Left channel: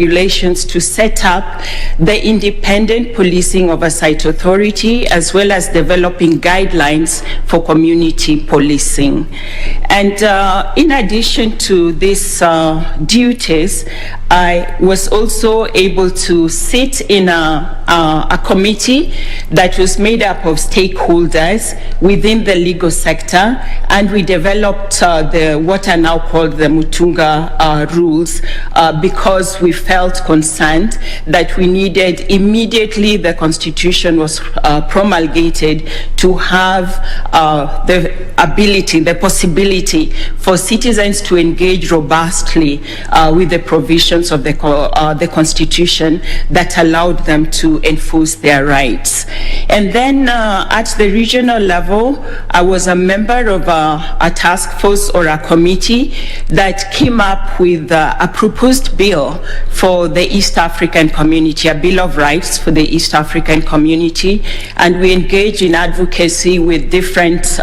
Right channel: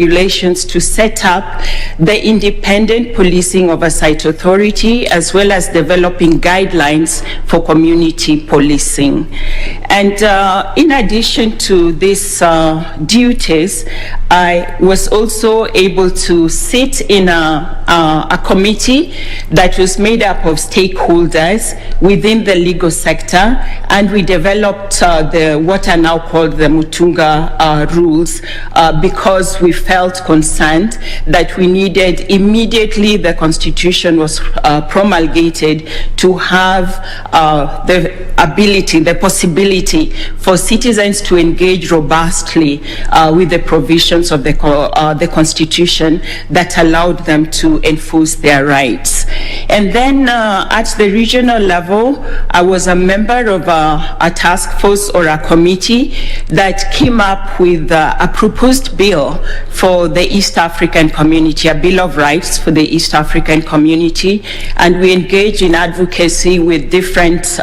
regulations to set up the Independent Policing Oversight Authority, as well as developing guidelines for community policing. And in addition to these duties, I was also able to sit in a committee that was made up of stakeholders within the legal sector, and we developed what are now called the Mutunga rules because we felt concerned that we needed immediately the Constitution was promulgated to have the ability, the possibility for citizens to engage robustly with the provisions of the Constitution that allowed them to enforce their rights. And then at the regional level, I was a member of a task force or a committee that came up with a proposed bill for the East African community, a Bill of Rights for the East African community, and we engaged in advocacy with different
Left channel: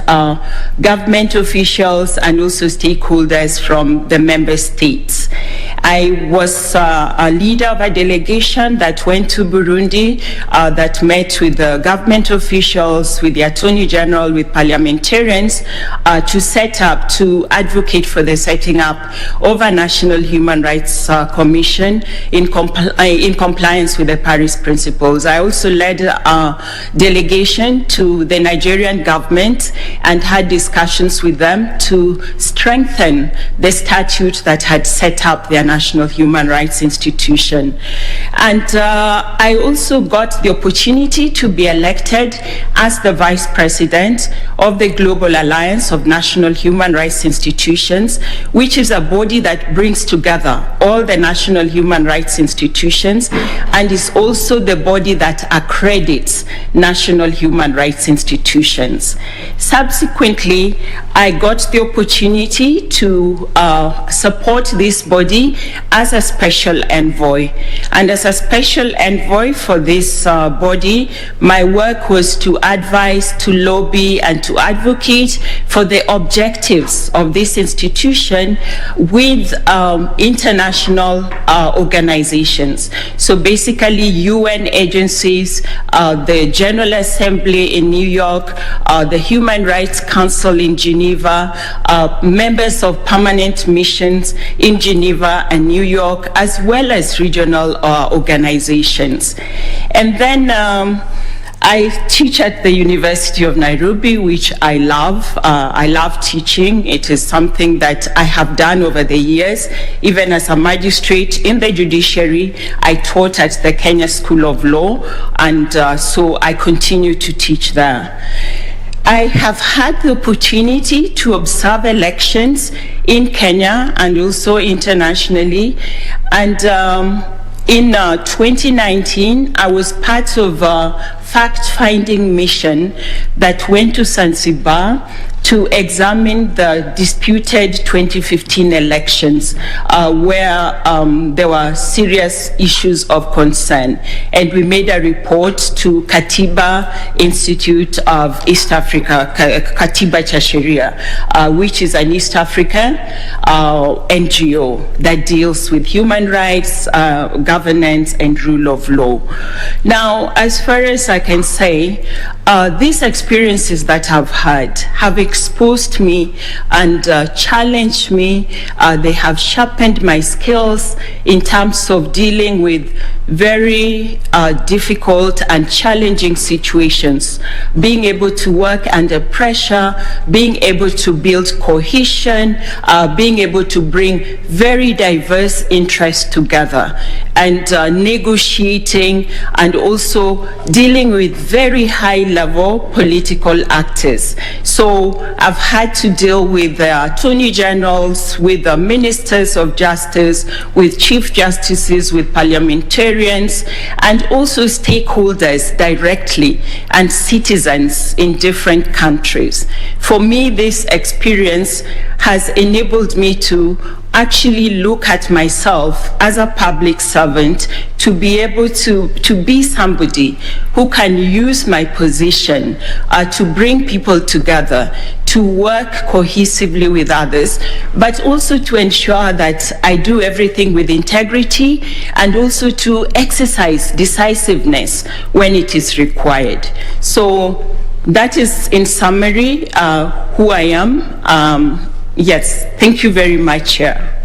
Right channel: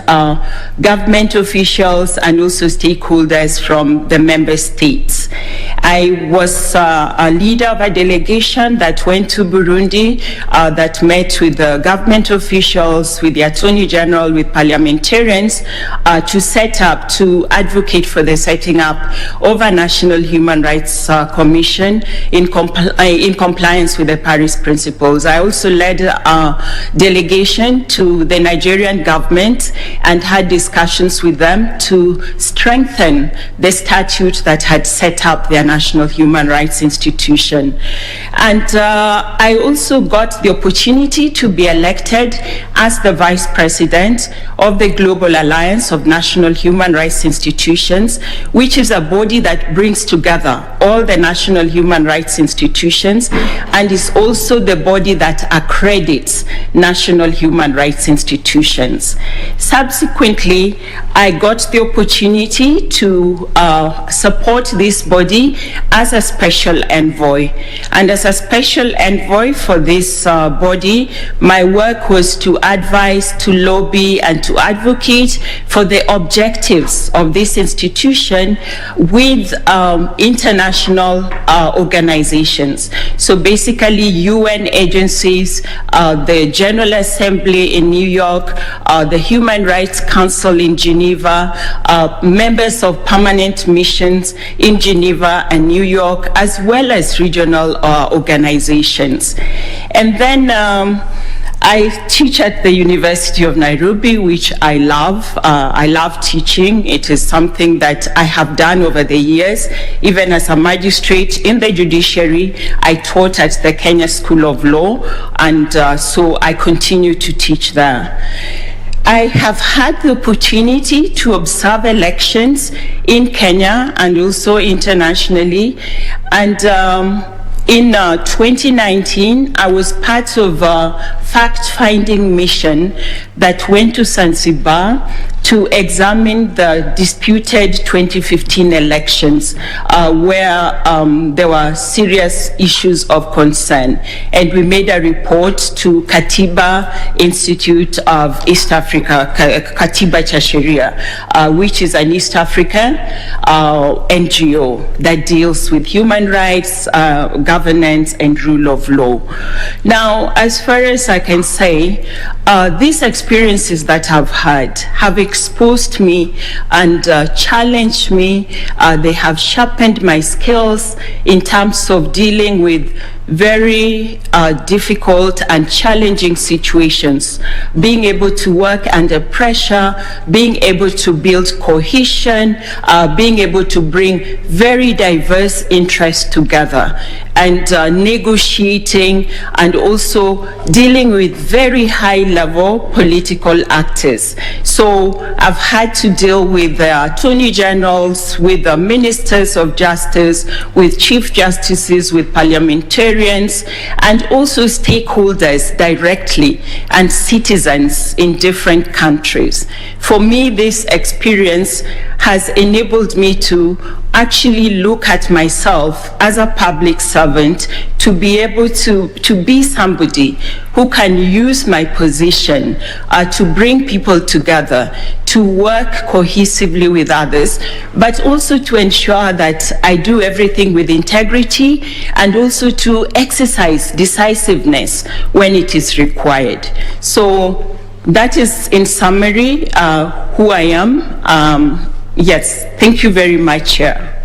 government officials and also stakeholders from the member states. I was a leader of a delegation that went to Burundi that met with the government officials, with the Attorney General, with parliamentarians to advocate for the setting up of a National Human Rights Commission in compliance with the Paris Principles. I also led a delegation to the Nigerian government and had discussions with them to strengthen the statute that had set up their National Human Rights Institution. And I also got the opportunity to be elected as the Vice President of the Global Alliance of National Human Rights Institutions, which is a body that brings together all the national human rights institutions and is also the body that accredits national human rights institutions. Subsequently, I got the opportunity to support this body as a special envoy. And as a special envoy for this body, my work was to advise, to lobby, and to advocate for the objectives of this institution with international organizations. So basically UN agencies, the General Assembly in New York, the Human Rights Council in Geneva, members of permanent missions in Geneva and New York, as well as regional organizations. And then I teach at the University of Nairobi, which I love. I love teaching. It is something that I have done over the years. Even as a magistrate in the judiciary, I taught at the Kenya School of Law, and so I continue to teach there. I have had the opportunity to observe elections in Kenya and also internationally, and in 2019, I was part of a fact-finding mission that went to Zanzibar to examine the disputed 2015 elections where there were serious issues of concern. And we made a report to Katiba Institute of East Africa, Katiba cha Sheria, which is an East African NGO that deals with human rights, governance, and rule of law. Now, as far as I can say, these experiences that I've had have exposed me and challenged me. They have sharpened my skills in terms of dealing with very difficult and challenging situations, being able to work under pressure, being able to build cohesion, being able to bring very diverse interests together, and negotiating, and also dealing with very high-level political actors. So I've had to deal with the attorney generals, with the ministers of justice, with chief justices, with parliamentarians, and also stakeholders directly, and citizens in different countries. For me, this experience has enabled me to actually look at myself as a public servant, to be able to be somebody who can use my position to bring people together, to to work cohesively with others, but also to ensure that I do everything with integrity and also to exercise decisiveness when it is required. So that is, in summary, who I am. Yes, thank you very much, Chair.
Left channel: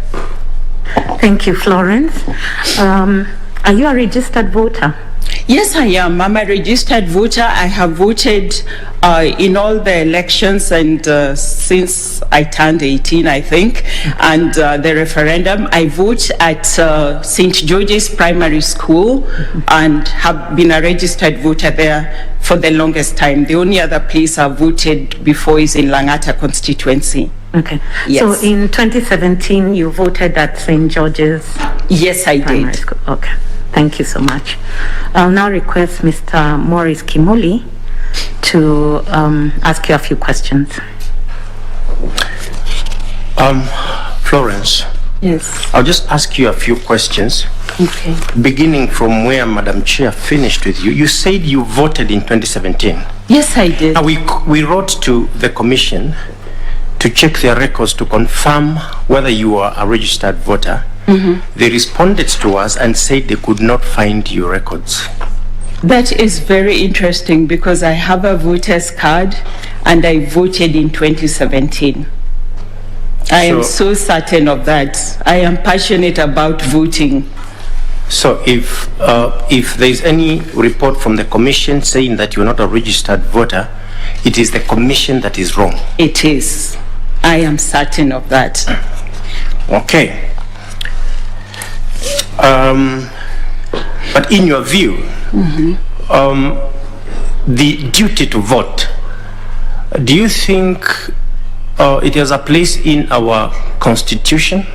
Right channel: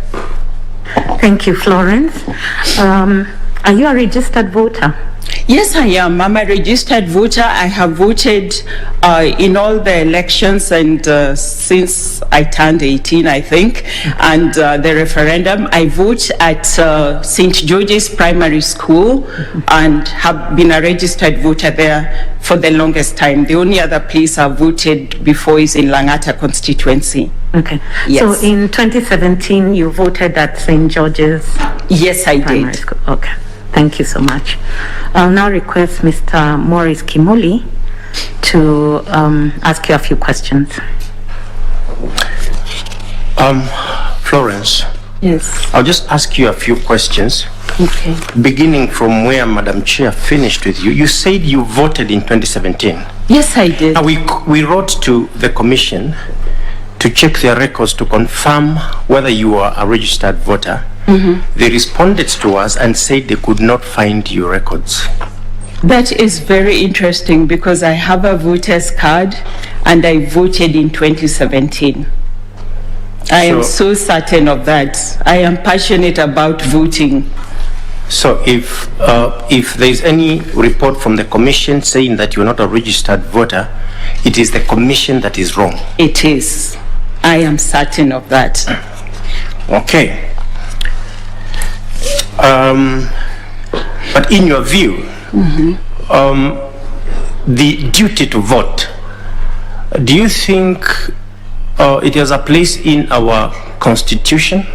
Thank you, Florence. Are you a registered voter? Yes, I am. I'm a registered voter. I have voted in all the elections and since I turned 18, I think, and the referendum. I vote at St. George's Primary School and have been a registered voter there for the longest time. The only other place I've voted before is in Langata constituency. Okay. Yes. So in 2017, you voted at St. George's? Yes, I did. School. Okay. Thank you so much. I'll now request Mr. Maurice Kimuli to ask you a few questions. Florence. Yes. I'll just ask you a few questions. Okay. Beginning from where Madam Chair finished with you. You said you voted in 2017. Yes, I did. Now we wrote to the Commission to check their records to confirm whether you are a registered voter. They responded to us and said they could not find your records. That is very interesting because I have a voter's card and I voted in 2017. I am so certain of that. I am passionate about voting. So if there is any report from the Commission saying that you're not a registered voter, it is the Commission that is wrong. It is. I am certain of that. Okay. But in your view, the duty to vote, do you think it has a place in our Constitution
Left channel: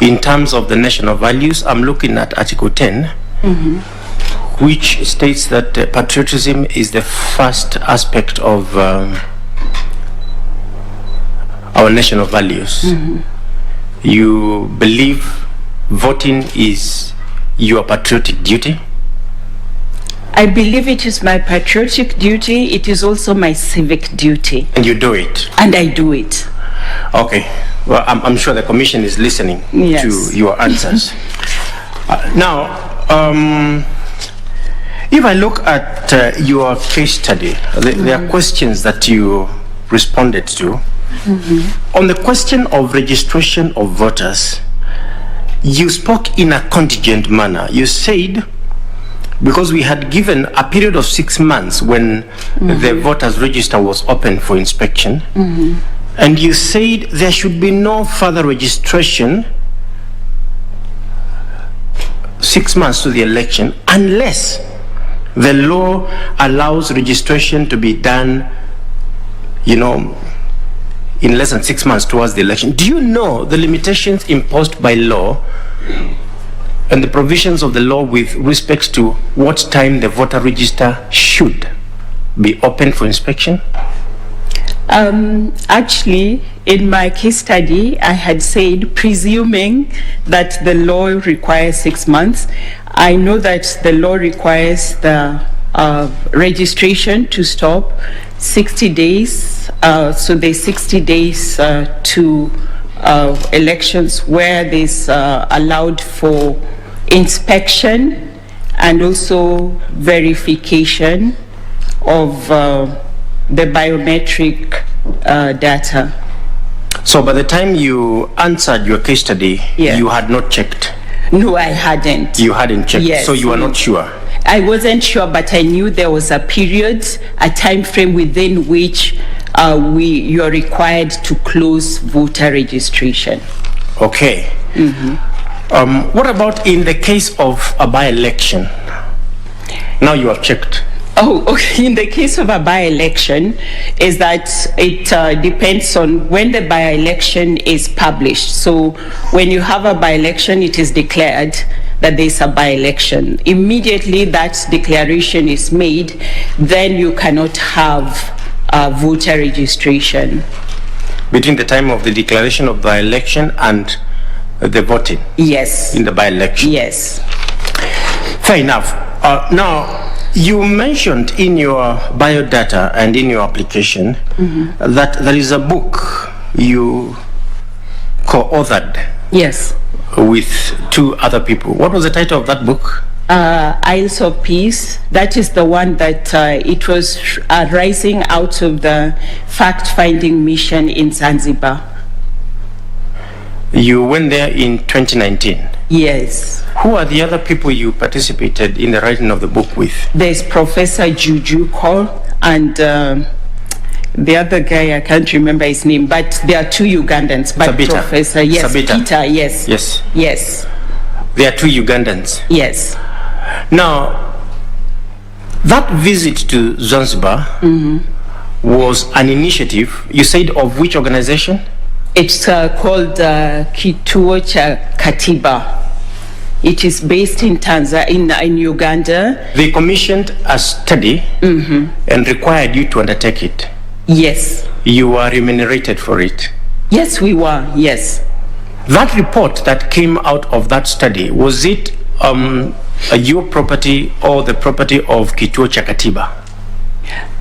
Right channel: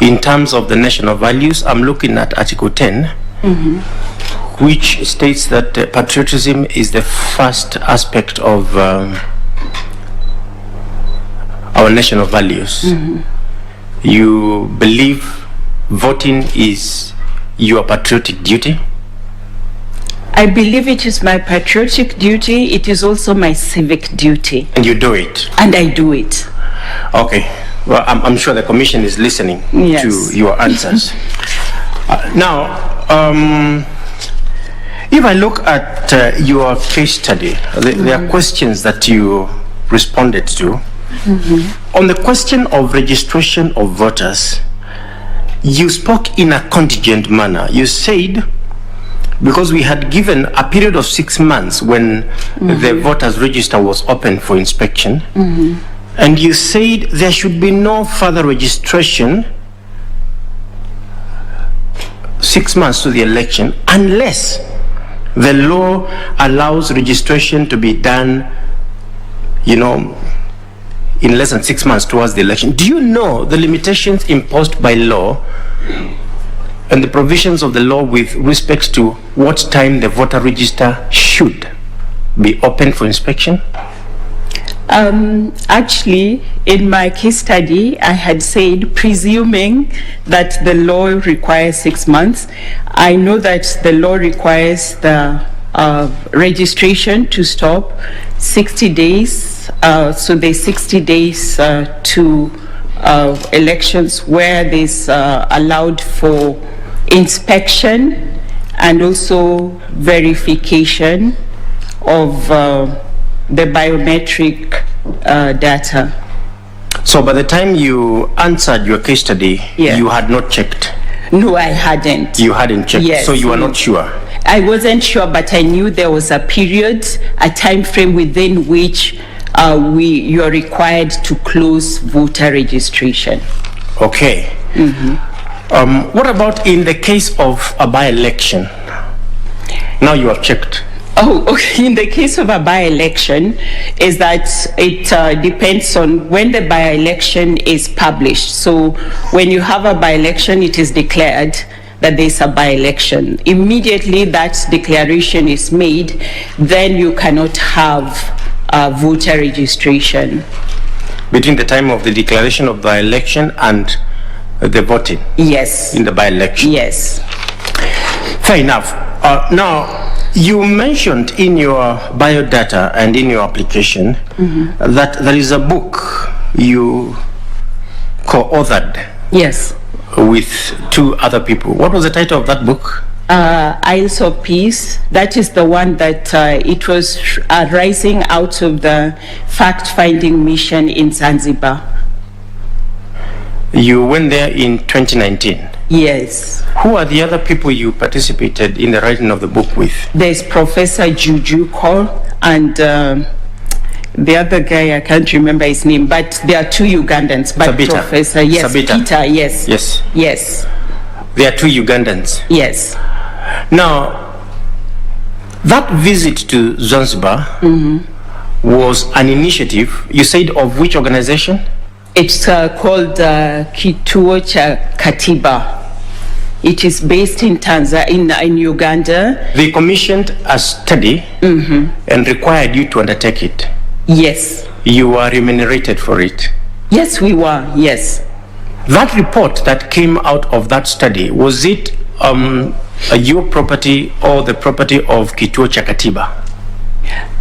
in terms of the national values? I'm looking at Article 10, which states that patriotism is the first aspect of our national values. You believe voting is your patriotic duty? I believe it is my patriotic duty. It is also my civic duty. And you do it? And I do it. Okay. Well, I'm sure the Commission is listening to your answers. Now, if I look at your case study, there are questions that you responded to. On the question of registration of voters, you spoke in a contingent manner. You said, because we had given a period of 6 months when the voters register was open for inspection, and you said there should be no further registration 6 months to the election unless the law allows registration to be done, in less than 6 months towards the election. Do you know the limitations imposed by law and the provisions of the law with respect to what time the voter register should be open for inspection? Actually, in my case study, I had said, presuming that the law requires 6 months, I know that the law requires the registration to stop 60 days. So there's 60 days to elections where there's allowed for inspection and also verification of the biometric data. So by the time you answered your case study, you had not checked? No, I hadn't. You hadn't checked? Yes. So you are not sure? I wasn't sure, but I knew there was a period, a time frame within which you're required to close voter registration. Okay. What about in the case of a by-election? Now you have checked. Oh, okay. In the case of a by-election, is that it depends on when the by-election is published. So when you have a by-election, it is declared that there's a by-election. Immediately that declaration is made, then you cannot have voter registration. Between the time of the declaration of the election and the voting? Yes. In the by-election? Yes. Fair enough. Now, You mentioned in your biodata and in your application that there is a book you co-authored Yes. with 2 other people. What was the title of that book? Isles of Peace. That is the one that it was rising out of the fact-finding mission in Zanzibar. You went there in 2019. Yes. Who are the other people you participated in the writing of the book with? There's Professor Juju Cole and the other guy, I can't remember his name, but there are 2 Ugandans. But Sabita. Professor, yes, Sabita. Peter, yes. Yes. Yes. There are 2 Ugandans. Yes. Now, that visit to Zanzibar was an initiative, you said, of which organization? It's called Kituo cha Katiba. It is based in Tanzania, in Uganda. They commissioned a study and required you to undertake it. Yes. You were remunerated for it. Yes, we were. Yes. That report that came out of that study, was it your property or the property of Kituo cha Katiba?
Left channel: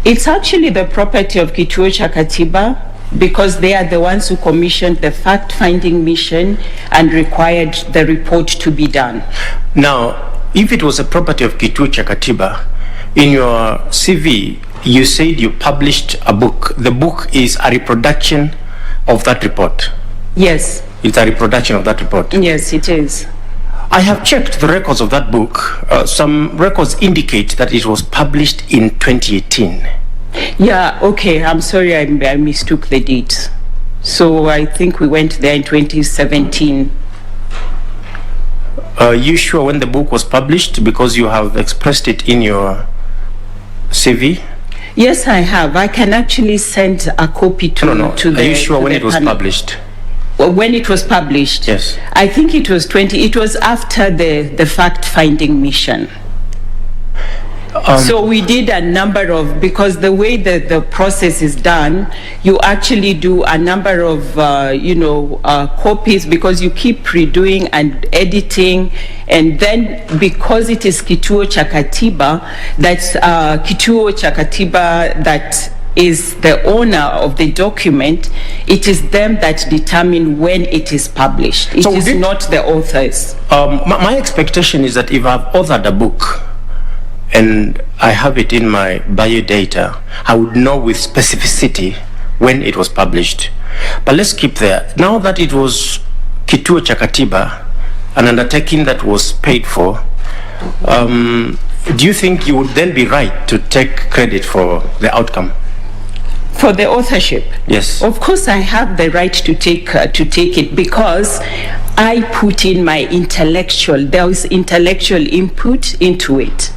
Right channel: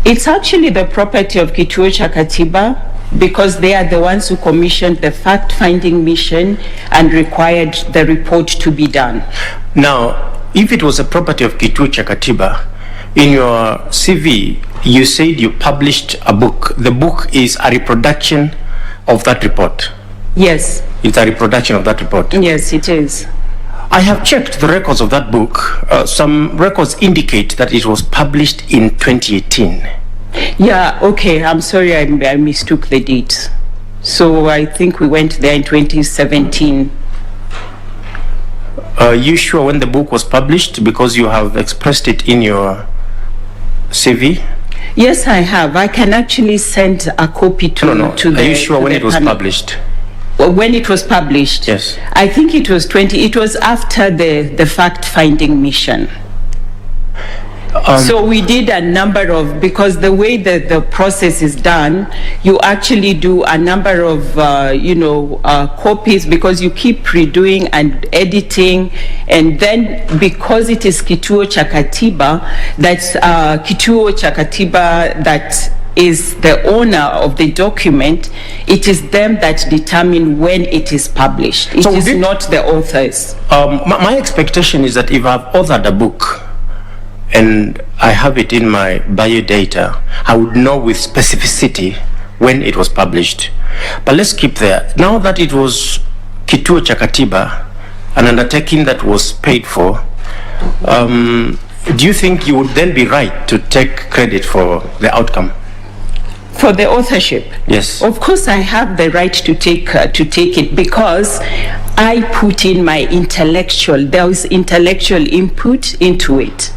It's actually the property of Kituo cha Katiba because they are the ones who commissioned the fact-finding mission and required the report to be done. Now, if it was a property of Kituo cha Katiba, in your CV, you said you published a book. The book is a reproduction of that report. Yes. It's a reproduction of that report. Yes, it is. I have checked the records of that book. Some records indicate that it was published in 2018. Yeah, okay, I'm sorry, I mistook the dates. So I think we went there in 2017. Are you sure when the book was published? Because you have expressed it in your CV. Yes, I have. I can actually send a copy to No. to the. Are you sure to when the it was panel. published? Well, when it was published? Yes. I think it was it was after the fact-finding mission. So we did a number of, because the way that the process is done, you actually do a number of, copies because you keep redoing and editing. And then because it is Kituo cha Katiba, that's Kituo cha Katiba that is the owner of the document, it is them that determine when it is published. It is not the authors. My expectation is that if I've authored a book, and I have it in my biodata, I would know with specificity when it was published. But let's keep there. Now that it was Kituo cha Katiba, an undertaking that was paid for, do you think you would then be right to take credit for the outcome? For the authorship? Yes. Of course, I have the right to take it because I put in my there was intellectual input into it.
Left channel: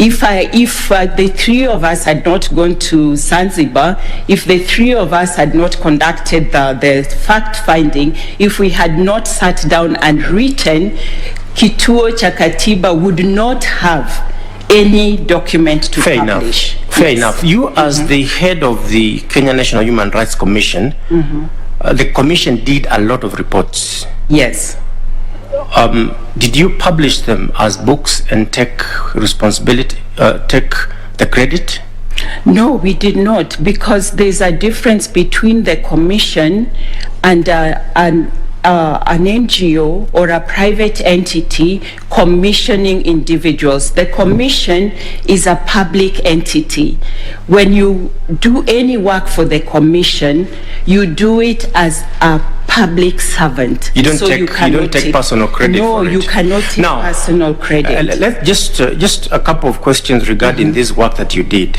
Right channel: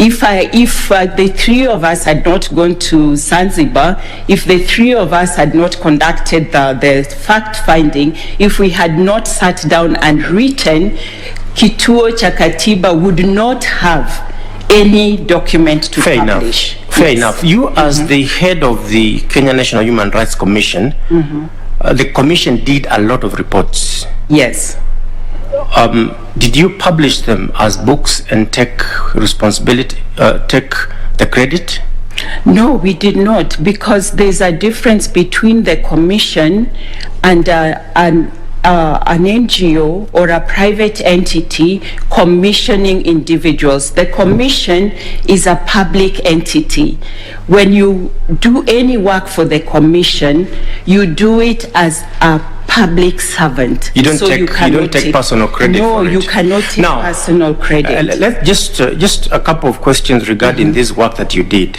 If the 3 of us had not gone to Zanzibar, if the 3 of us had not conducted the fact-finding, if we had not sat down and written, Kituo cha Katiba would not have any document to publish. Fair enough. You, as the head of the Kenya National Human Rights Commission, the commission did a lot of reports. Yes. Did you publish them as books and take responsibility, take the credit? No, we did not, because there's a difference between the commission and an NGO or a private entity commissioning individuals. The commission is a public entity. When you do any work for the commission, you do it as a public servant. You don't take personal credit for it. No, you cannot take personal credit. Let's just a couple of questions regarding this work that you did.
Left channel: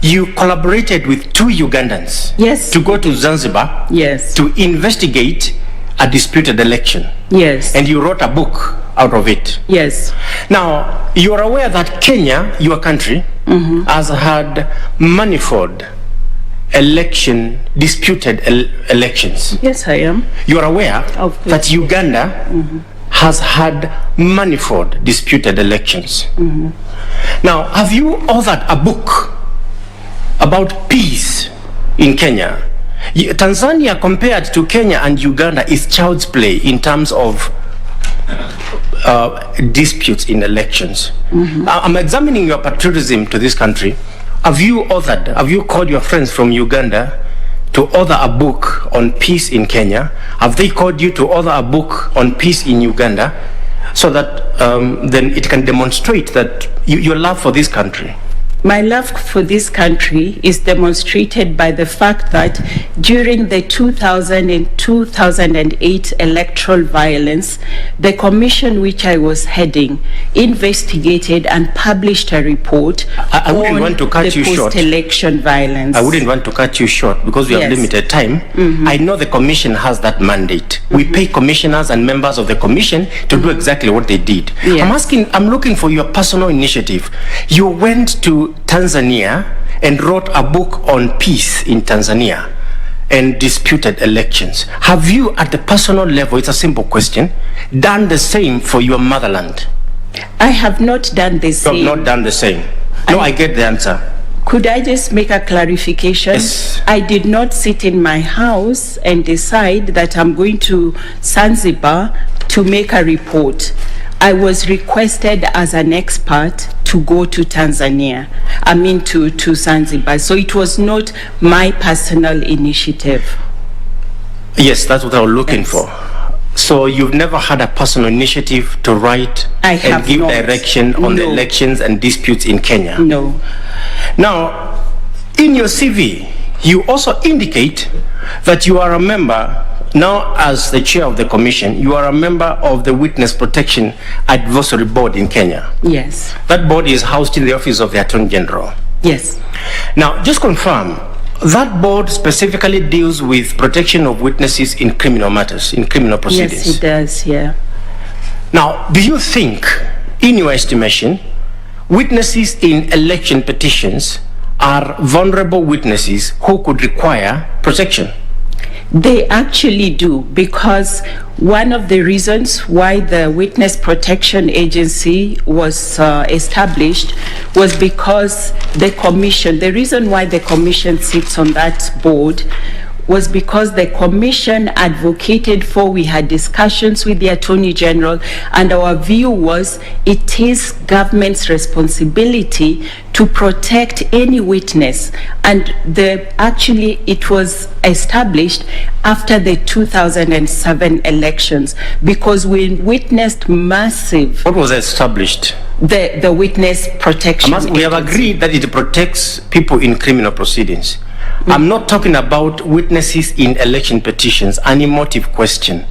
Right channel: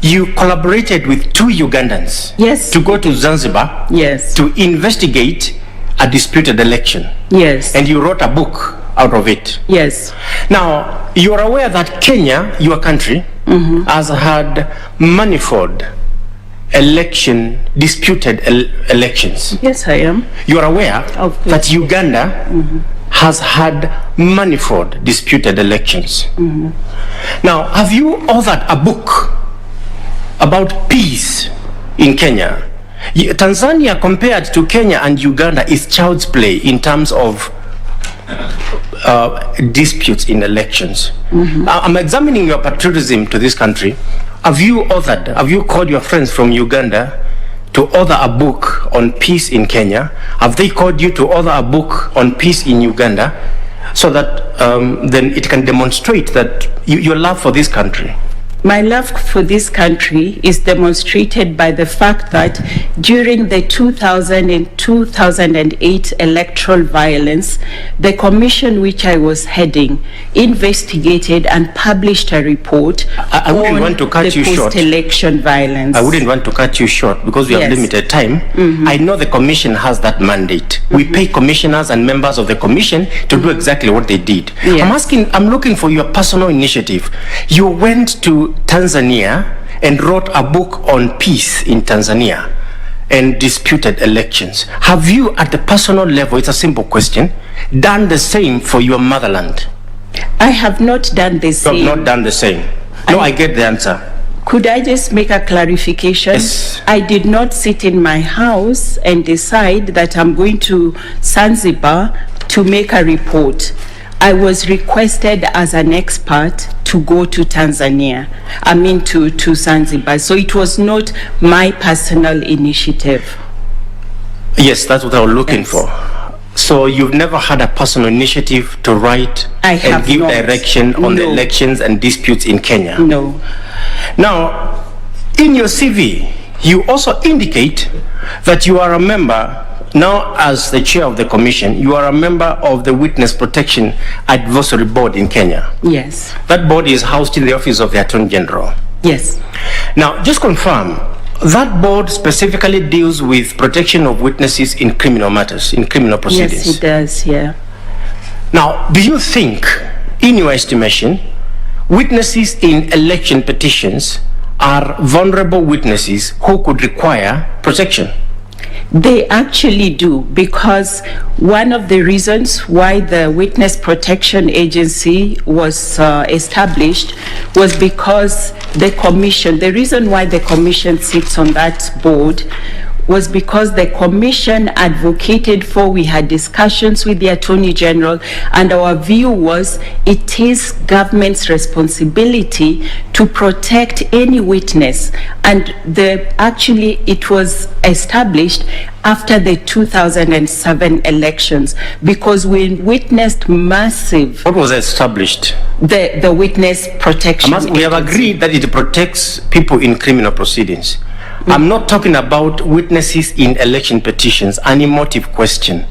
You collaborated with 2 Ugandans. Yes. To go to Zanzibar. Yes. To investigate a disputed election. Yes. And you wrote a book out of it. Yes. Now, you are aware that Kenya, your country, has had manifold disputed elections. Yes, I am. You are aware that Uganda has had manifold disputed elections. Now, have you authored a book about peace in Kenya? Tanzania, compared to Kenya and Uganda, is child's play in terms of disputes in elections. I'm examining your patriotism to this country. Have you called your friends from Uganda to author a book on peace in Kenya? Have they called you to author a book on peace in Uganda, so that then it can demonstrate that your love for this country? My love for this country is demonstrated by the fact that during the 2000 and 2008 electoral violence, the commission which I was heading investigated and published a report I wouldn't on want to cut the you short. post-election violence. I wouldn't want to cut you short because we have Yes. limited time. I know the commission has that mandate. We pay commissioners and members of the commission to do exactly what they did. Yes. I'm looking for your personal initiative. You went to Tanzania and wrote a book on peace in Tanzania and disputed elections. Have you, at the personal level, it's a simple question, done the same for your motherland? I have not done the You same. have not done the same. No, I get the answer. Could I just make a clarification? Yes. I did not sit in my house and decide that I'm going to Zanzibar to make a report. I was requested as an expert to go to Tanzania, to Zanzibar. So it was not my personal initiative. Yes, that's what I was looking Yes. for. So you've never had a personal initiative to write I and have give not. direction on the No. elections and disputes in Kenya? No. Now, in your CV, you also indicate that you are a member, now as the chair of the commission, you are a member of the Witness Protection Advisory Board in Kenya. Yes. That board is housed in the office of the Attorney General. Yes. Now, just confirm, that board specifically deals with protection of witnesses in criminal matters, in criminal proceedings. Yes, it does, yeah. Now, do you think, in your estimation, witnesses in election petitions are vulnerable witnesses who could require protection? They actually do, because one of the reasons why the Witness Protection Agency was established was because the reason why the commission sits on that board was because the commission advocated for, we had discussions with the Attorney General, and our view was it is government's responsibility to protect any witness. And it was established after the 2007 elections, because we witnessed massive, What was established? the Witness Protection We have Agency. agreed that it protects people in criminal proceedings. I'm not talking about witnesses in election petitions, an emotive question.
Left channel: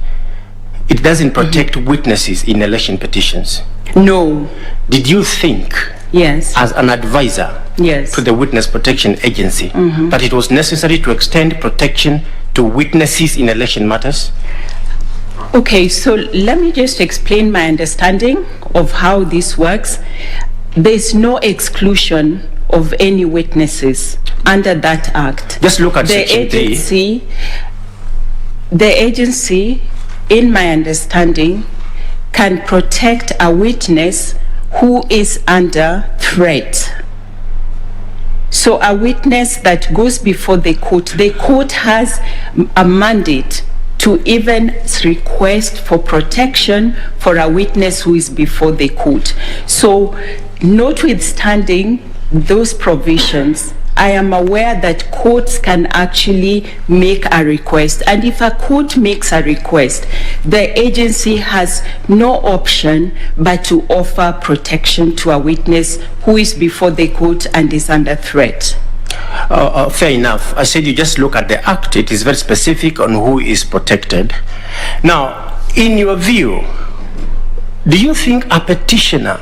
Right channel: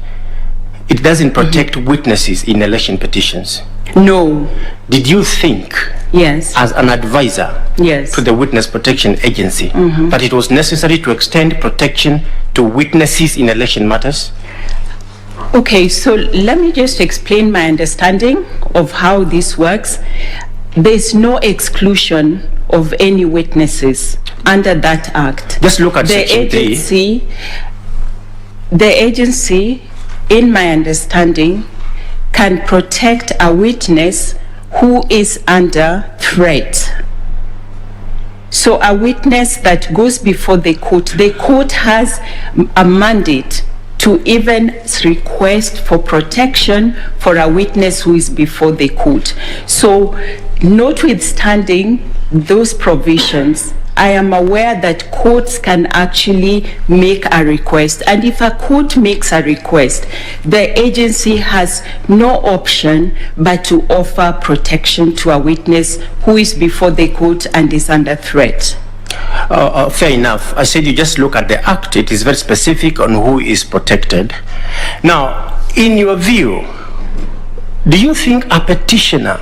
It doesn't protect witnesses in election petitions. No. Did you think, Yes. as an advisor Yes. to the Witness Protection Agency, that it was necessary to extend protection to witnesses in election matters? Okay, so let me just explain my understanding of how this works. There's no exclusion of any witnesses under that act. Just look at Section 3. The agency, in my understanding, can protect a witness who is under threat. So a witness that goes before the court has a mandate to even request for protection for a witness who is before the court. So, notwithstanding those provisions, I am aware that courts can actually make a request. And if a court makes a request, the agency has no option but to offer protection to a witness who is before the court and is under threat. Fair enough. I said you just look at the act. It is very specific on who is protected. Now, in your view, do you think a petitioner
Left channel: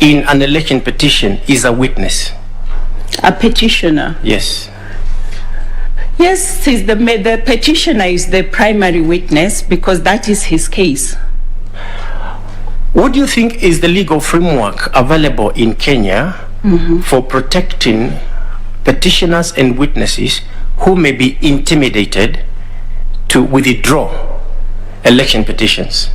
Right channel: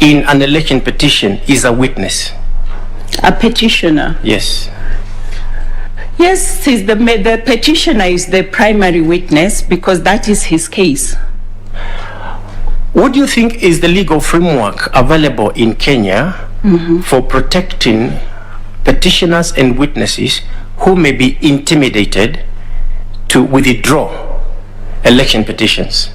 in an election petition is a witness? A petitioner? Yes. Yes, the petitioner is the primary witness because that is his case. What do you think is the legal framework available in Kenya for protecting petitioners and witnesses who may be intimidated to withdraw election petitions,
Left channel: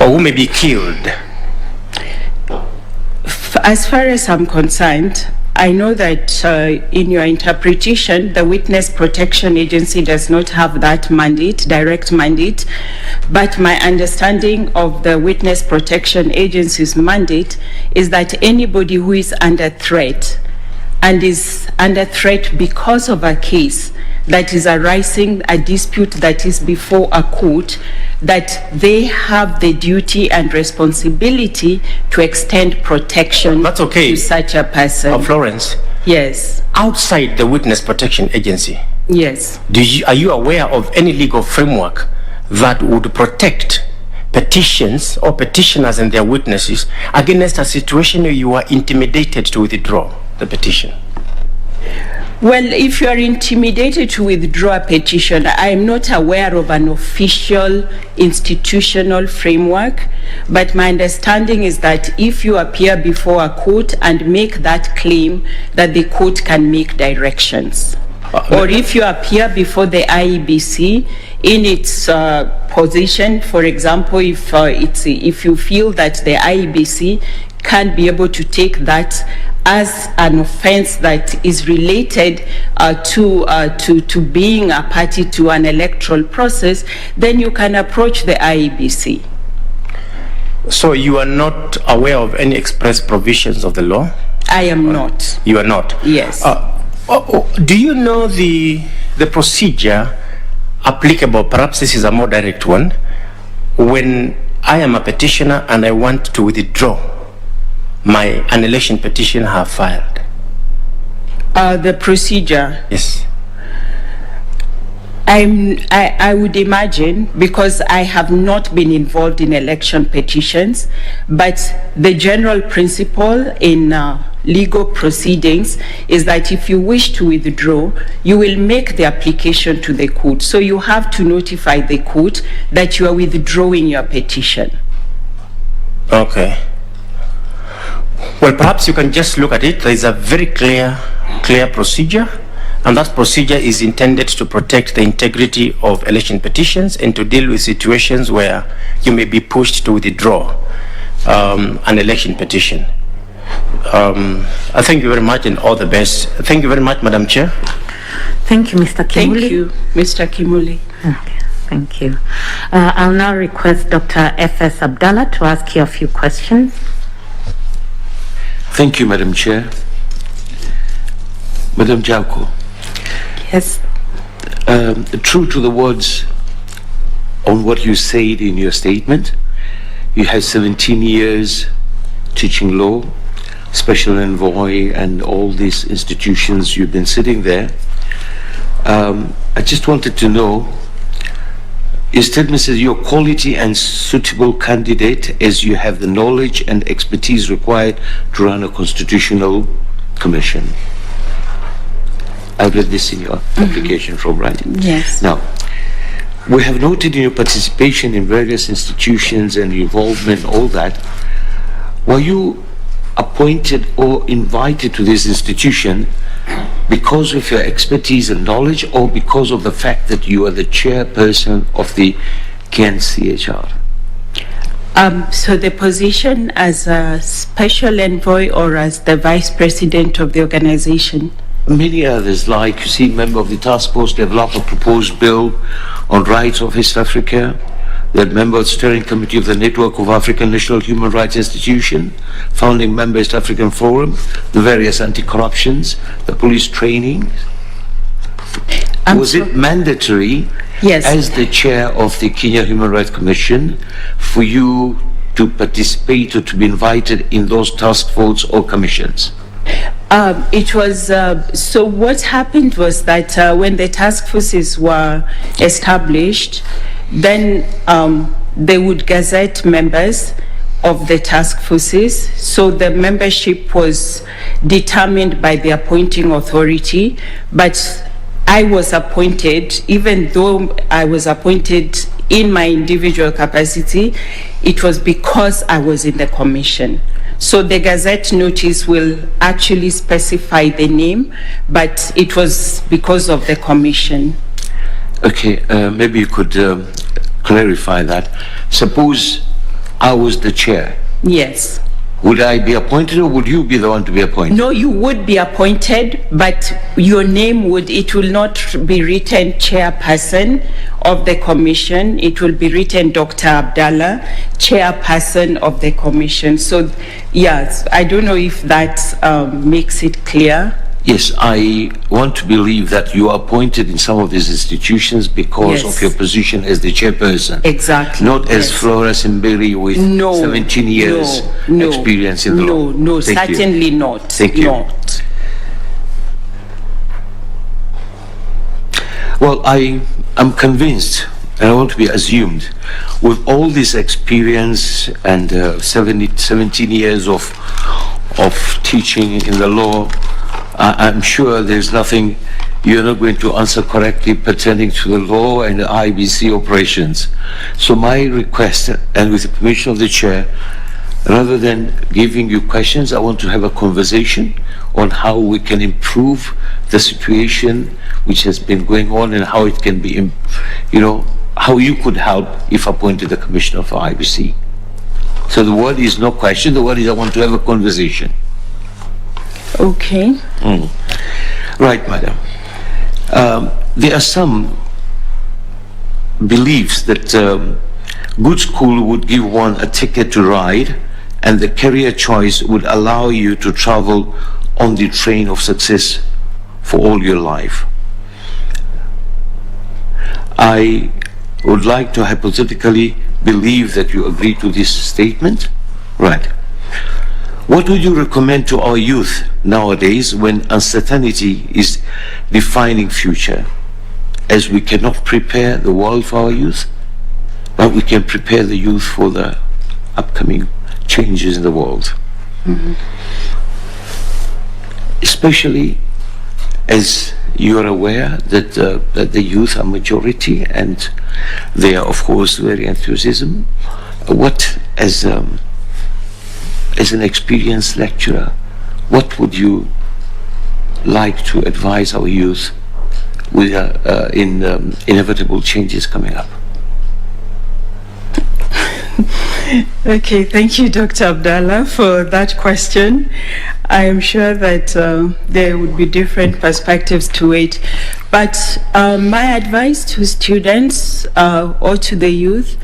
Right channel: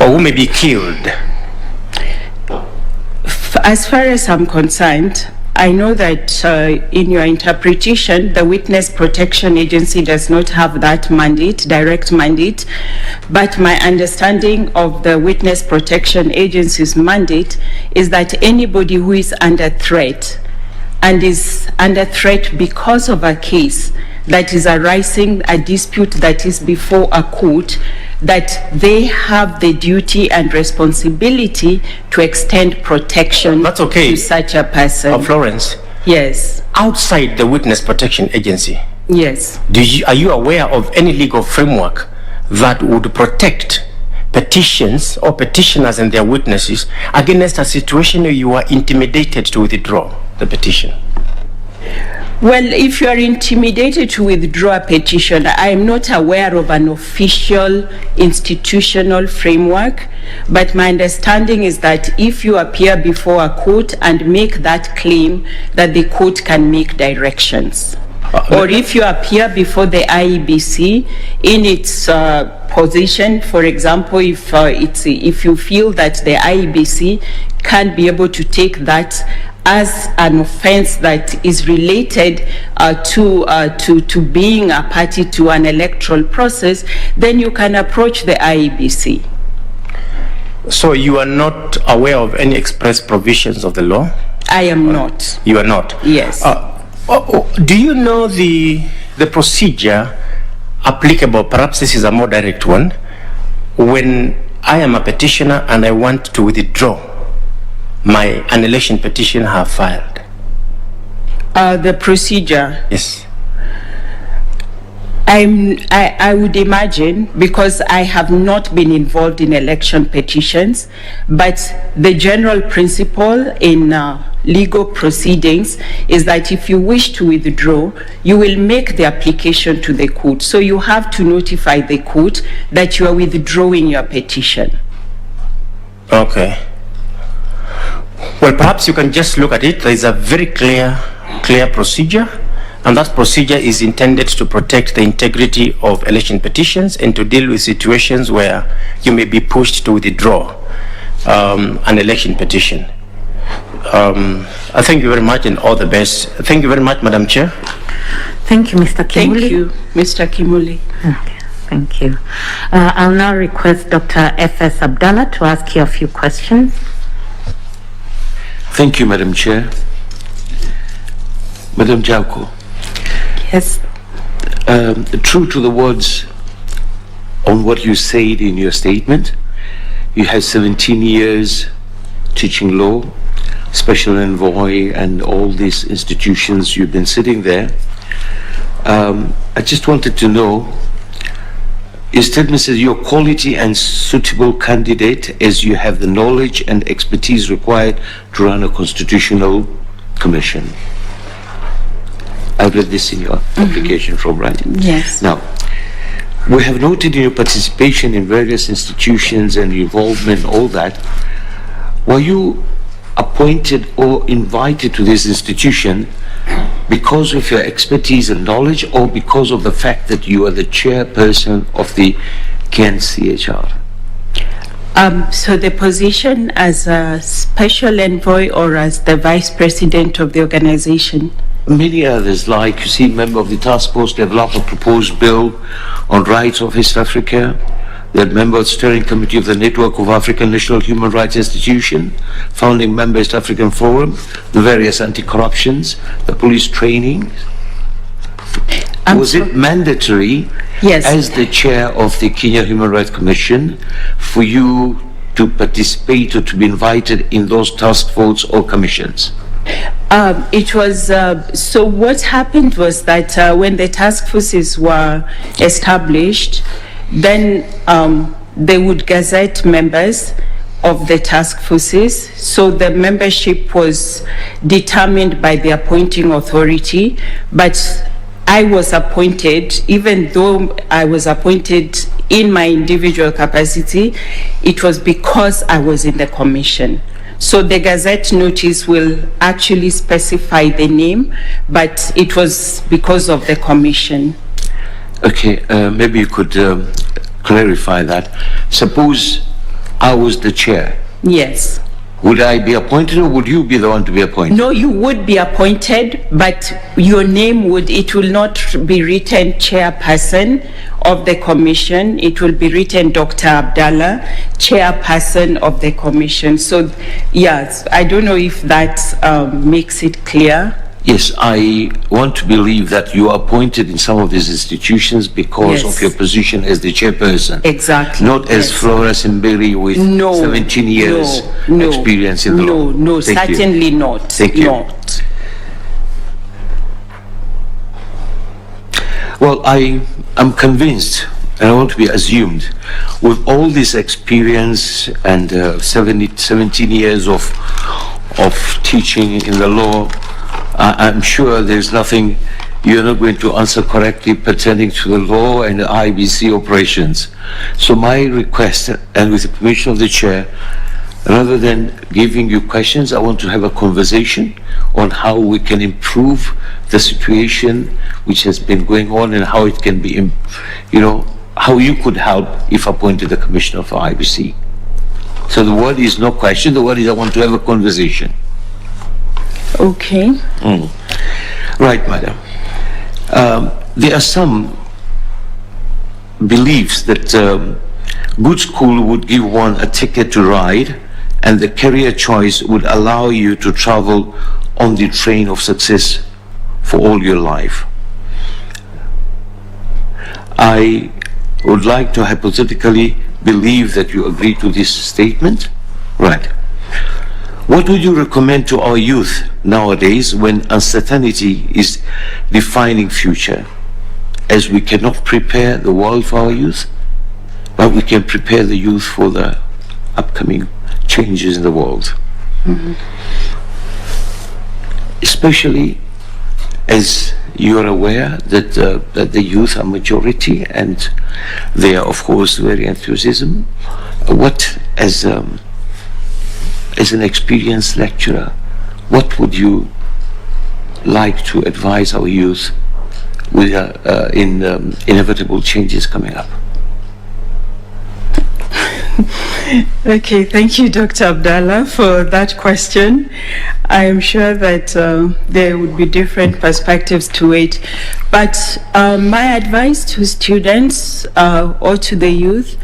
or who may be killed? As far as I'm concerned, I know that in your interpretation, the Witness Protection Agency does not have that mandate, direct mandate, but my understanding of the Witness Protection Agency's mandate is that anybody who is under threat and is under threat because of a case that is arising, a dispute that is before a court, that they have the duty and responsibility to extend protection That's okay. to such a person. Florence, Yes, outside the Witness Protection Agency, yes. are you aware of any legal framework that would protect petitions or petitioners and their witnesses against a situation where you are intimidated to withdraw the petition? Well, if you are intimidated to withdraw a petition, I am not aware of an official institutional framework, but my understanding is that if you appear before a court and make that claim, that the court can make directions. Or if you appear before the IEBC in its position, for example, if you feel that the IEBC can be able to take that as an offense that is related to being a party to an electoral process, then you can approach the IEBC. So you are not aware of any express provisions of the law? I am not. You are not? Yes. Do you know the procedure applicable? Perhaps this is a more direct one. When I am a petitioner and I want to withdraw an election petition I have filed. The procedure. Yes. I would imagine, because I have not been involved in election petitions, but the general principle in legal proceedings is that if you wish to withdraw, you will make the application to the court. So you have to notify the court that you are withdrawing your petition. Okay. Well, perhaps you can just look at it. There is a very clear procedure, and that procedure is intended to protect the integrity of election petitions and to deal with situations where you may be pushed to withdraw an election petition. I thank you very much and all the best. Thank you very much, Madam Chair. Thank you, Mr. Kimuli. Thank you, Mr. Kimuli. Okay, thank you. I'll now request Dr. F.S. Abdallah to ask you a few questions. Thank you, Madam Chair. Madam Jaoko. Yes. True to the words on what you said in your statement, you had 17 years teaching law, special envoy, and all these institutions. You've been sitting there. I just wanted to know, your statement says you're a quality and suitable candidate as you have the knowledge and expertise required to run a constitutional commission. I read this in your application from right? Yes. Now, we have noted in your participation in various institutions and involvement, all that. Were you appointed or invited to this institution because of your expertise and knowledge, or because of the fact that you are the chairperson of the KNCHR? So the position as a special envoy or as the vice president of the organization? Many others, like, you see, member of the task force developed a proposed bill on rights of East Africa, that member of the steering committee of the Network of African National Human Rights Institution, founding member East African Forum, the various anti-corruptions, the police training. Was it mandatory, yes, as the chair of the Kenya Human Rights Commission, for you to participate or to be invited in those task forces or commissions? It was, so what happened was that when the task forces were established, then they would gazette members of the task forces. So the membership was determined by the appointing authority, but I was appointed, even though I was appointed in my individual capacity, it was because I was in the commission. So the Gazette notice will actually specify the name, but it was because of the commission. Okay, maybe you could clarify that. Suppose I was the chair. Yes. Would I be appointed or would you be the one to be appointed? No, you would be appointed, but your name it will not be written chairperson of the commission. It will be written Dr. Abdallah, chairperson of the commission. So, yes, I don't know if that makes it clear. Yes, I want to believe that you are appointed in some of these institutions because Yes. of your position as the chairperson. Exactly. Not as yes. Florence Simbiri with 17 years experience in the law. No, Thank you. certainly not. Thank you. Not. Well, I am convinced, and I want to be assumed, with all this experience and 17 years of teaching in the law, I'm sure there's nothing you're not going to answer correctly pertaining to the law and the IEBC operations. So my request, and with the permission of the chair, rather than giving you questions, I want to have a conversation on how we can improve the situation which has been going on and how it can be, how you could help if appointed the commissioner for IEBC. So the word is no question, the word is I want to have a conversation. Okay. Right, madam. There are some beliefs that good school would give one a ticket to ride, and the career choice would allow you to travel on the train of success for all your life. I would like to hypothetically believe that you agree to this statement. Right. What would you recommend to our youth nowadays when uncertainty is defining future, as we cannot prepare the world for our youth, but we can prepare the youth for the upcoming changes in the world? Especially as you are aware that the youth are majority and they are of course very enthusiastic. What, as an experienced lecturer, what would you like to advise our youth with in inevitable changes coming up? Okay, thank you, Dr. Abdallah, for that question. I am sure that there would be different perspectives to it. But my advice to students or to the youth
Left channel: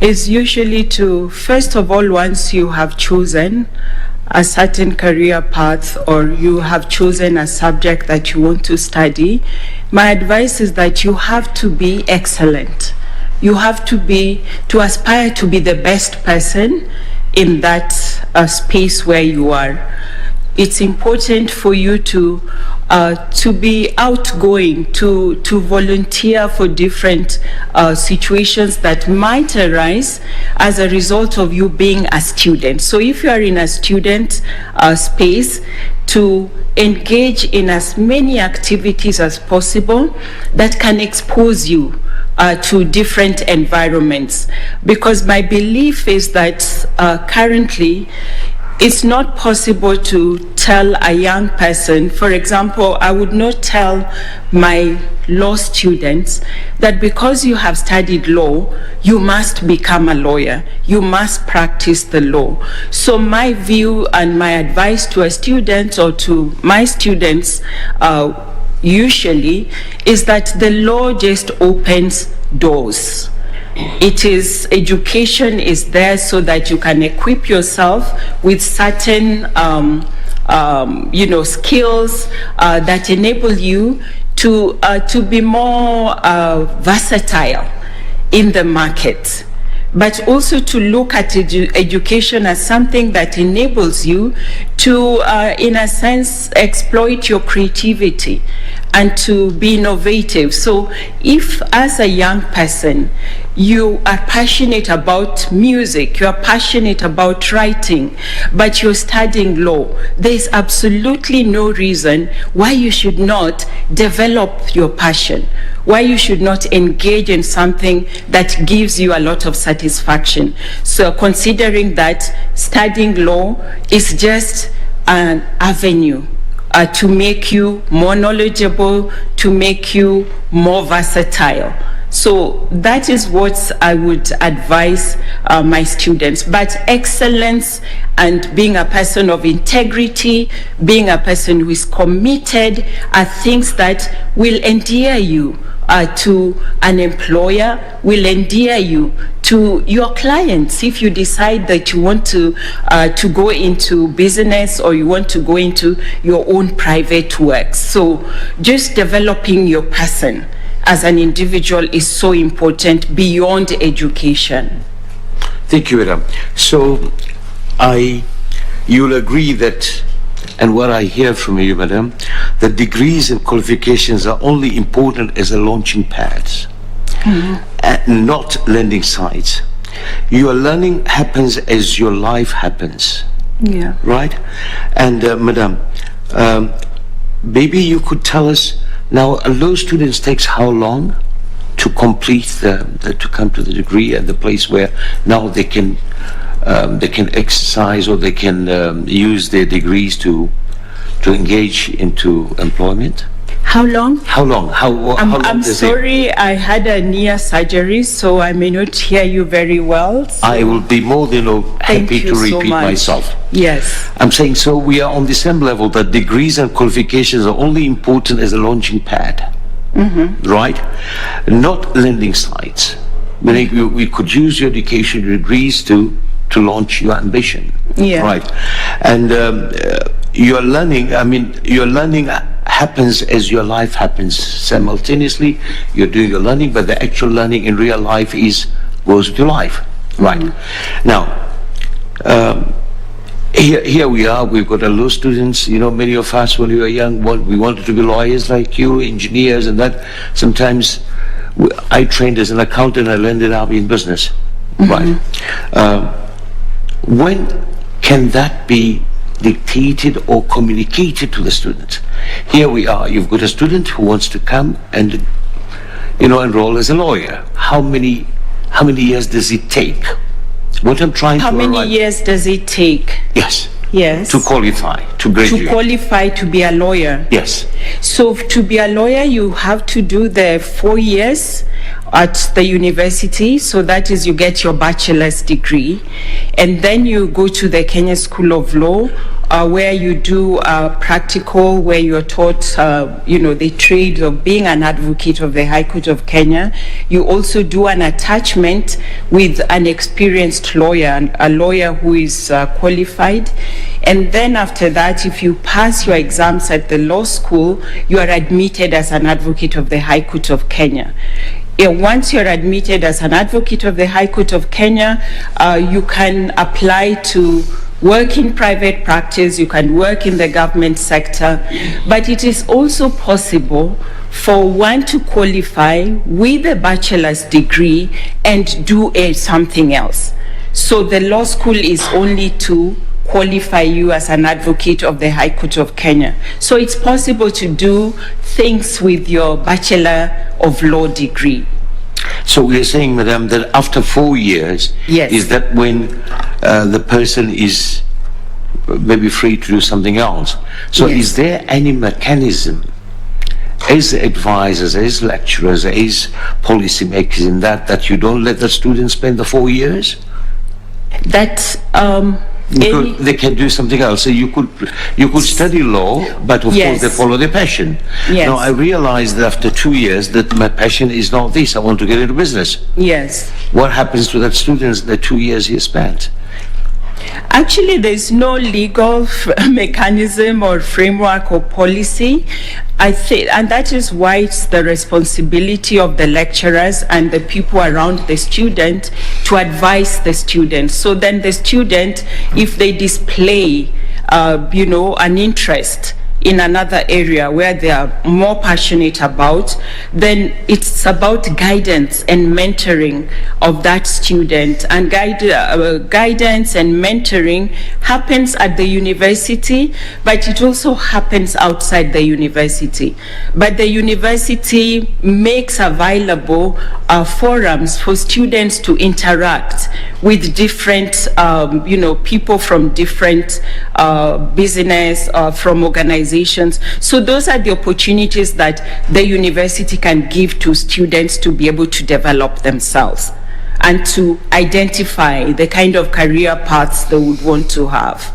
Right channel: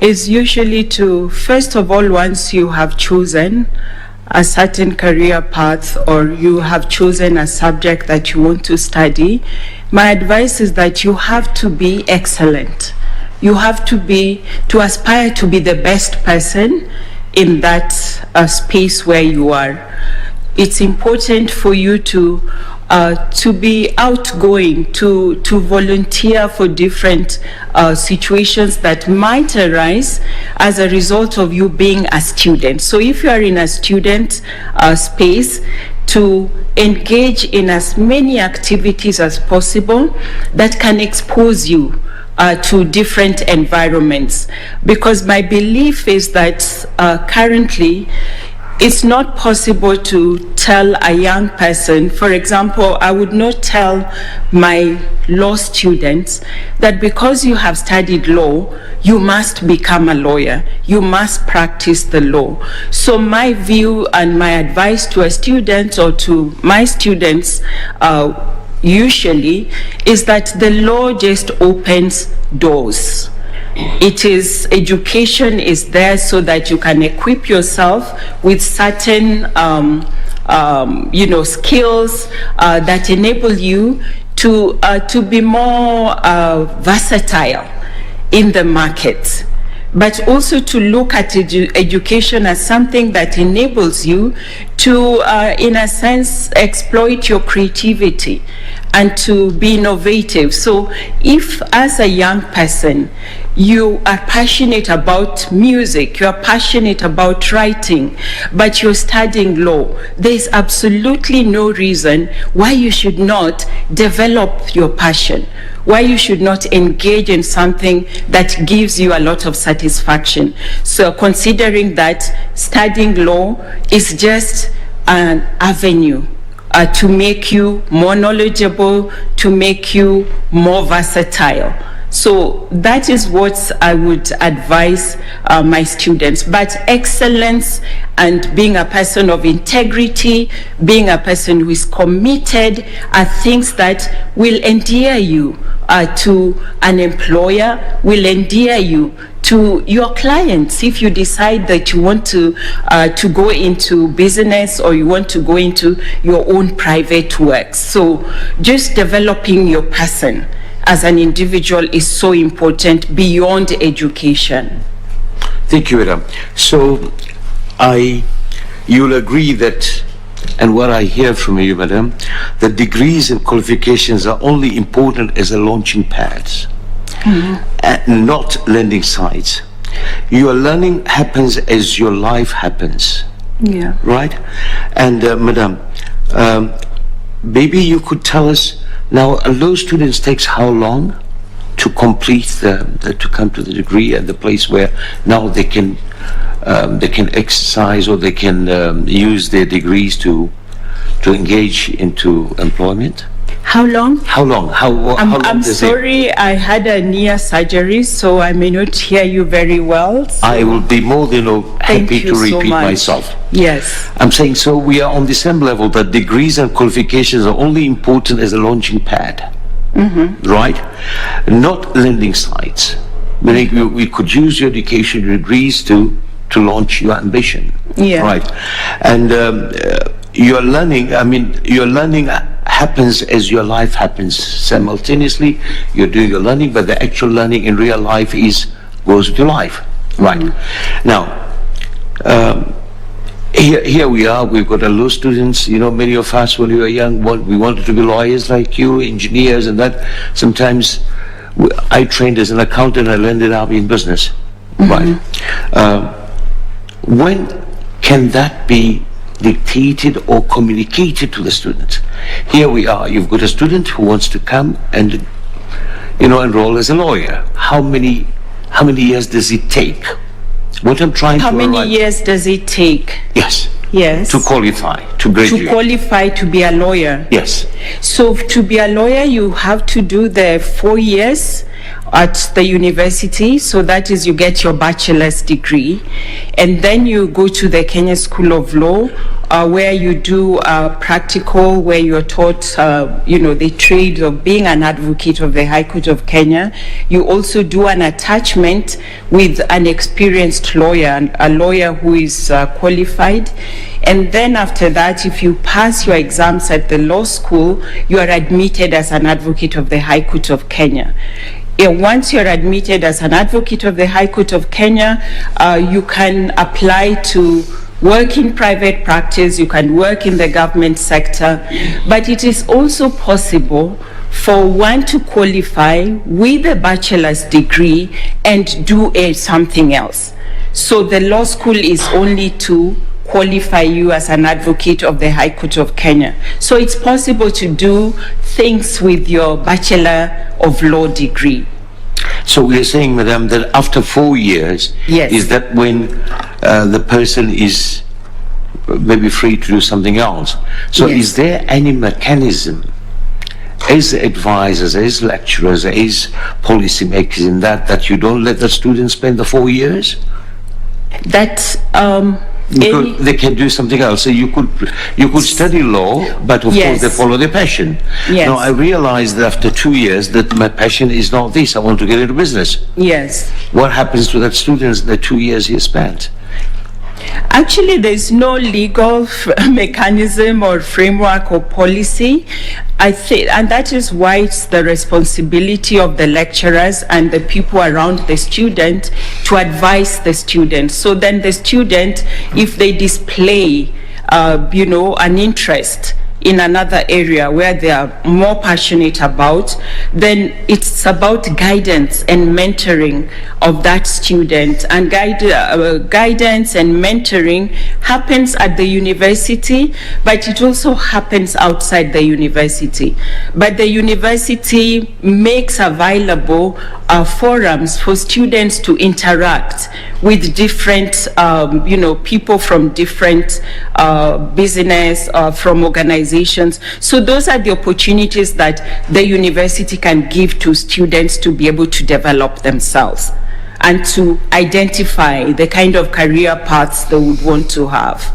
is usually to, first of all, once you have chosen a certain career path or you have chosen a subject that you want to study, my advice is that you have to be excellent. You have to aspire to be the best person in that space where you are. It's important for you to be outgoing, to volunteer for different situations that might arise as a result of you being a student. So if you are in a student space, to engage in as many activities as possible that can expose you to different environments. Because my belief is that currently it's not possible to tell a young person, for example, I would not tell my law students that because you have studied law, you must become a lawyer, you must practice the law. So my view and my advice to a student or to my students usually is that the law just opens doors. It is, education is there so that you can equip yourself with certain skills that enable you to be more versatile in the market, but also to look at education as something that enables you to, in a sense, exploit your creativity and to be innovative. So if, as a young person, you are passionate about music, you are passionate about writing, but you're studying law, there's absolutely no reason why you should not develop your passion, why you should not engage in something that gives you a lot of satisfaction. So considering that studying law is just an avenue to make you more knowledgeable, to make you more versatile. So that is what I would advise my students. But excellence and being a person of integrity, being a person who is committed, are things that will endear you to an employer, will endear you to your clients. If you decide that you want to go into business, or you want to go into your own private work. So just developing your person as an individual is so important beyond education. Thank you, Madam. So you'll agree that, and what I hear from you, Madam, that degrees and qualifications are only important as a launching pads, and not landing sites. Your learning happens as your life happens. Yeah. Right? And Madam, maybe you could tell us now, a law students takes how long to complete to come to the degree at the place where now they can exercise, or they can use their degrees to engage into employment? How long? How long? How long I'm does sorry, I had a knee surgery, so I may not hear you very well. So I will be more than happy to repeat myself. Yes. I'm saying, so we are on the same level, that degrees and qualifications are only important as a launching pad, right? Not landing sites. Meaning we could use your education degrees to launch your ambition, right? And your learning, your learning happens as your life happens. Simultaneously, you're doing your learning, but the actual learning in real life goes with your life, right? Now, here we are, we've got a law students, many of us when we were young, we wanted to be lawyers like you, engineers and that. Sometimes I trained as an accountant, I landed up in business, right? When can that be dictated or communicated to the student? Here we are, you've got a student who wants to come and enroll as a lawyer. How many years does it take? What I'm trying How to many years does it take? Yes. Yes. To qualify, to graduate. To qualify to be a lawyer. Yes. So to be a lawyer, you have to do the 4 years at the university. So that is, you get your bachelor's degree. And then you go to the Kenya School of Law, where you do practical, where you're taught, the trade of being an advocate of the High Court of Kenya. You also do an attachment with an experienced lawyer, a lawyer who is qualified. And then after that, if you pass your exams at the law school, you are admitted as an advocate of the High Court of Kenya. Once you're admitted as an advocate of the High Court of Kenya, you can apply to work in private practice, you can work in the government sector, but it is also possible for one to qualify with a bachelor's degree and do something else. So the law school is only to qualify you as an advocate of the High Court of Kenya. So it's possible to do things with your Bachelor of Law degree. So we are saying, Madam, that after 4 years, Yes. is that when the person is maybe free to do something else? So Yes. is there any mechanism as advisors, as lecturers, as policymakers in that you don't let the students spend the 4 years? That Because they can do something else. So you could study law, but of Yes. course they follow their passion. Yes. Now I realized that after 2 years that my passion is not this. I want to get into business. Yes. What happens to that student the 2 years he spent? Actually, there's no legal mechanism or framework or policy. I think, and that is why it's the responsibility of the lecturers and the people around the student to advise the student. So then the student, if they display, an interest in another area where they are more passionate about, then it's about guidance and mentoring of that student. And guidance and mentoring happens at the university, but it also happens outside the university. But the university makes available forums for students to interact with different, people from different business, from organizations. So those are the opportunities that the university can give to students to be able to develop themselves and to identify the kind of career paths they would want to have.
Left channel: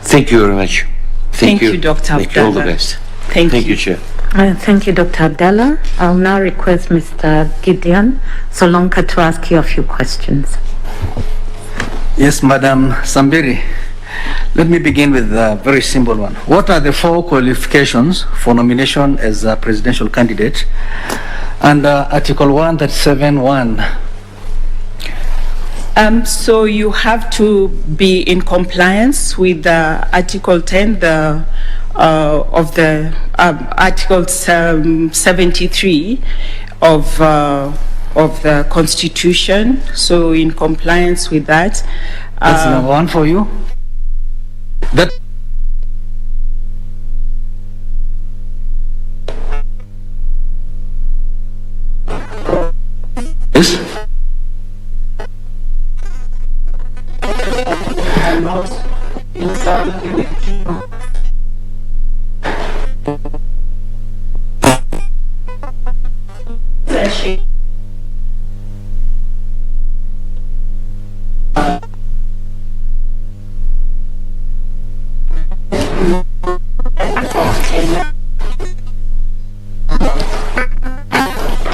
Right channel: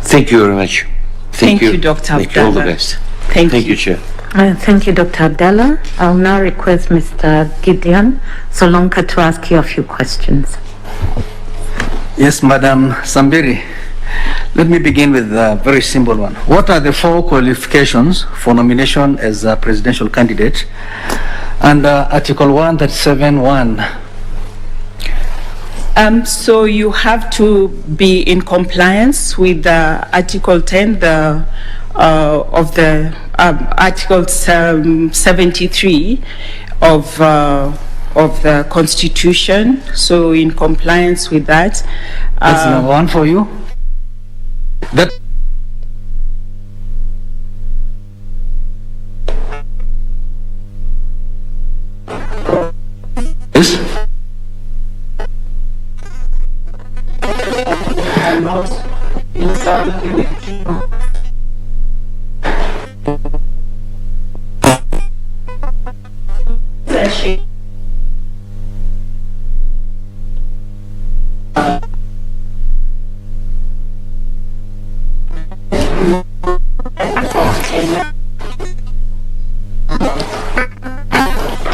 Thank you very much. Thank you, Dr. Thank you. All the Abdallah. best. Thank Thank you. you, Chair. Thank you, Dr. Abdallah. I'll now request Mr. Gideon Solonka to ask you a few questions. Yes, Madam Simbiri. Let me begin with a very simple one. What are the 4 qualifications for nomination as a presidential candidate under Article 137(1)? So you have to be in compliance with Article 10 of the Article 73 of the Constitution. So in compliance with that. That's number 1 for you. That yes.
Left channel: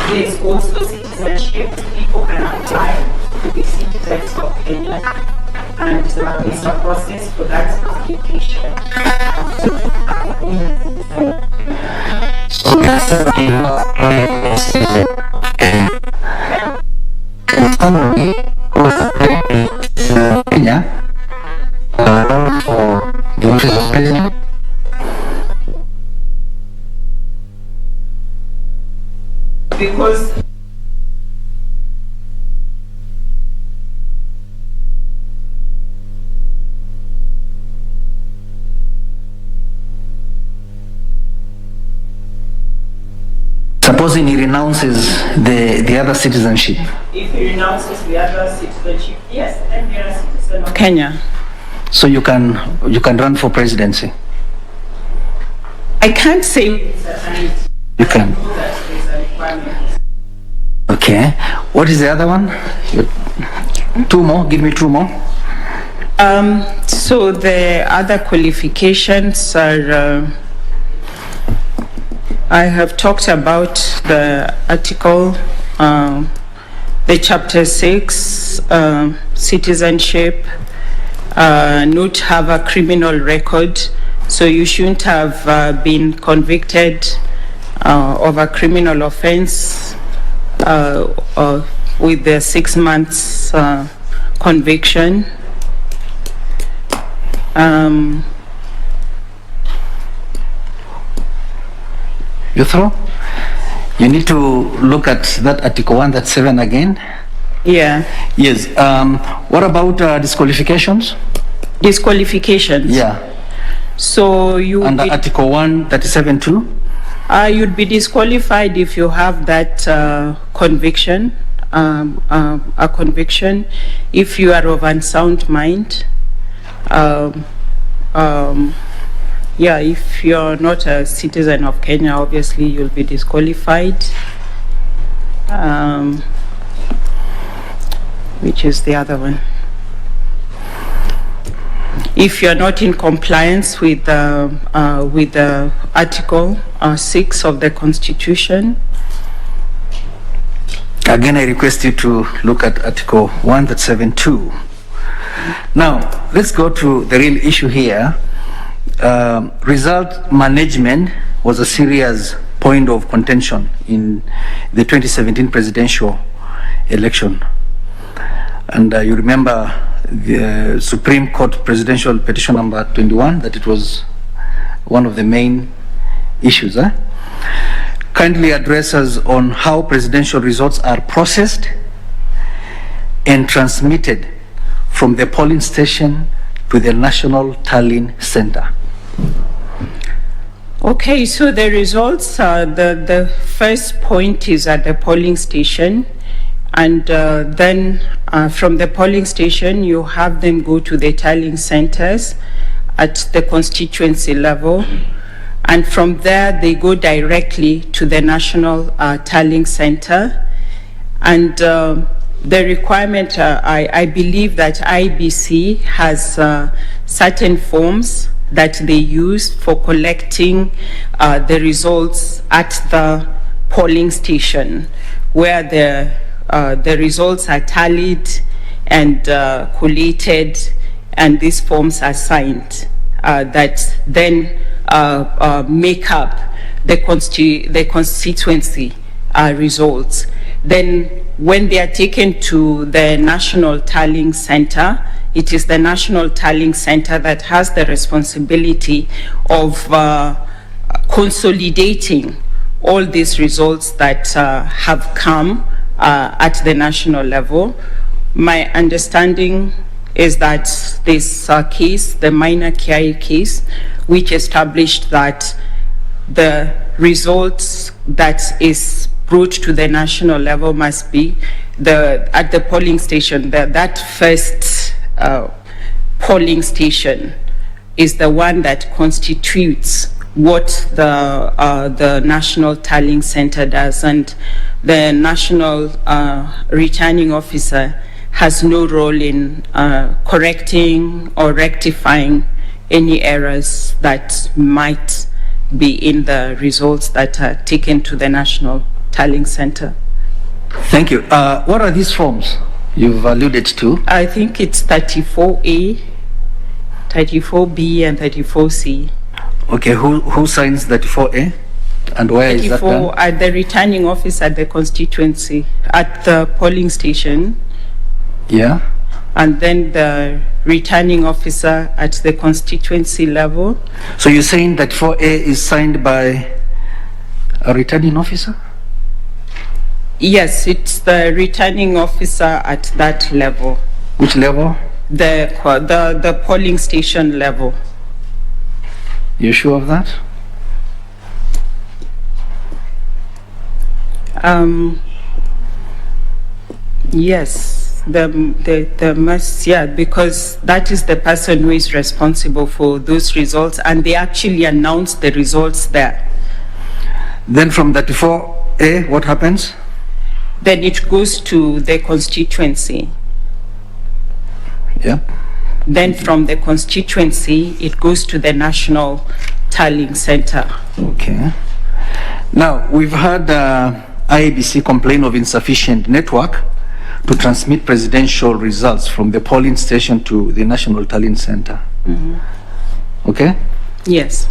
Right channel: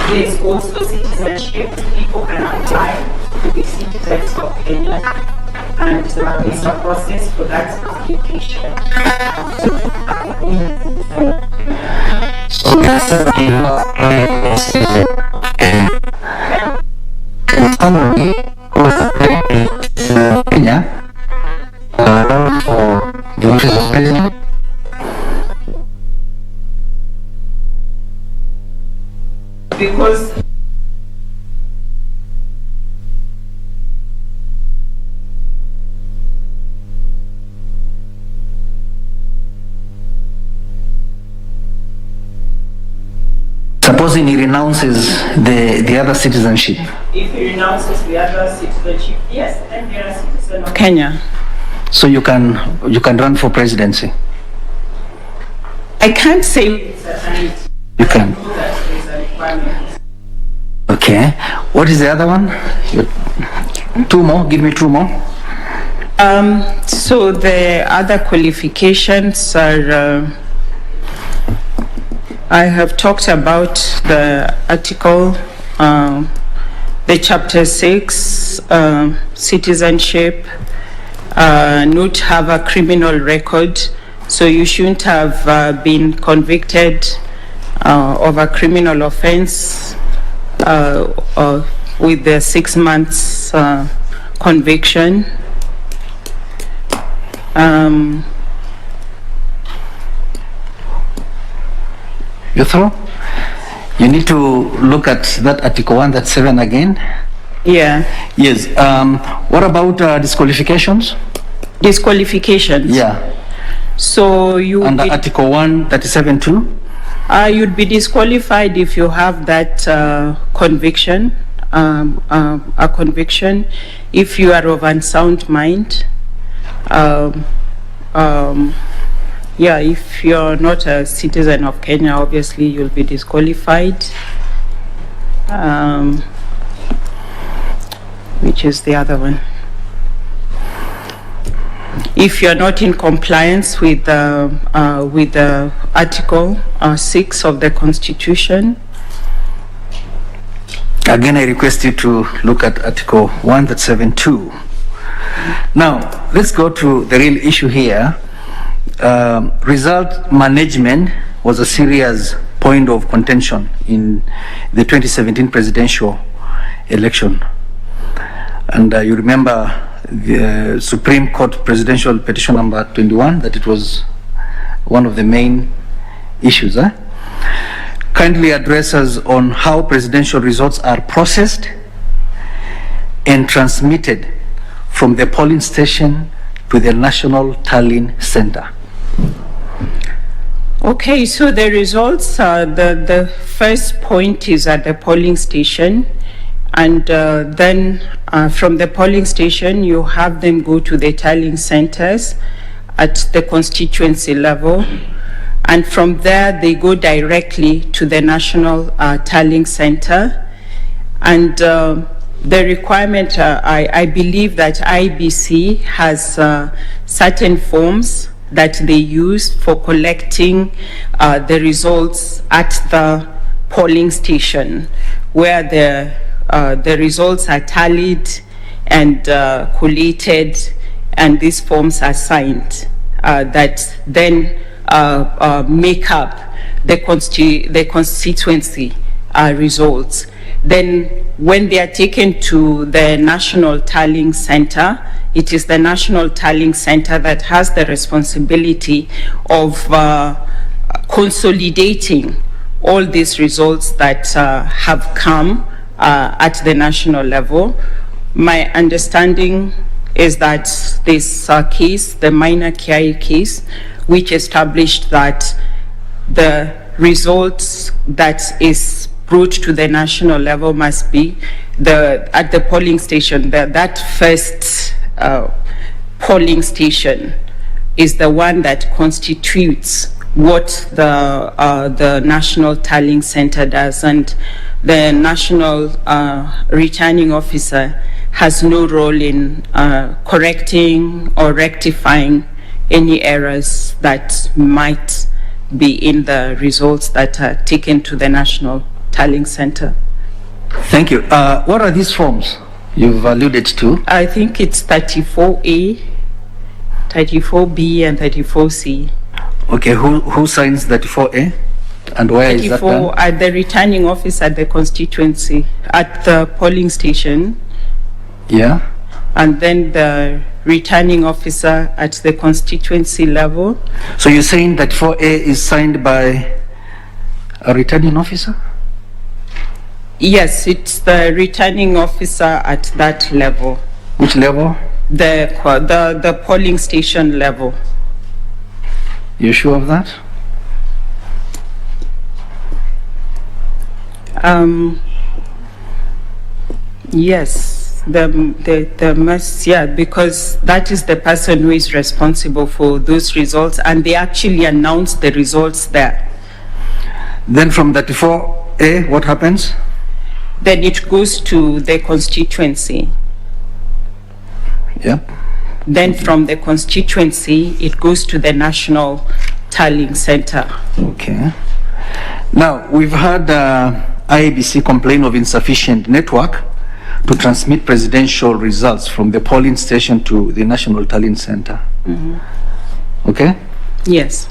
There's also citizenship. People can apply to be citizens of Kenya, and it's a process for that application. Kenya for the office of president. Because Supposing he renounces the other citizenship. if he renounces the other citizenship, yes, then they are a citizen of Kenya. So you can run for presidency. I can't say it's a time. You can. That is a requirement. Okay. What is the other one? 2 more. Give me 2 more. So the other qualifications are, I have talked about the article, the chapter 6, citizenship, not have a criminal record. So you shouldn't have been convicted of a criminal offense with the 6 months conviction. You through? You need to look at that Article 137 again. Yeah. Yes. What about disqualifications? Disqualifications. Yeah. So you Under Article 137 too? you'd be disqualified if you have that conviction, a conviction, if you are of unsound mind. Yeah, if you're not a citizen of Kenya, obviously you'll be disqualified. Which is the other one? If you're not in compliance with the Article 6 of the Constitution. Again, I request you to look at Article 137(2). Now, let's go to the real issue here. Result management was a serious point of contention in the 2017 presidential election. And you remember the Supreme Court Presidential Petition number 21, that it was one of the main issues. Kindly address us on how presidential results are processed and transmitted from the polling station to the National Tallying Center. Okay, so the results, the first point is at the polling station, and then from the polling station, you have them go to the tallying centers at the constituency level, and from there, they go directly to the national tallying center. And the requirement, I believe that IEBC has certain forms that they use for collecting the results at the polling station, where the results are tallied and collated, and these forms are signed that then make up the constituency results. Then when they are taken to the National Tallying Center, it is the National Tallying Center that has the responsibility of consolidating all these results that have come at the national level. My understanding is that this case, the minor KIA case, which established that the results that is brought to the national level must be at the polling station. That first polling station is the one that constitutes what the National Tallying Center does, and the National Returning Officer has no role in correcting or rectifying any errors that might be in the results that are taken to the National Tallying Center. Thank you. What are these forms you've alluded to? I think it's 34A, 34B, and 34C. Okay, who signs 34A? And where is that done? 34 at the returning office at the constituency, at the polling station. Yeah. And then the returning officer at the constituency level. So you're saying that 4A is signed by a returning officer? Yes, it's the returning officer at that level. Which level? The polling station level. You sure of that? Yes. The must, yeah, because that is the person who is responsible for those results, and they actually announce the results there. Then from 34A, what happens? Then it goes to the constituency. Yeah. Then from the constituency, it goes to the National Tallying Center. Okay. Now, we've had IEBC complain of insufficient network to transmit presidential results from the polling station to the National Tallying Center. Mm-hmm. Okay? Yes.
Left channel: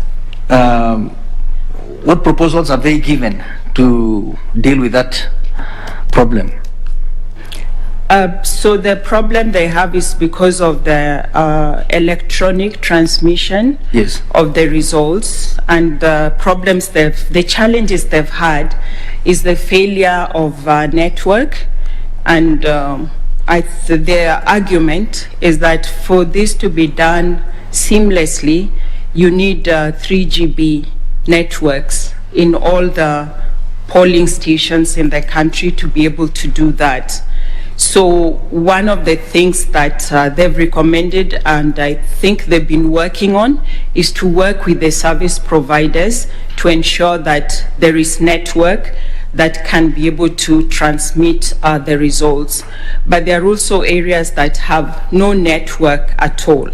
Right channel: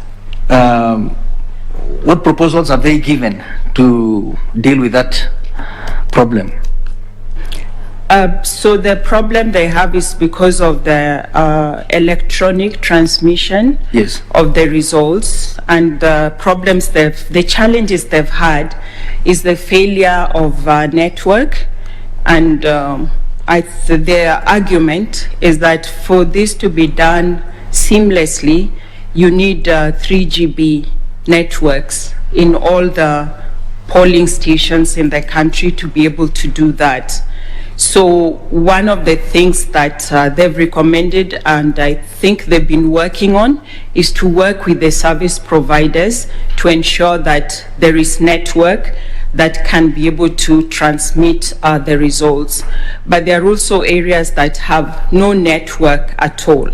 What proposals have they given to deal with that problem? So the problem they have is because of the electronic transmission Yes. of the results, and the problems the challenges they've had is the failure of network, and their argument is that for this to be done seamlessly, you need 3GB networks in all the polling stations in the country to be able to do that. So one of the things that they've recommended, and I think they've been working on, is to work with the service providers to ensure that there is network that can be able to transmit the results. But there are also areas that have no network at all.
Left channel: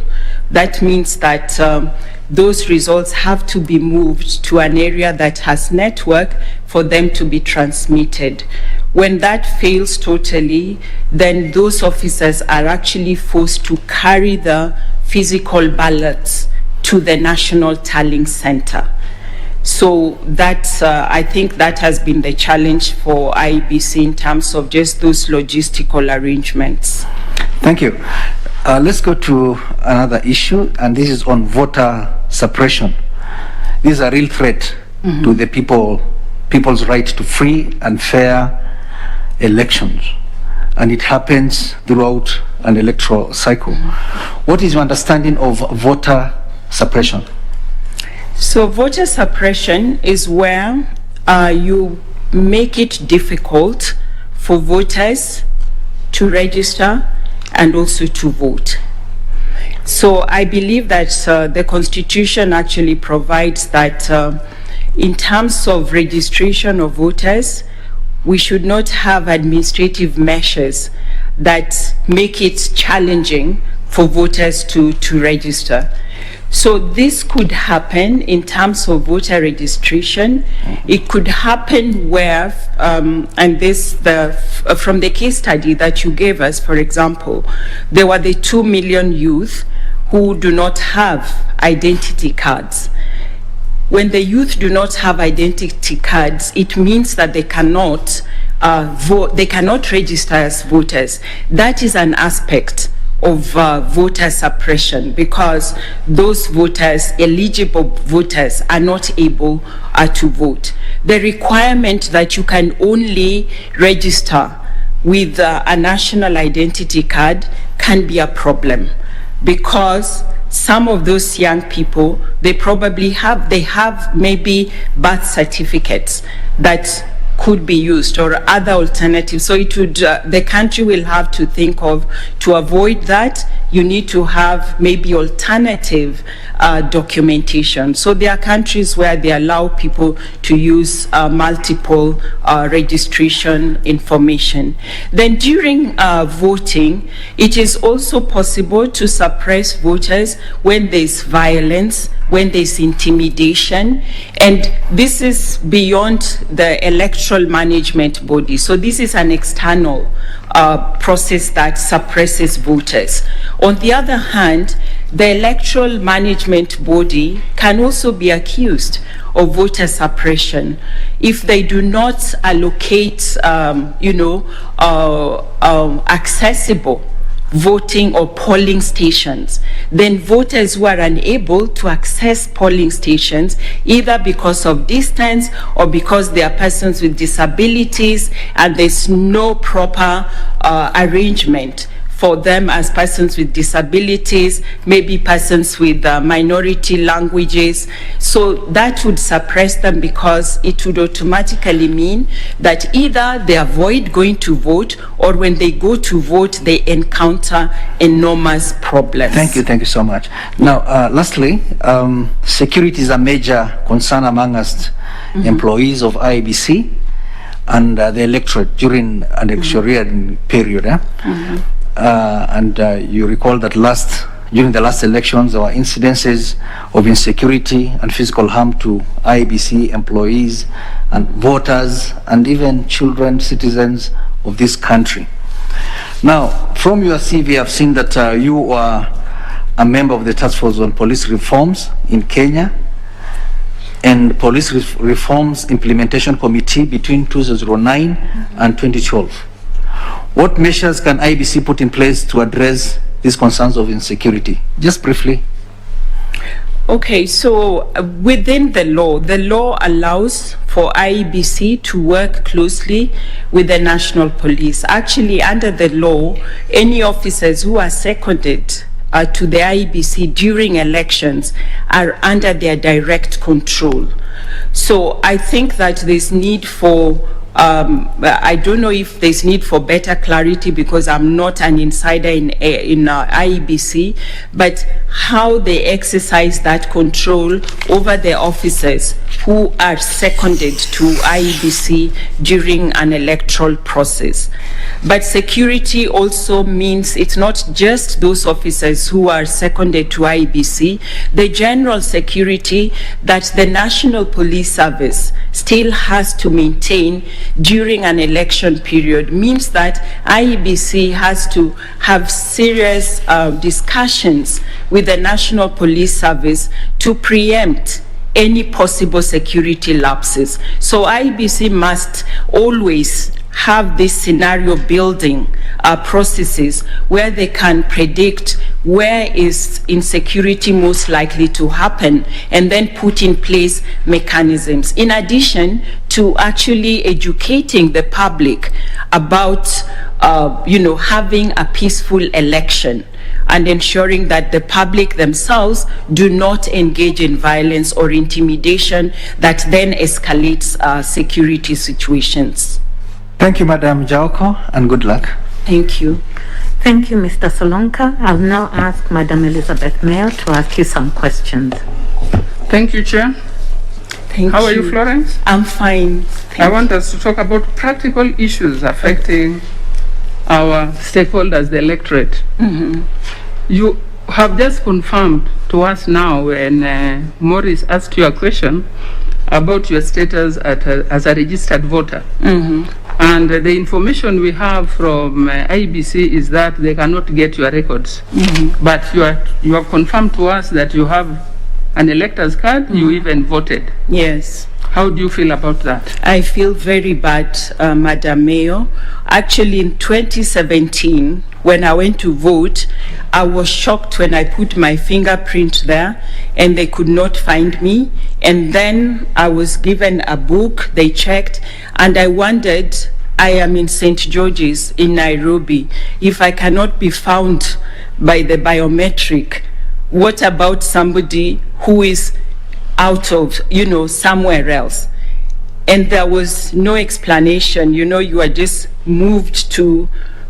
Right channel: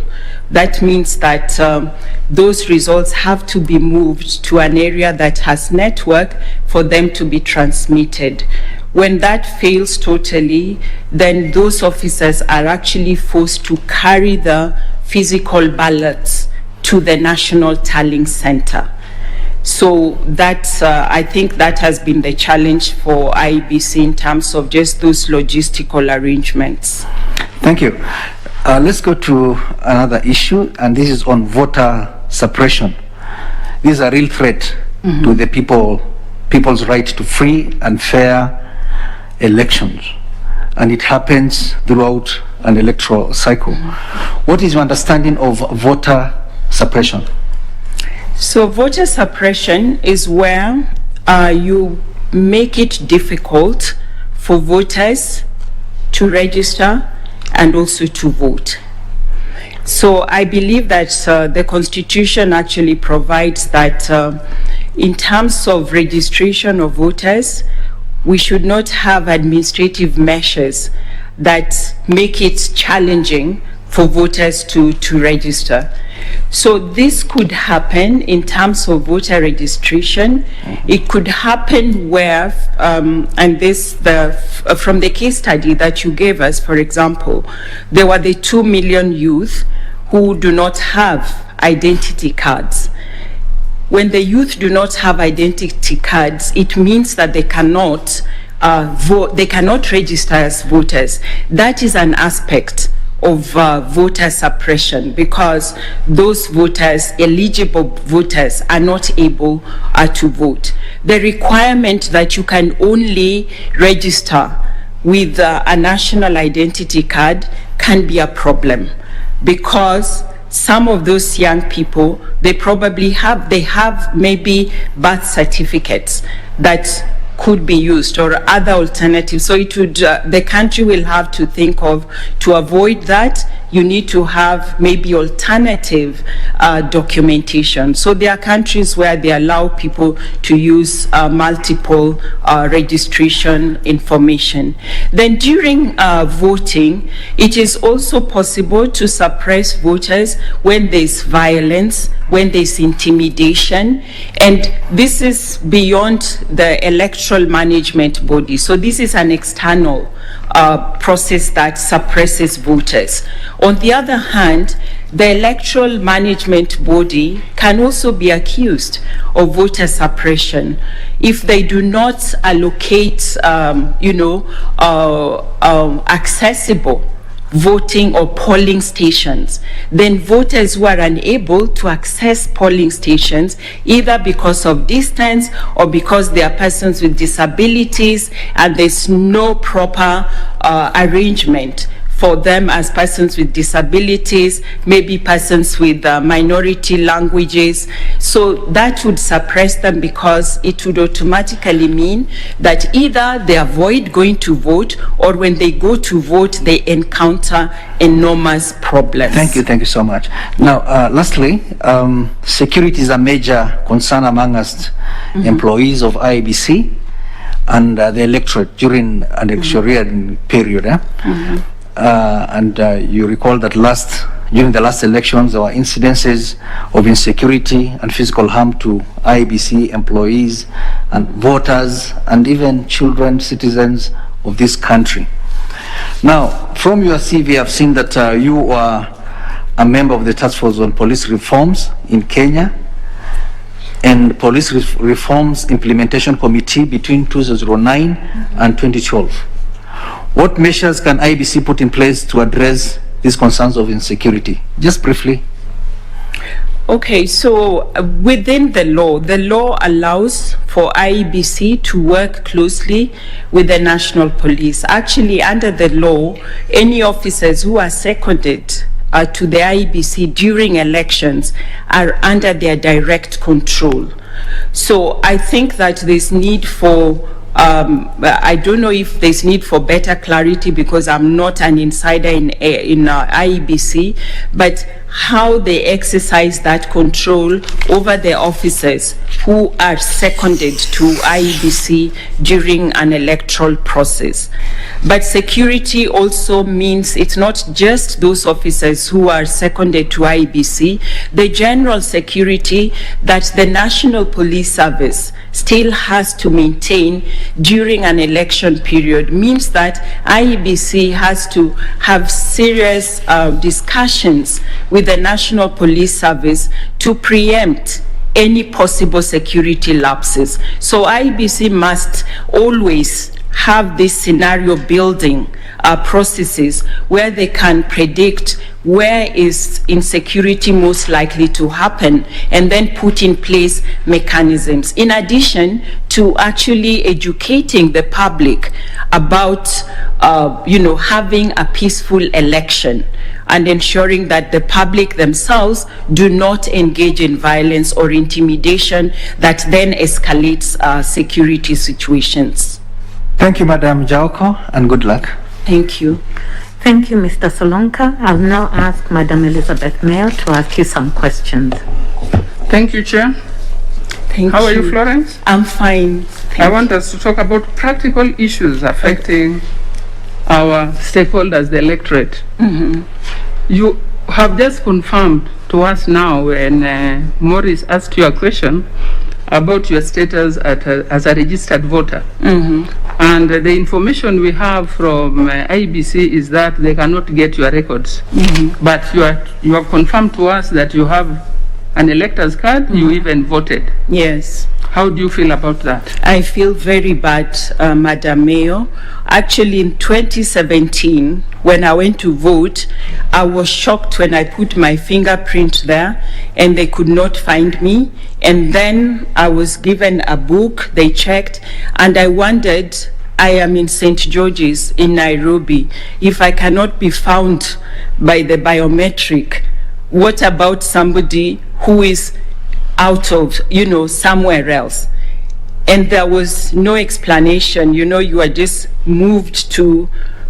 That means that those results have to be moved to an area that has network for them to be transmitted. When that fails totally, then those officers are actually forced to carry the physical ballots to the National Tallying Center. So that's, I think that has been the challenge for IEBC in terms of just those logistical arrangements. Thank you. Let's go to another issue, and this is on voter suppression. This is a real threat to the people's right to free and fair elections, and it happens throughout an electoral cycle. What is your understanding of voter suppression? So voter suppression is where you make it difficult for voters to register and also to vote. So I believe that the Constitution actually provides that in terms of registration of voters, we should not have administrative measures that make it challenging for voters to register. So this could happen in terms of voter registration. It could happen where, and this from the case study that you gave us, for example, there were the 2 million youth who do not have identity cards. When the youth do not have identity cards, it means that they cannot vote, they cannot register as voters. That is an aspect of voter suppression, because those voters, eligible voters, are not able to vote. The requirement that you can only register with a national identity card can be a problem, because some of those young people, they have maybe birth certificates that could be used or other alternatives. So it would, the country will have to think of, to avoid that, you need to have maybe alternative documentation. So there are countries where they allow people to use multiple registration information. Then during voting, it is also possible to suppress voters when there's violence, when there's intimidation, and this is beyond the electoral management body. So this is an external process that suppresses voters. On the other hand, the electoral management body can also be accused of voter suppression if they do not allocate, accessible voting or polling stations. Then voters who are unable to access polling stations, either because of distance or because they are persons with disabilities and there's no proper arrangement for them as persons with disabilities, maybe persons with minority languages. So that would suppress them, because it would automatically mean that either they avoid going to vote, or when they go to vote, they encounter enormous problems. Thank you so much. Now, lastly, security is a major concern among us employees of IEBC and the electorate during an electoral period. You recall that during the last elections, there were incidences of insecurity and physical harm to IEBC employees and voters and even children, citizens of this country. Now, from your CV, I've seen that you are a member of the Task Force on Police Reforms in Kenya and Police Reforms Implementation Committee between 2009 and 2012. What measures can IEBC put in place to address these concerns of insecurity? Just briefly. Okay, so within the law allows for IEBC to work closely with the national police. Actually, under the law, any officers who are seconded to the IEBC during elections are under their direct control. So I think that there's need for I don't know if there's need for better clarity, because I'm not an insider in IEBC, but how they exercise that control over the officers who are seconded to IEBC during an electoral process. But security also means it's not just those officers who are seconded to IEBC. The general security that the National Police Service still has to maintain during an election period means that IEBC has to have serious discussions with the National Police Service to preempt any possible security lapses. So IEBC must always have this scenario building processes where they can predict where is insecurity most likely to happen, and then put in place mechanisms. In addition to actually educating the public about having a peaceful election and ensuring that the public themselves do not engage in violence or intimidation that then escalates security situations. Thank you, Madam Jaoko, and good luck. Thank you. Thank you, Mr. Solonka. I'll now ask Madam Elizabeth Mayo to ask you some questions. Thank you, Chair. Thank How you. are you, Florence? I'm fine. I want us to talk about practical issues affecting our stakeholders, the electorate. You have just confirmed to us now when Maurice asked you a question about your status as a registered voter. And the information we have from IEBC is that they cannot get your records. But you have confirmed to us that you have an elector's card, you even voted. Yes. How do you feel about that? I feel very bad, Madam Mayor. Actually, in 2017, when I went to vote, I was shocked when I put my fingerprint there and they could not find me. And then I was given a book, they checked, and I wondered, I am in St. George's in Nairobi. If I cannot be found by the biometric, what about somebody who is out of, somewhere else? And there was no explanation, you are just moved to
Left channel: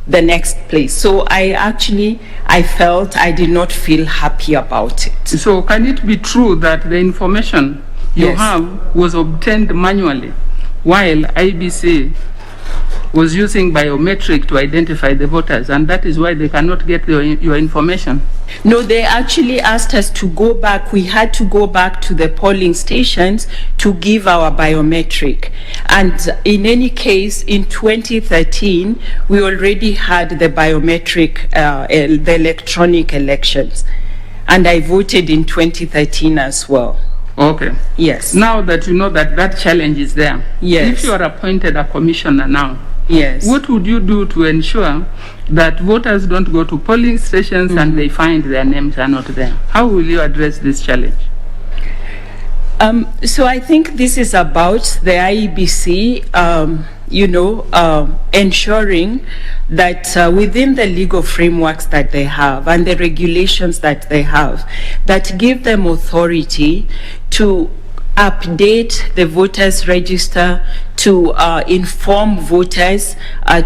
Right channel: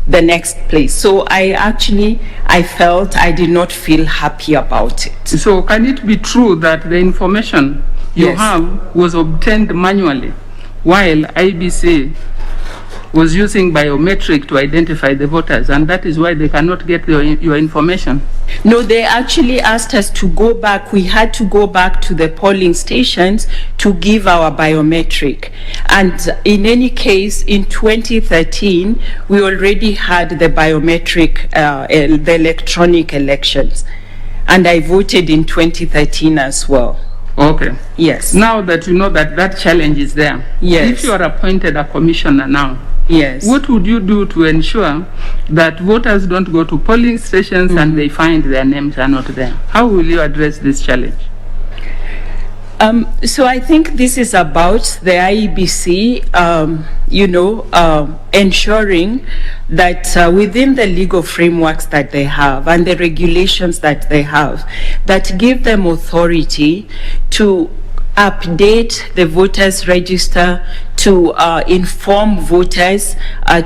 the next place. So I felt I did not feel happy about it. So can it be true that the information you Yes. have was obtained manually while IBC was using biometric to identify the voters, and that is why they cannot get your information? No, they actually asked us to go back. We had to go back to the polling stations to give our biometric. And in any case, in 2013, we already had the biometric, the electronic elections. And I voted in 2013 as well. Okay. Yes. Now that you know that challenge is there, Yes. if you are appointed a commissioner now, Yes. what would you do to ensure that voters don't go to polling stations and they find their names are not there? How will you address this challenge? So I think this is about the IEBC, ensuring that within the legal frameworks that they have and the regulations that they have, that give them authority to update the voters register, to inform voters,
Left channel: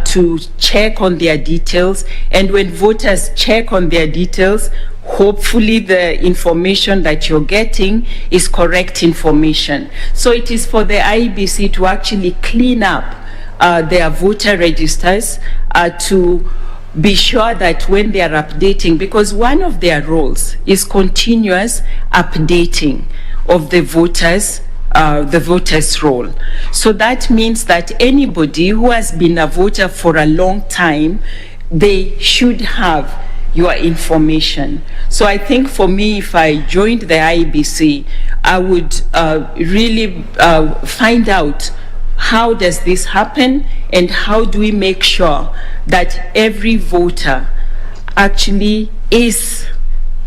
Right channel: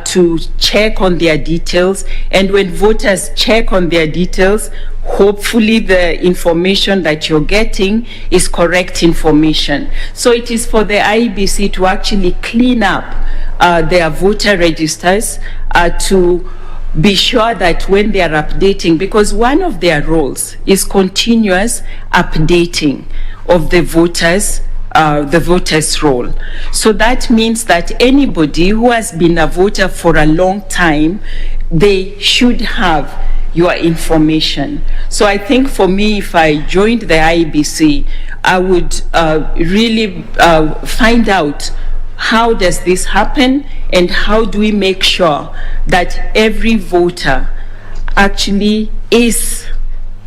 to check on their details. And when voters check on their details, hopefully the information that you're getting is correct information. So it is for the IEBC to actually clean up their voter registers, to be sure that when they are updating, because one of their roles is continuous updating of the voters' role. So that means that anybody who has been a voter for a long time, they should have your information. So I think for me, if I joined the IEBC, I would really find out how does this happen and how do we make sure that every voter actually is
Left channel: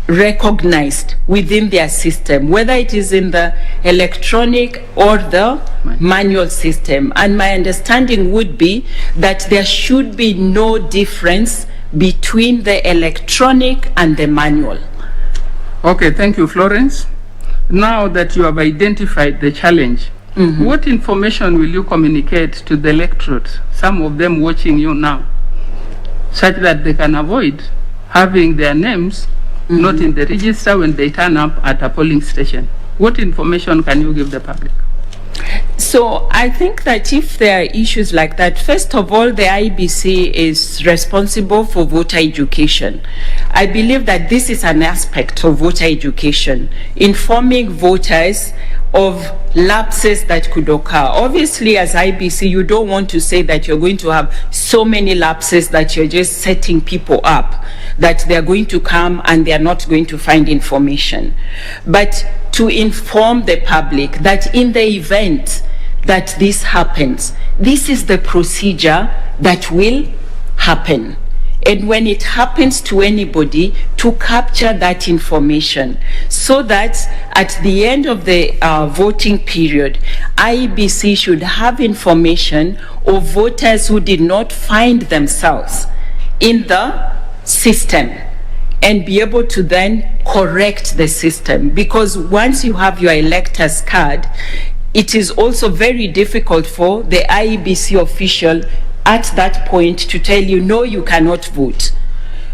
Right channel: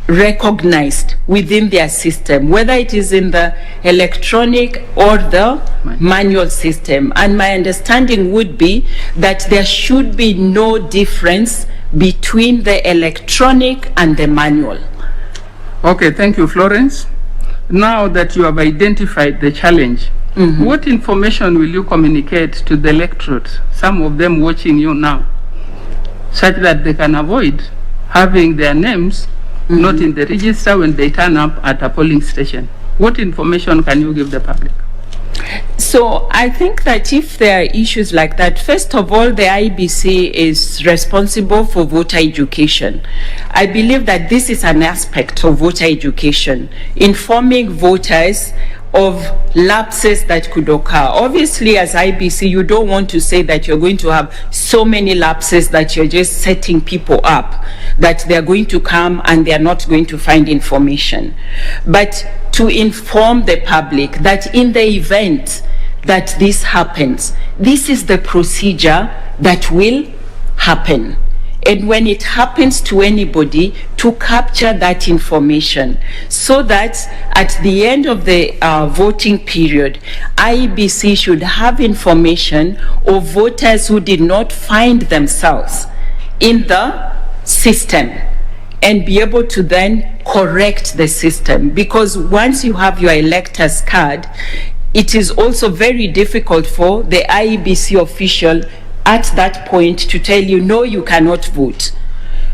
recognized within their system, whether it is in the electronic or the manual system. And my understanding would be that there should be no difference between the electronic and the manual. Okay, thank you, Florence. Now that you have identified the challenge, what information will you communicate to the electorate, some of them watching you now, such that they can avoid having their names not in the register when they turn up at a polling station? What information can you give the public? So I think that if there are issues like that, first of all, the IEBC is responsible for voter education. I believe that this is an aspect of voter education, informing voters of lapses that could occur. Obviously, as IEBC, you don't want to say that you're going to have so many lapses that you're just setting people up, that they're going to come and they're not going to find information. But to inform the public that in the event that this happens, this is the procedure that will happen. And when it happens to anybody, to capture that information so that at the end of the voting period, IEBC should have information of voters who did not find themselves in the system. and be able to then correct the system. Because once you have your elector's card, it is also very difficult for the IEBC official at that point to tell you, no, you cannot vote.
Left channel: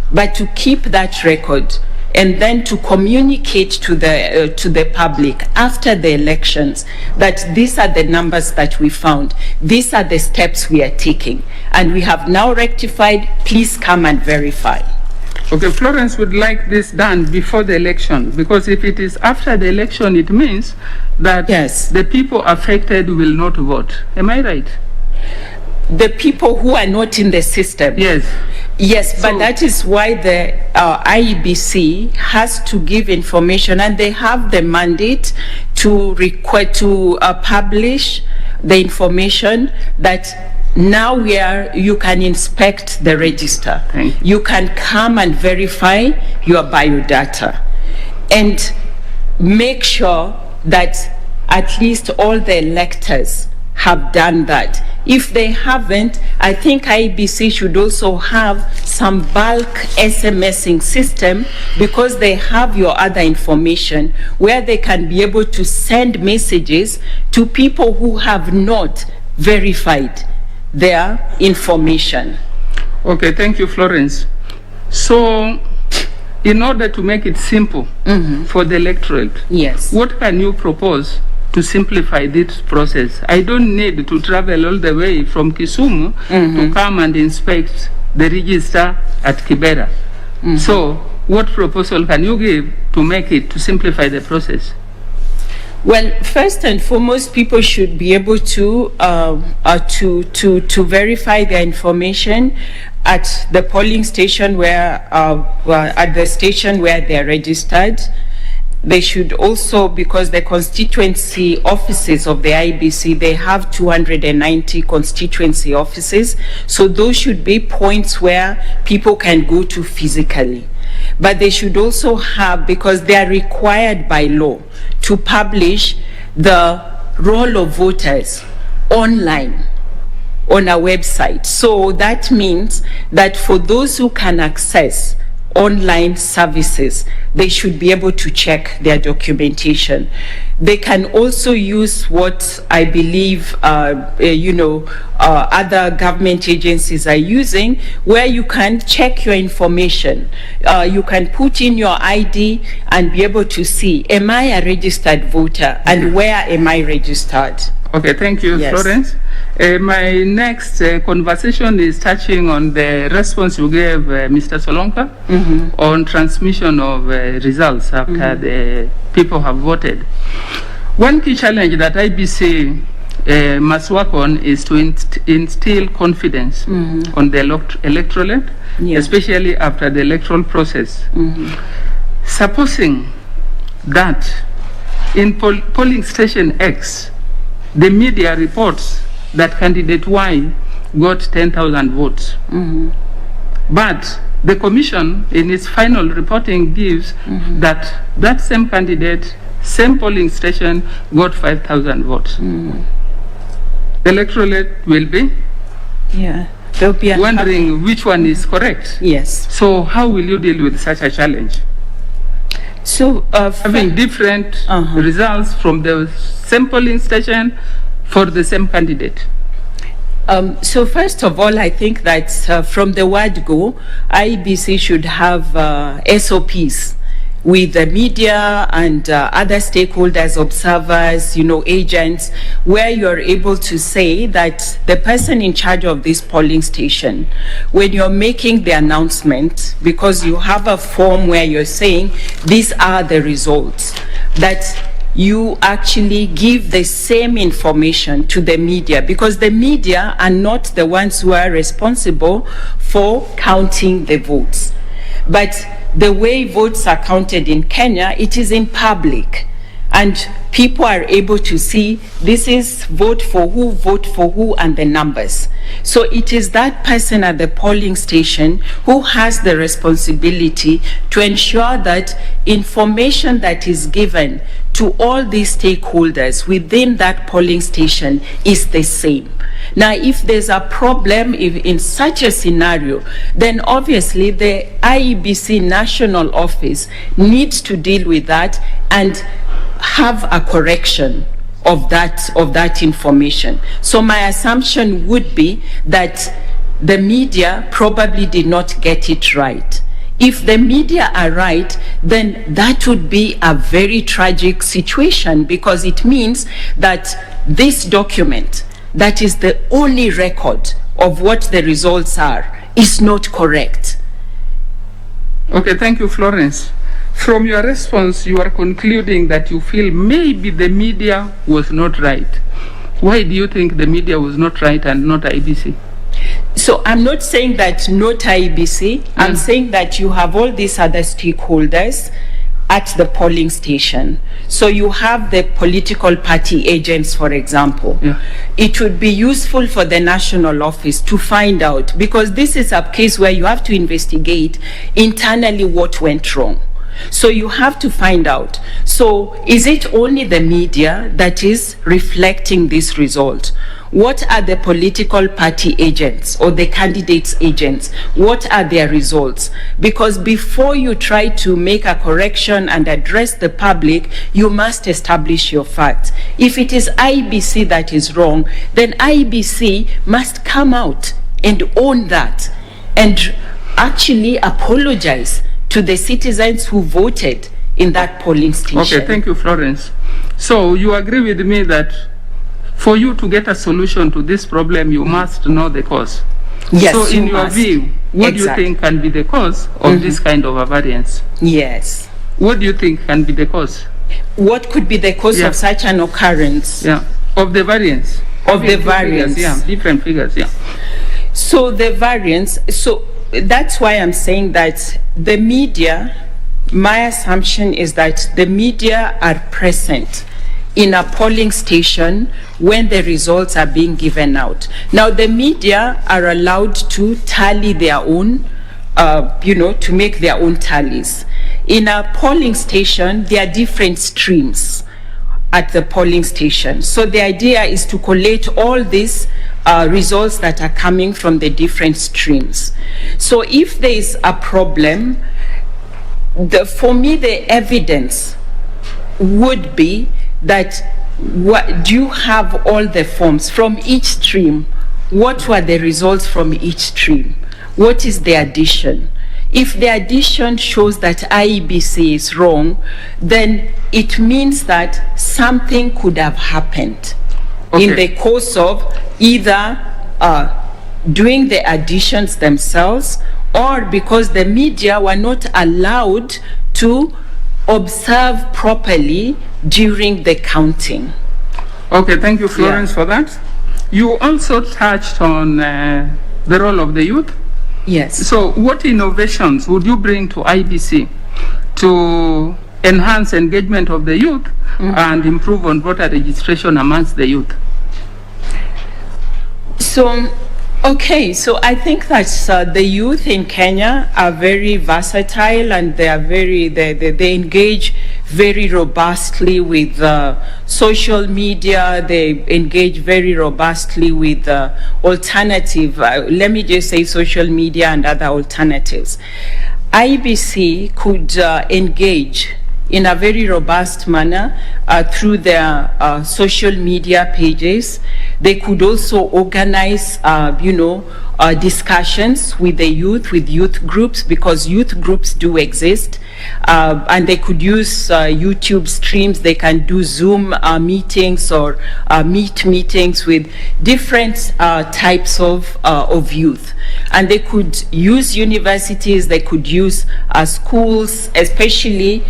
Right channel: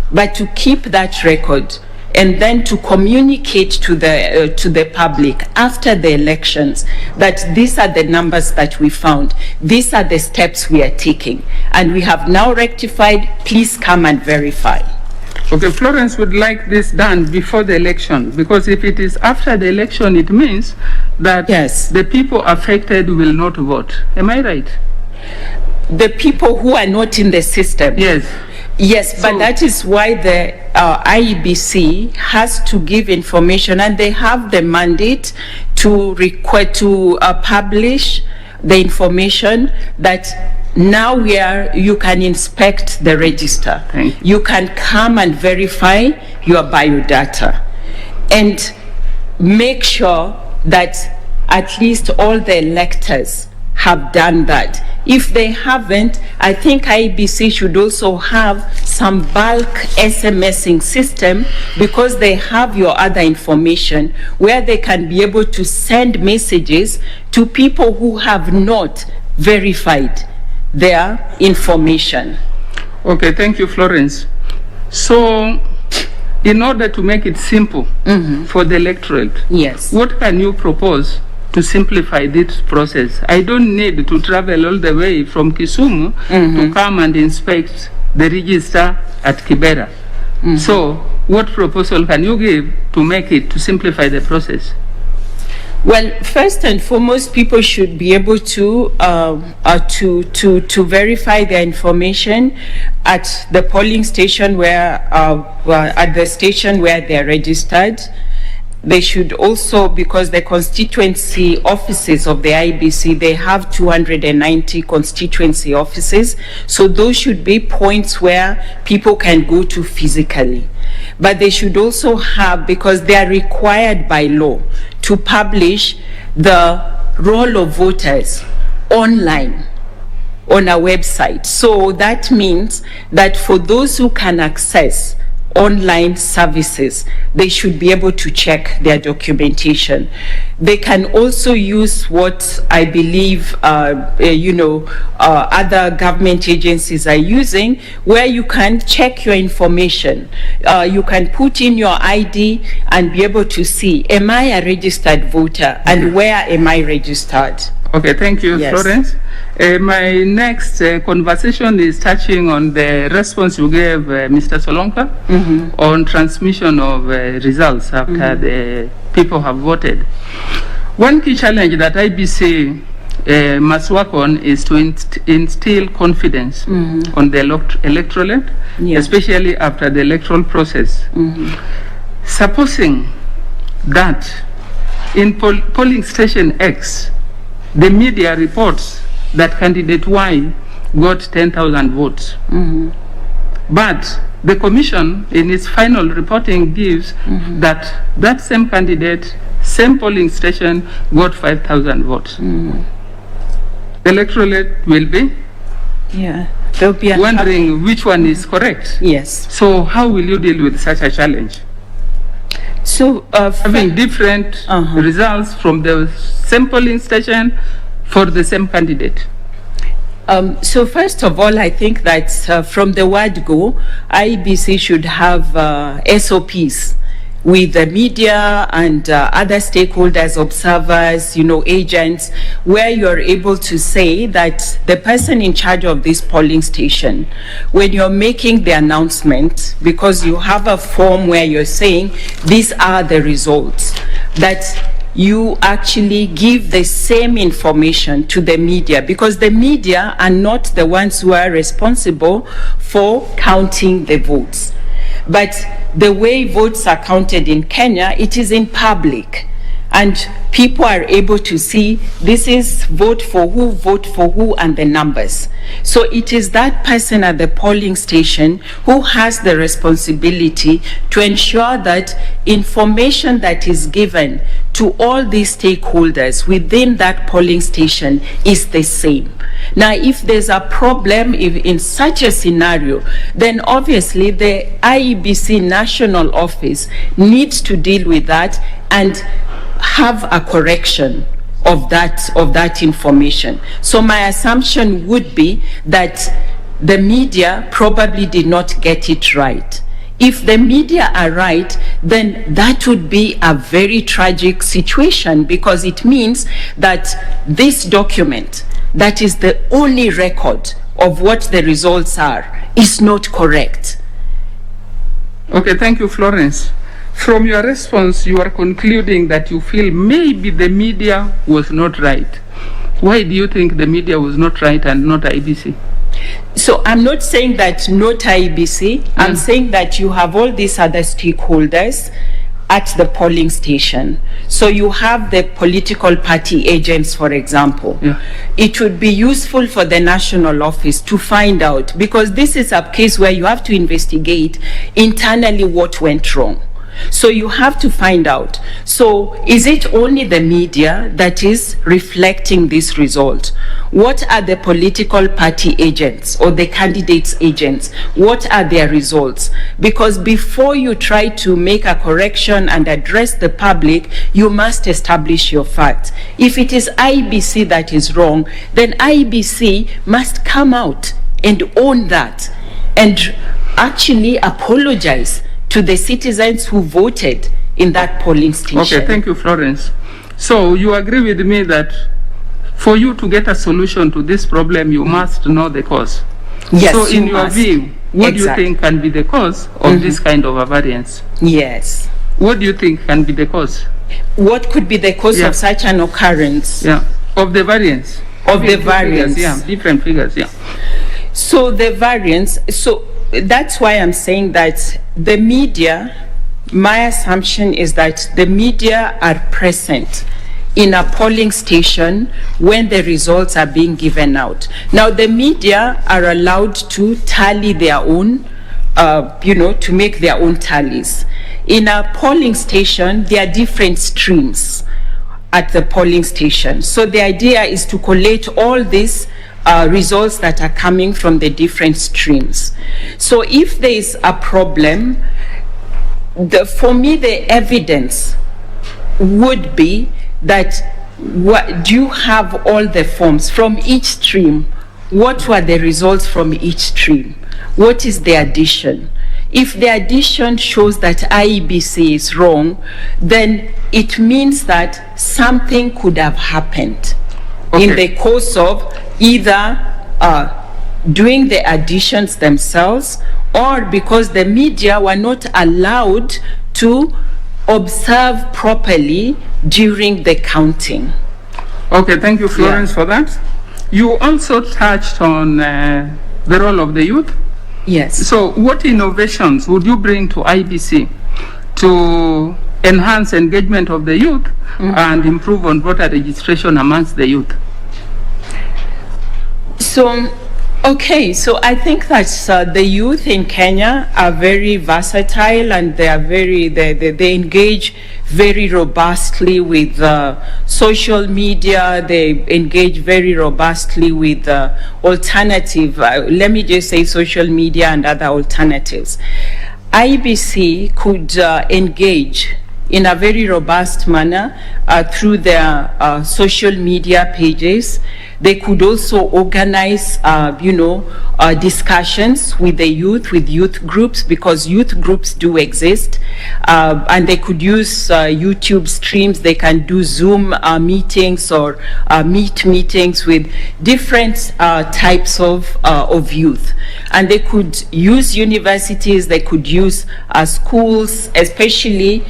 But to keep that record and then to communicate to the public after the elections that these are the numbers that we found, these are the steps we are taking, and we have now rectified, please come and verify. Okay, Florence would like this done before the election, because if it is after the election, it means that Yes. the people affected will not vote. Am I right? The people who are not in the system. Yes. Yes, but So- that is why the IEBC has to give information, and they have the mandate to publish the information that now you can inspect the register. Thank You can come and verify your biodata and make sure that at least all the electors have done that. If they haven't, I think IEBC should also have some bulk SMSing system, because they have your other information where they can be able to send messages to people who have not verified their information. Okay, thank you, Florence. So, in order to make it simple for the electorate, Yes. what can you propose to simplify this process? I don't need to travel all the way from Kisumu to come and inspect the register at Kibera. So, what proposal can you give to simplify the process? Well, first and foremost, people should be able to verify their information at the polling station at the station where they're registered. They should also, because the constituency offices of the IEBC, they have 290 constituency offices, so those should be points where people can go to physically. But they should also have, because they are required by law to publish the roll of voters online on a website. So that means that for those who can access online services, they should be able to check their documentation. They can also use what I believe, other government agencies are using, where you can check your information. You can put in your ID and be able to see, am I a registered voter, and where am I registered? Okay, thank you, Yes. Florence. My next conversation is touching on the response you gave Mr. Solonka on transmission of results after the people have voted. One key challenge that IBC must work on is to instill confidence on the electorate, especially after the electoral process. Supposing that in polling station X, the media reports that candidate Y got 10,000 votes. But the commission in its final reporting gives that same candidate, same polling station got 5,000 votes. The electorate will be They'll be wondering which one is correct. Yes. So how will you deal with such a challenge? So Having different results from the same polling station for the same candidate. So first of all, I think that from the word go, IEBC should have SOPs with the media and other stakeholders, observers, agents, where you're able to say that the person in charge of this polling station, when you're making the announcement, because you have a form where you're saying, these are the results, that you actually give the same information to the media, because the media are not the ones who are responsible for counting the votes. But the way votes are counted in Kenya, it is in public, and people are able to see this is vote for who, and the numbers. So it is that person at the polling station who has the responsibility to ensure that information that is given to all these stakeholders within that polling station is the same. Now, if there's a problem in such a scenario, then obviously the IEBC national office needs to deal with that and have a correction of that information. So my assumption would be that the media probably did not get it right. If the media are right, then that would be a very tragic situation, because it means that this document, that is the only record of what the results are, is not correct. Okay, thank you, Florence. From your response, you are concluding that you feel maybe the media was not right. Why do you think the media was not right and not IEBC? So I'm not saying that not IEBC, I'm saying that you have all these other stakeholders at the polling station. So you have the political party agents, for example. Yeah. It would be useful for the national office to find out, because this is a case where you have to investigate internally what went wrong. So you have to find out. So is it only the media that is reflecting this result? What are the political party agents or the candidates' agents? What are their results? Because before you try to make a correction and address the public, you must establish your facts. If it is IEBC that is wrong, then IEBC must come out and own that and actually apologize to the citizens who voted in that polling station. Okay, thank you, Florence. So you agree with me that for you to get a solution to this problem, you must know the cause. Yes, so in you your must. view, what do you Exactly. think can be the cause of this kind of a variance? Yes. What do you think can be the cause? What could be the cause Yeah. of such an occurrence? Yeah, of the variance. Of the Different variance. figures, yeah, different figures, yeah. So the variance, so that's why I'm saying that the media, my assumption is that the media are present in a polling station when the results are being given out. Now, the media are allowed to tally their own, to make their own tallies. In a polling station, there are different streams at the polling station. So the idea is to collate all these results that are coming from the different streams. So if there is a problem, for me, the evidence would be that do you have all the forms from each stream? What were the results from each stream? What is the addition? If the addition shows that IEBC is wrong, then it means that something could have happened in the course of either doing the additions themselves, or because the media were not allowed to observe properly during the counting. Okay, thank you, Florence, for that. You also touched on the role of the youth. Yes. So what innovations would you bring to IEBC to enhance engagement of the youth and improve on voter registration amongst the youth? So, okay, so I think that the youth in Kenya are very versatile, and they are they engage very robustly with social media. They engage very robustly with alternative, let me just say social media and other alternatives. IEBC could engage in a very robust manner through their social media pages. They could also organize, discussions with the youth, with youth groups, because youth groups do exist. And they could use YouTube streams. They can do Zoom meetings or Meet meetings with different types of youth. And they could use universities, they could use schools, especially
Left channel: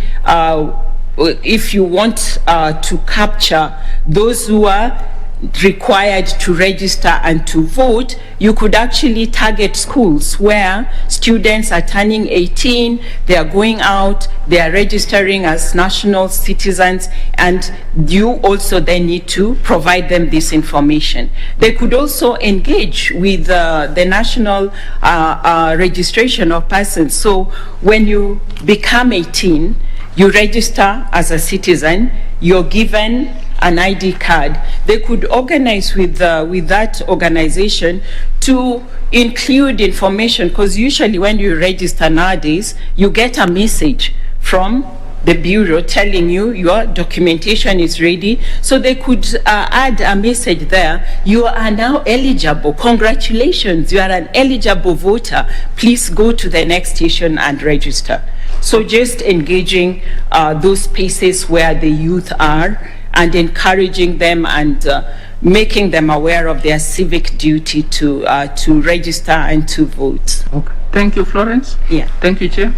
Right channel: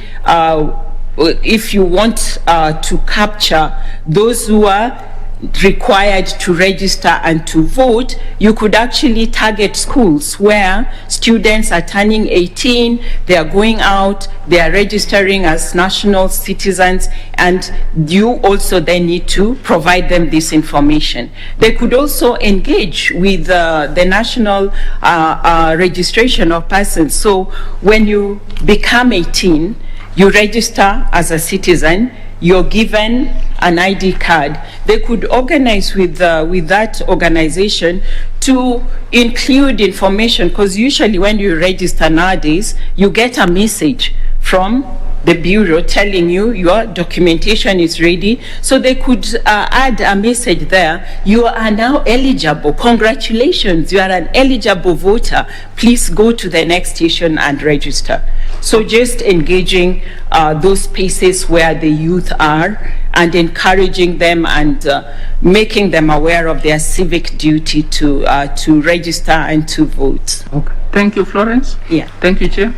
if you want to capture those who are required to register and to vote, you could actually target schools where students are turning 18, they are going out, they are registering as national citizens, and you also then need to provide them this information. They could also engage with the national registration of persons. So when you become 18, you register as a citizen, you're given an ID card. They could organize with that organization to include information, because usually when you register nowadays, you get a message from the bureau telling you your documentation is ready. So they could add a message there. You are now eligible. Congratulations, you are an eligible voter. Please go to the next station and register. So just engaging those spaces where the youth are and encouraging them and making them aware of their civic duty to register and to vote. Okay. Thank you, Florence. Yeah. Thank you, Chair.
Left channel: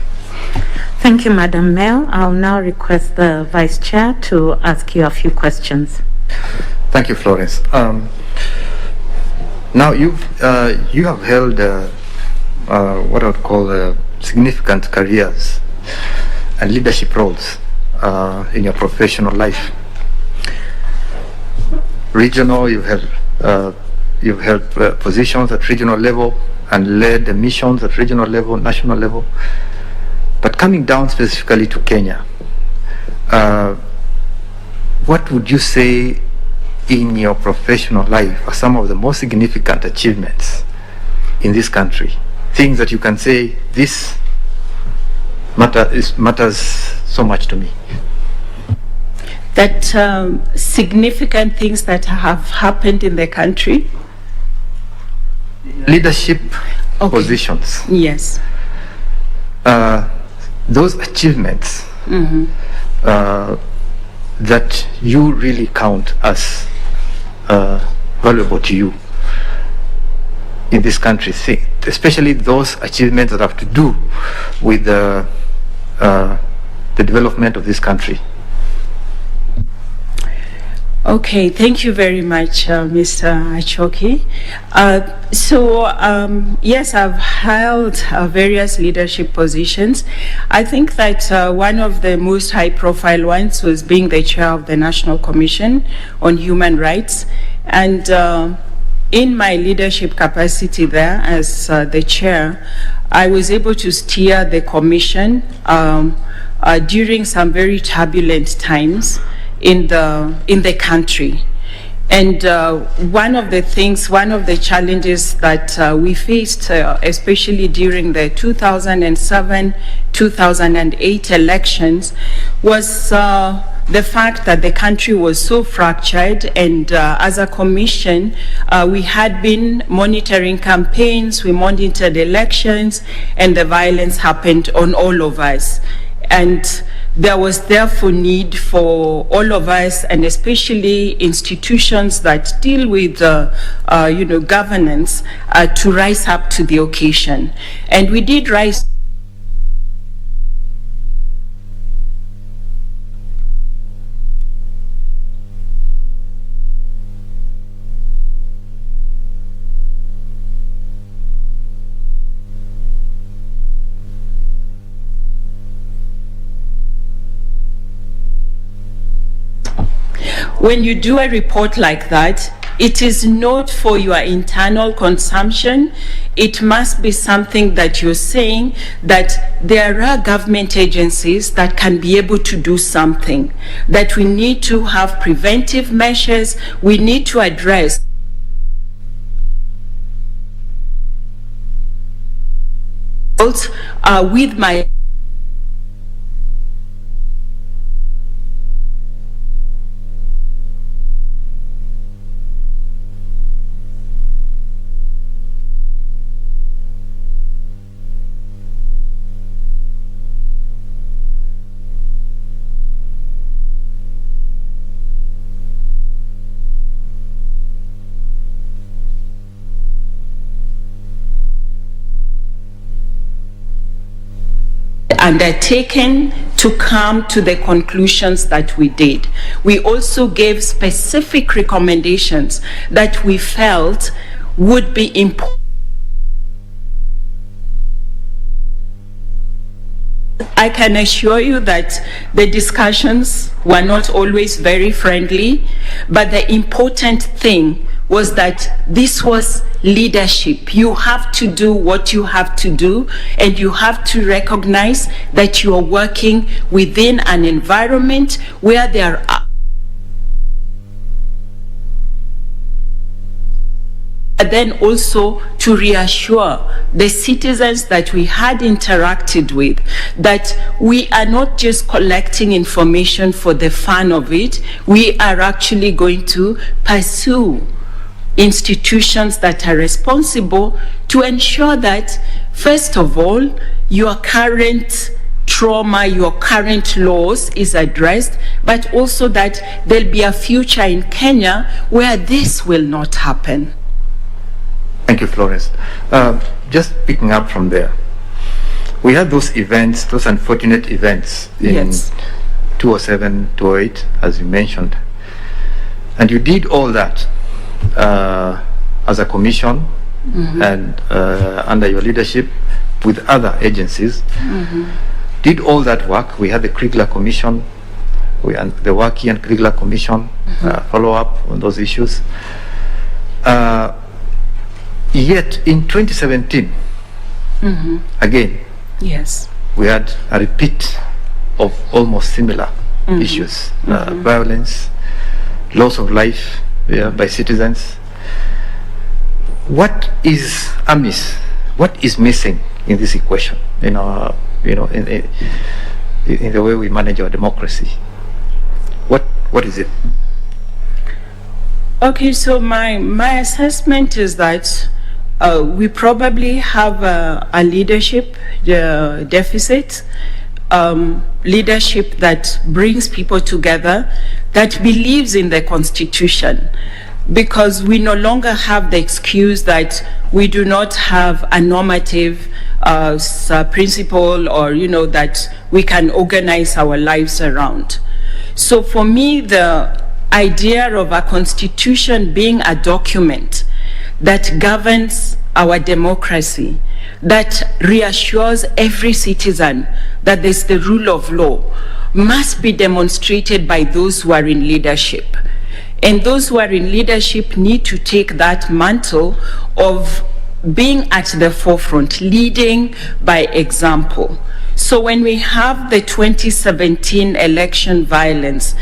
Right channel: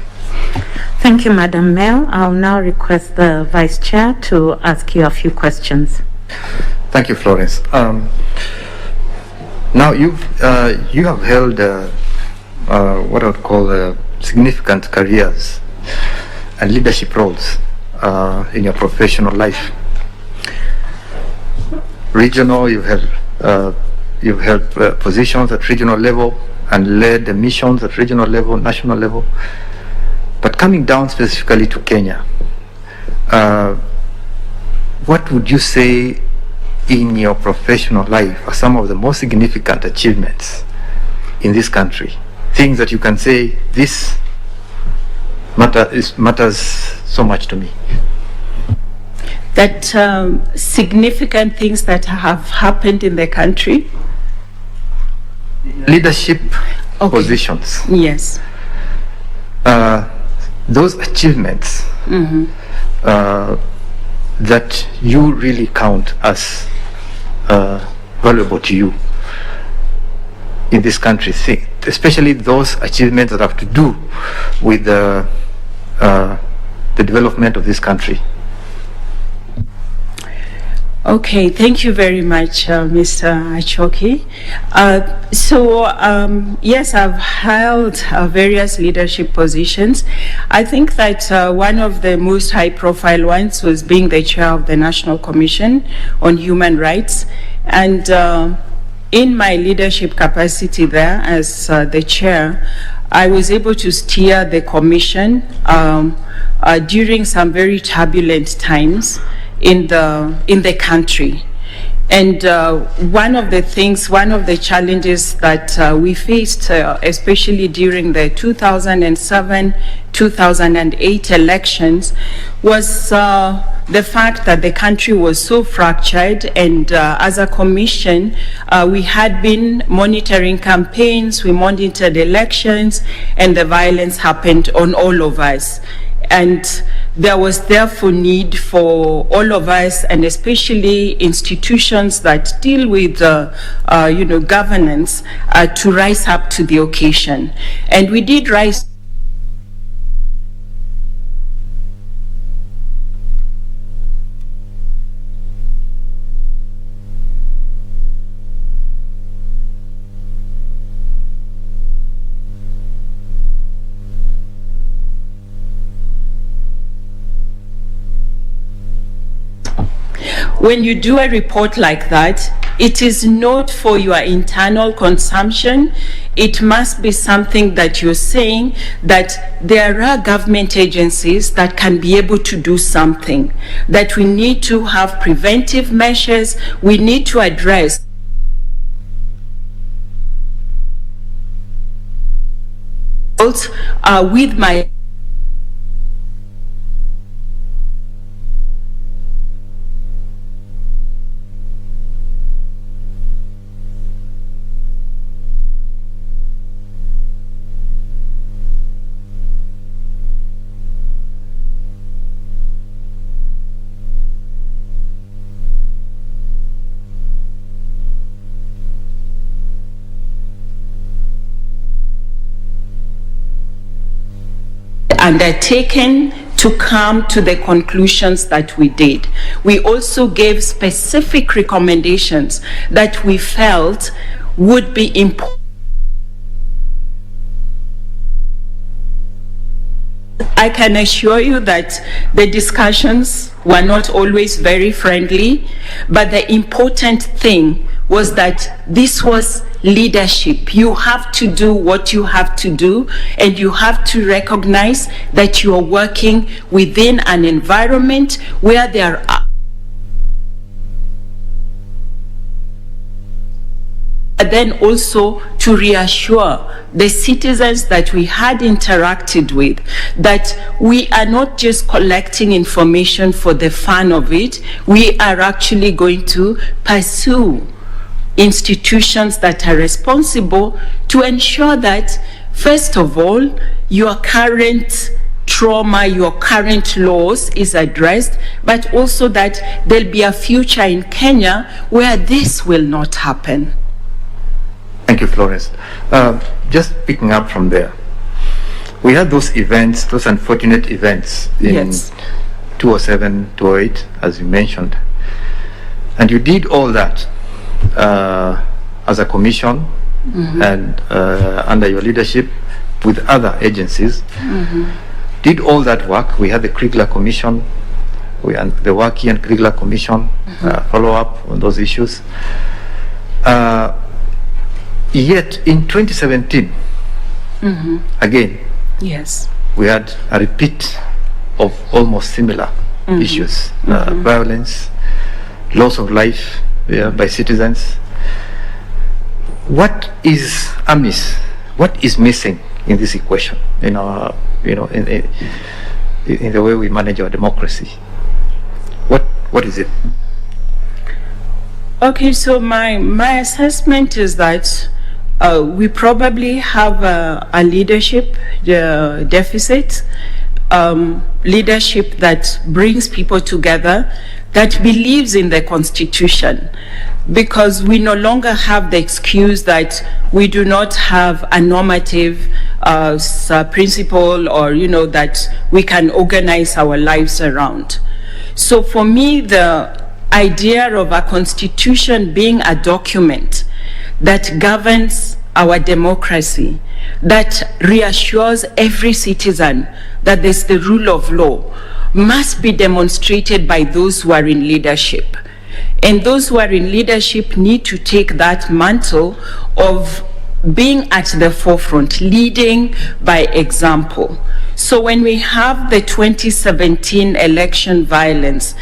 Thank you, Madam Mayor. I'll now request the Vice Chair to ask you a few questions. Thank you, Florence. Now you have held what I would call significant careers and leadership roles in your professional life. Regional, you've held positions at regional level and led the missions at regional level, national level. But coming down specifically to Kenya, what would you say in your professional life are some of the most significant achievements in this country? Things that you can say, this matters so much to me. That significant things that have happened in the country? Leadership positions. Yes. Those achievements that you really count as valuable to you in this country, especially those achievements that have to do with the development of this country. Okay, thank you very much, Mr. Achoki. Yes, I've held various leadership positions. I think that one of the most high-profile ones was being the chair of the National Commission on Human Rights. And in my leadership capacity there as the chair, I was able to steer the commission during some very turbulent times in the country. And one of the challenges that we faced, especially during the 2007-2008 elections, was the fact that the country was so fractured, and as a commission, we had been monitoring campaigns, we monitored elections, and the violence happened on all of us. And there was therefore need for all of us, and especially institutions that deal with governance, to rise up to the occasion. And we did rise. When you do a report like that, it is not for your internal consumption. It must be something that you're saying that there are government agencies that can be able to do something, that we need to have preventive measures, we need to address with my undertaken to come to the conclusions that we did. We also gave specific recommendations that we felt would be important. I can assure you that the discussions were not always very friendly, but the important thing was that this was leadership. You have to do what you have to do, and you have to recognize that you are working within an environment where there are but then also to reassure the citizens that we had interacted with that we are not just collecting information for the fun of it, we are actually going to pursue institutions that are responsible to ensure that, first of all, your current trauma, your current loss is addressed, but also that there'll be a future in Kenya where this will not happen. Thank you, Florence. Just picking up from there, we had those events, those unfortunate events in Yes. 2007, 2008, as you mentioned. And you did all that as a commission and under your leadership with other agencies. Did all that work. We had the Kriegler Commission, the Waki and Kriegler Commission, follow up on those issues. Yet in 2017, again, Yes. we had a repeat of almost similar issues, violence, loss of life by citizens. What is amiss? What is missing in this equation? In our, in the way we manage our democracy. What is it? Okay, so my assessment is that we probably have a leadership deficit, leadership that brings people together, that believes in the Constitution, because we no longer have the excuse that we do not have a normative principle or, that we can organize our lives around. So for me, the idea of a constitution being a document that governs our democracy, that reassures every citizen that there's the rule of law, must be demonstrated by those who are in leadership. And those who are in leadership need to take that mantle of being at the forefront, leading by example. So when we have the 2017 election violence,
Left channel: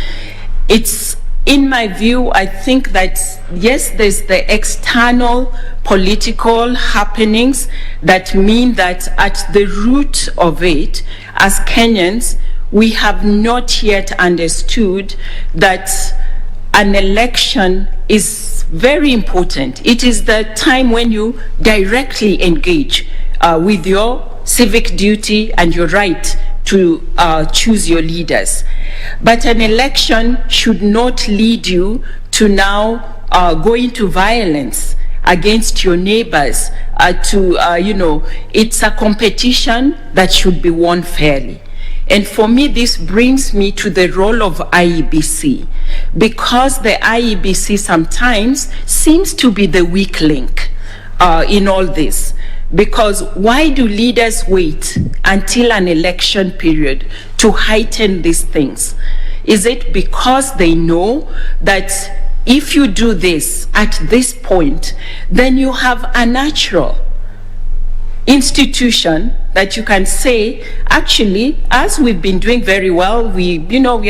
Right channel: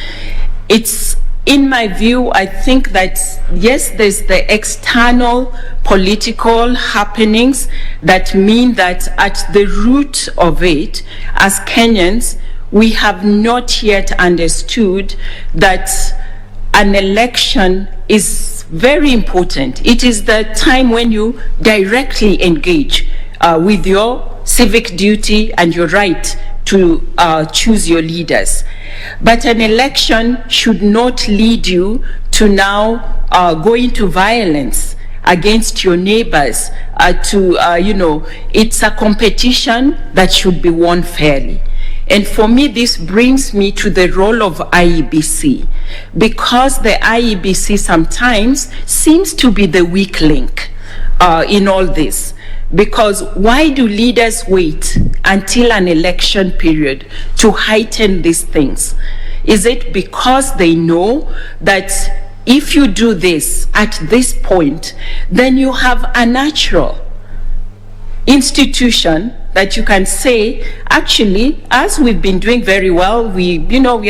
it's, in my view, I think that, yes, there's the external political happenings that mean that at the root of it, as Kenyans, we have not yet understood that an election is very important. It is the time when you directly engage with your civic duty and your right to choose your leaders. But an election should not lead you to now go into violence against your neighbors. It's a competition that should be won fairly. And for me, this brings me to the role of IEBC, because the IEBC sometimes seems to be the weak link in all this. Because why do leaders wait until an election period to heighten these things? Is it because they know that if you do this at this point, then you have a natural institution that you can say, actually, as we've been doing very well, we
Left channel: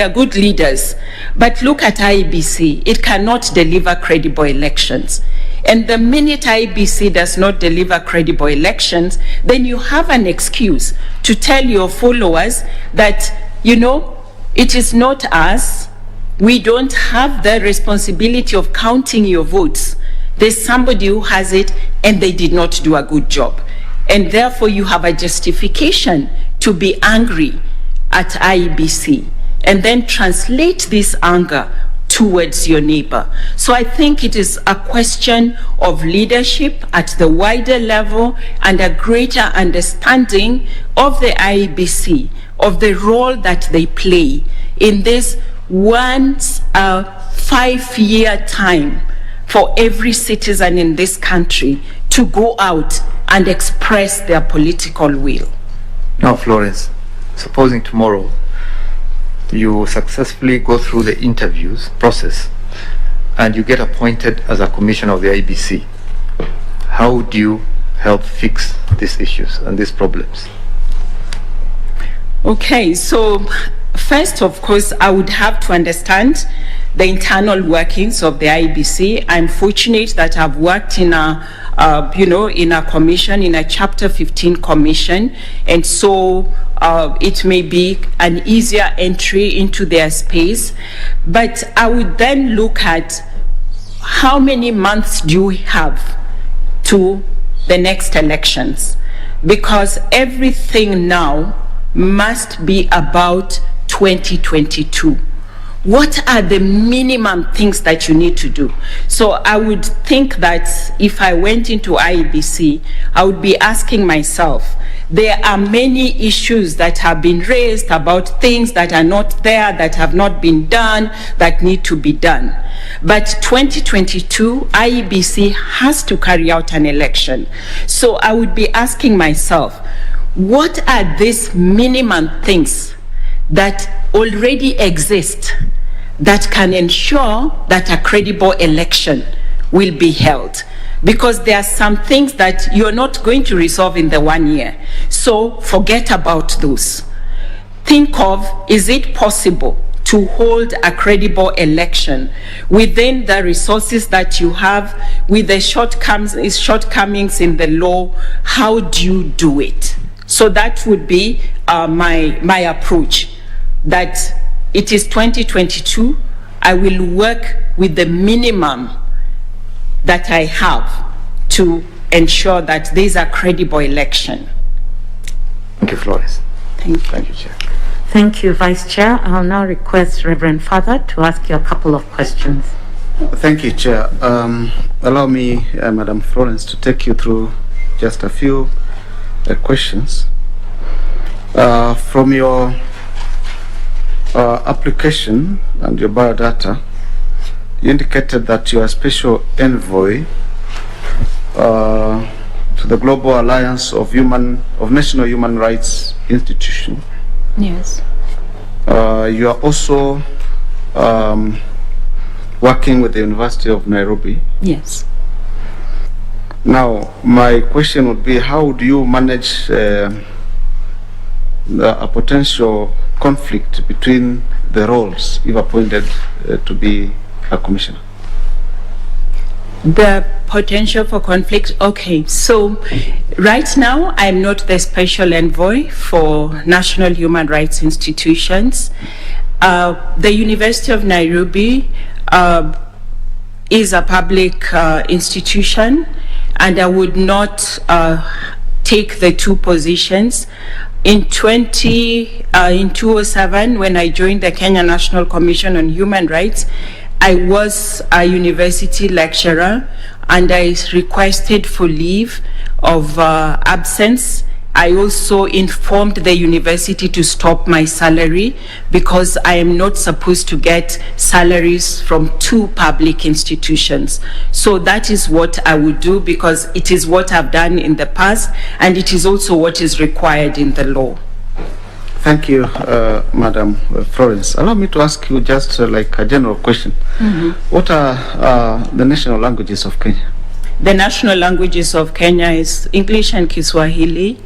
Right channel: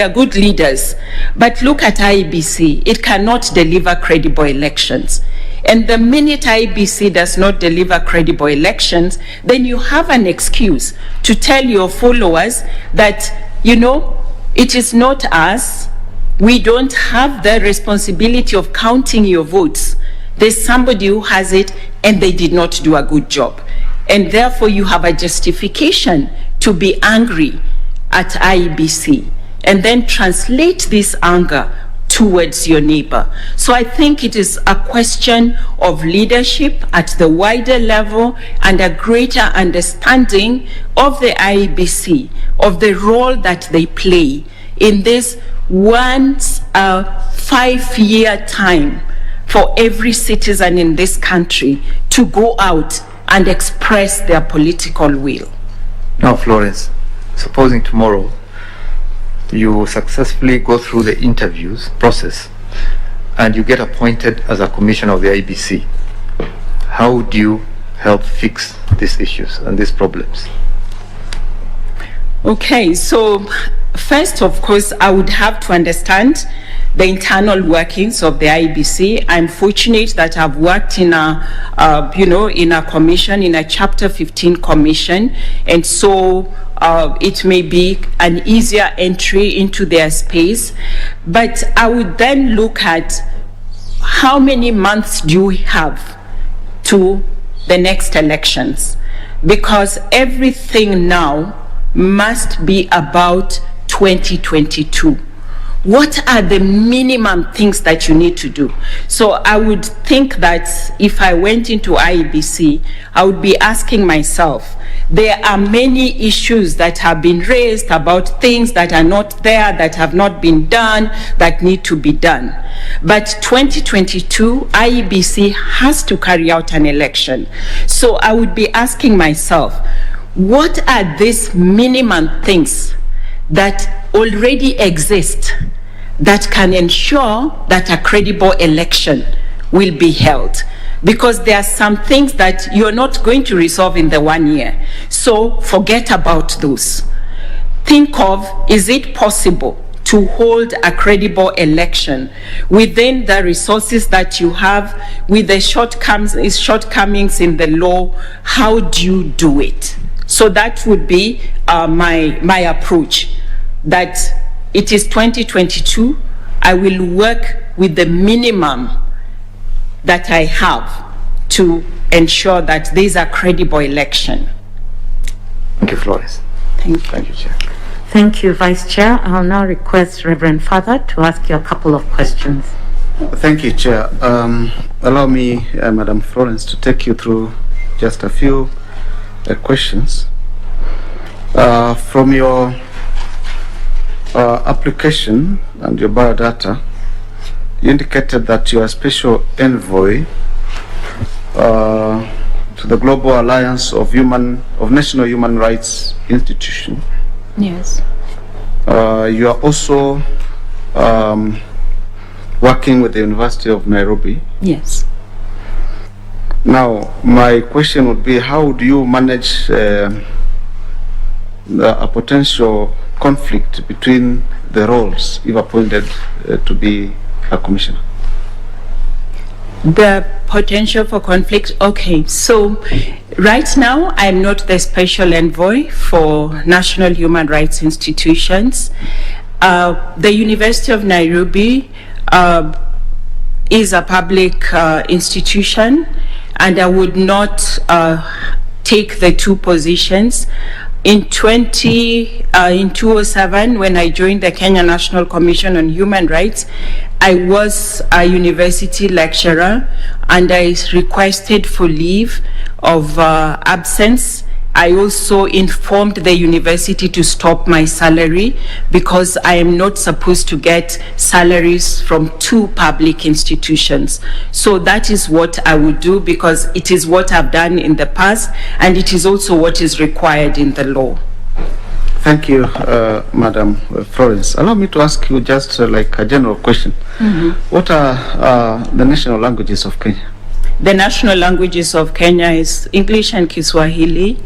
are good leaders, but look at IEBC, it cannot deliver credible elections. And the minute IEBC does not deliver credible elections, then you have an excuse to tell your followers that, it is not us, we don't have the responsibility of counting your votes. There's somebody who has it and they did not do a good job. And therefore you have a justification to be angry at IEBC and then translate this anger towards your neighbor. So I think it is a question of leadership at the wider level and a greater understanding of the IEBC, of the role that they play in this once a 5-year time for every citizen in this country to go out and express their political will. Now, Florence, supposing tomorrow you successfully go through the interviews process and you get appointed as a commissioner of the IEBC, how do you help fix these issues and these problems? Okay, so first, of course, I would have to understand the internal workings of the IEBC. I'm fortunate that I've worked in a commission, in a Chapter 15 commission, and so it may be an easier entry into their space. But I would then look at how many months do we have to the next elections, because everything now must be about 2022. What are the minimum things that you need to do? So I would think that if I went into IEBC, I would be asking myself, there are many issues that have been raised about things that are not there, that have not been done, that need to be done. But 2022, IEBC has to carry out an election. So I would be asking myself, what are these minimum things that already exist that can ensure that a credible election will be held? Because there are some things that you're not going to resolve in the 1 year. So forget about those. Think of, is it possible to hold a credible election within the resources that you have, with the shortcomings in the law? How do you do it? So that would be my approach, that it is 2022. I will work with the minimum that I have to ensure that these are credible election. Thank you, Florence. Thank you. Thank you, Chair. Thank you, Vice Chair. I'll now request Reverend Father to ask you a couple of questions. Thank you, Chair. Allow me, Madam Florence, to take you through just a few questions. From your application and your biodata, you indicated that you are special envoy to the Global Alliance of National Human Rights Institution. Yes. You are also working with the University of Nairobi. Yes. Now, my question would be, how do you manage a potential conflict between the roles if appointed to be a commissioner? The potential for conflict. Okay, so right now I'm not the special envoy for national human rights institutions. The University of Nairobi is a public institution, and I would not take the two positions. In 2007, when I joined the Kenya National Commission on Human Rights, I was a university lecturer, and I requested for leave of absence. I also informed the university to stop my salary, because I am not supposed to get salaries from two public institutions. So that is what I would do, because it is what I've done in the past, and it is also what is required in the law. Thank you, Madam Florence. Allow me to ask you just like a general question. What are the national languages of Kenya? The national languages of Kenya is English and Kiswahili.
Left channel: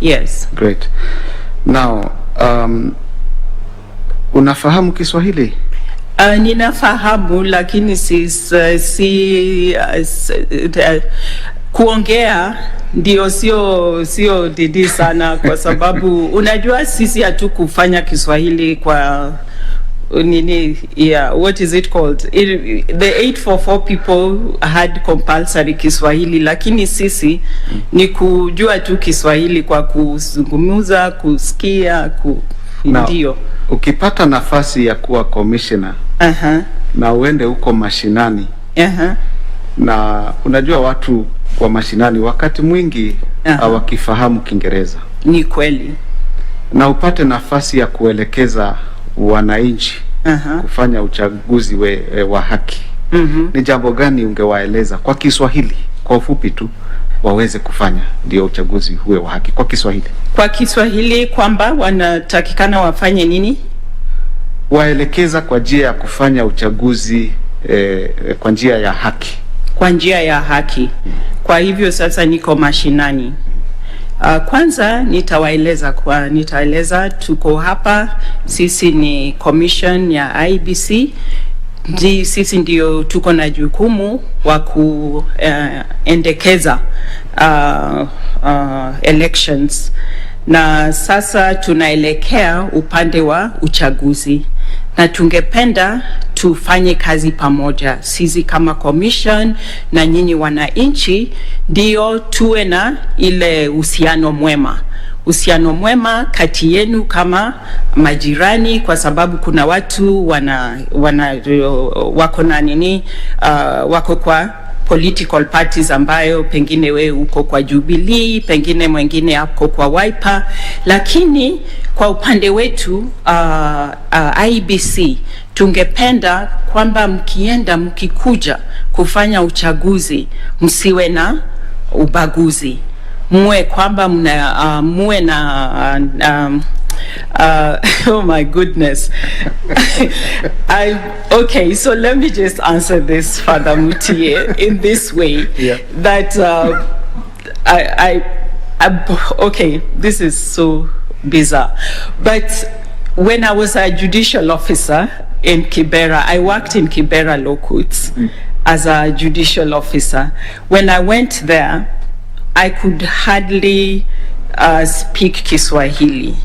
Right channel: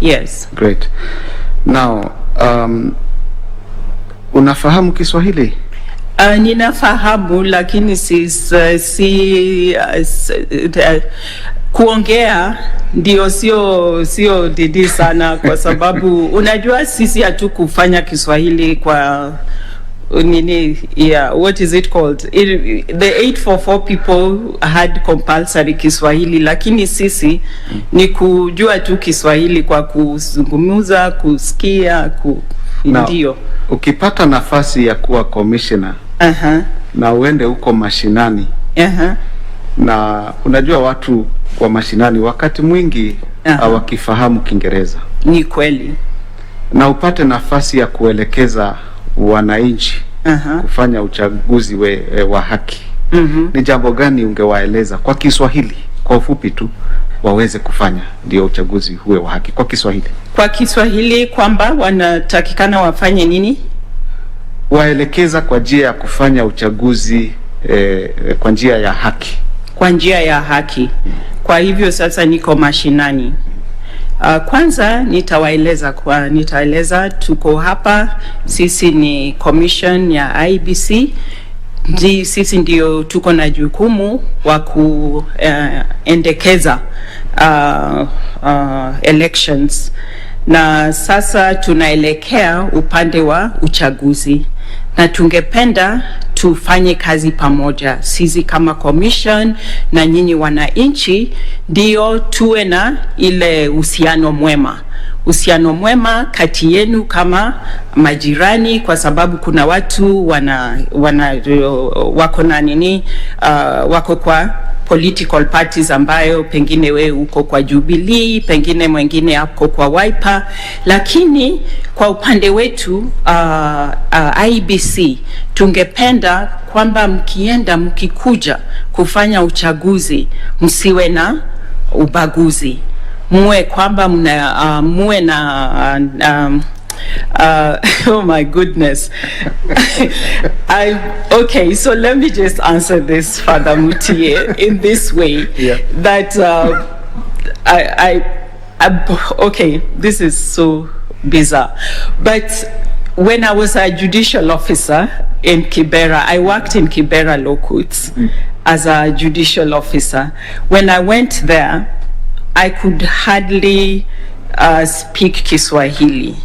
Yes. Great. Now, unafahamu Kiswahili? Ninafahamu, lakini kuongea ndio sio didi sana, kwa sababu unajua sisi hatukufanya Kiswahili kwa nini, what is it called, the 844 people had compulsory Kiswahili, lakini sisi ni kujua tu Kiswahili kwa kuzungumza, kusikia, ndio. Ukipata nafasi ya kuwa commissioner na uende huko mashinani, na unajua watu wa mashinani wakati mwingi hawakifahamu Kiingereza. Ni kweli. Na upate nafasi ya kuelekeza wananchi kufanya uchaguzi wa haki. Ni jambo gani ungewaeleza kwa Kiswahili, kwa ufupi tu, waweze kufanya ndio uchaguzi huwe wa haki kwa Kiswahili? Kwa Kiswahili kwamba wanatakikana wafanye nini? Waelekeza kwa njia ya kufanya uchaguzi kwa njia ya haki. Kwa njia ya haki. Kwa hivyo sasa niko mashinani. Kwanza nitaeleza tuko hapa, sisi ni commission ya IEBC, sisi ndio tuko na jukumu wa kuendekeza elections, na sasa tunaelekea upande wa uchaguzi, na tungependa tufanye kazi pamoja, sisi kama commission na nyinyi wananchi, ndio tuwe na ile uhusiano mwema kati yenu kama majirani, kwa sababu kuna watu wako na nini, wako kwa political parties ambayo pengine we uko kwa Jubilee, pengine mwingine ako kwa Wiper, lakini kwa upande wetu IEBC tungependa kwamba mkikuja kufanya uchaguzi msiwe na ubaguzi, muwe kwamba muwe na oh my goodness. Okay, so let me just answer this, Father Mutie, in this way. Yeah. That okay, this is so bizarre, but when I was a judicial officer in Kibera, I worked in Kibera Law Courts as a judicial officer. When I went there, I could hardly speak Kiswahili.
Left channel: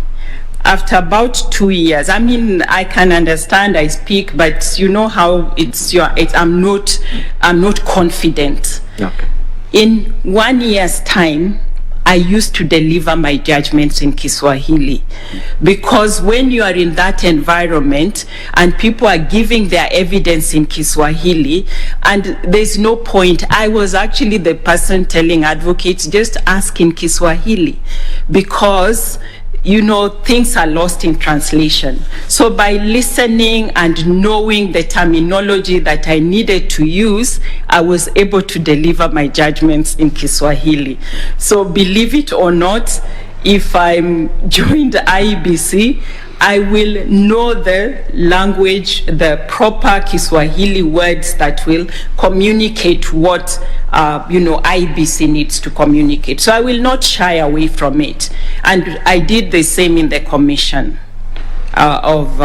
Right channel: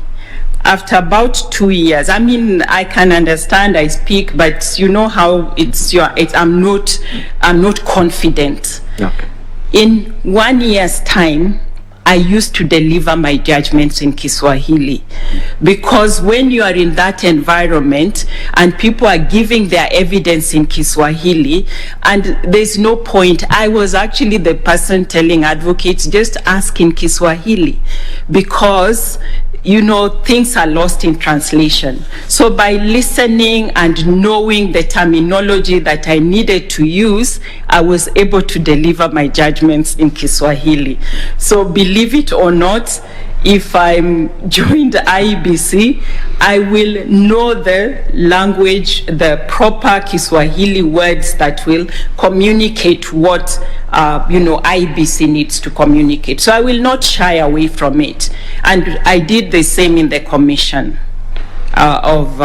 After about 2 years, I mean, I can understand, I speak, but you know how I'm not confident. Okay. In 1 year's time, I used to deliver my judgments in Kiswahili, because when you are in that environment and people are giving their evidence in Kiswahili, and there's no point, I was actually the person telling advocates, just ask in Kiswahili, because things are lost in translation. So by listening and knowing the terminology that I needed to use, I was able to deliver my judgments in Kiswahili. So believe it or not, if I'm joined IEBC, I will know the language, the proper Kiswahili words that will communicate what IEBC needs to communicate. So I will not shy away from it. And I did the same in the Commission of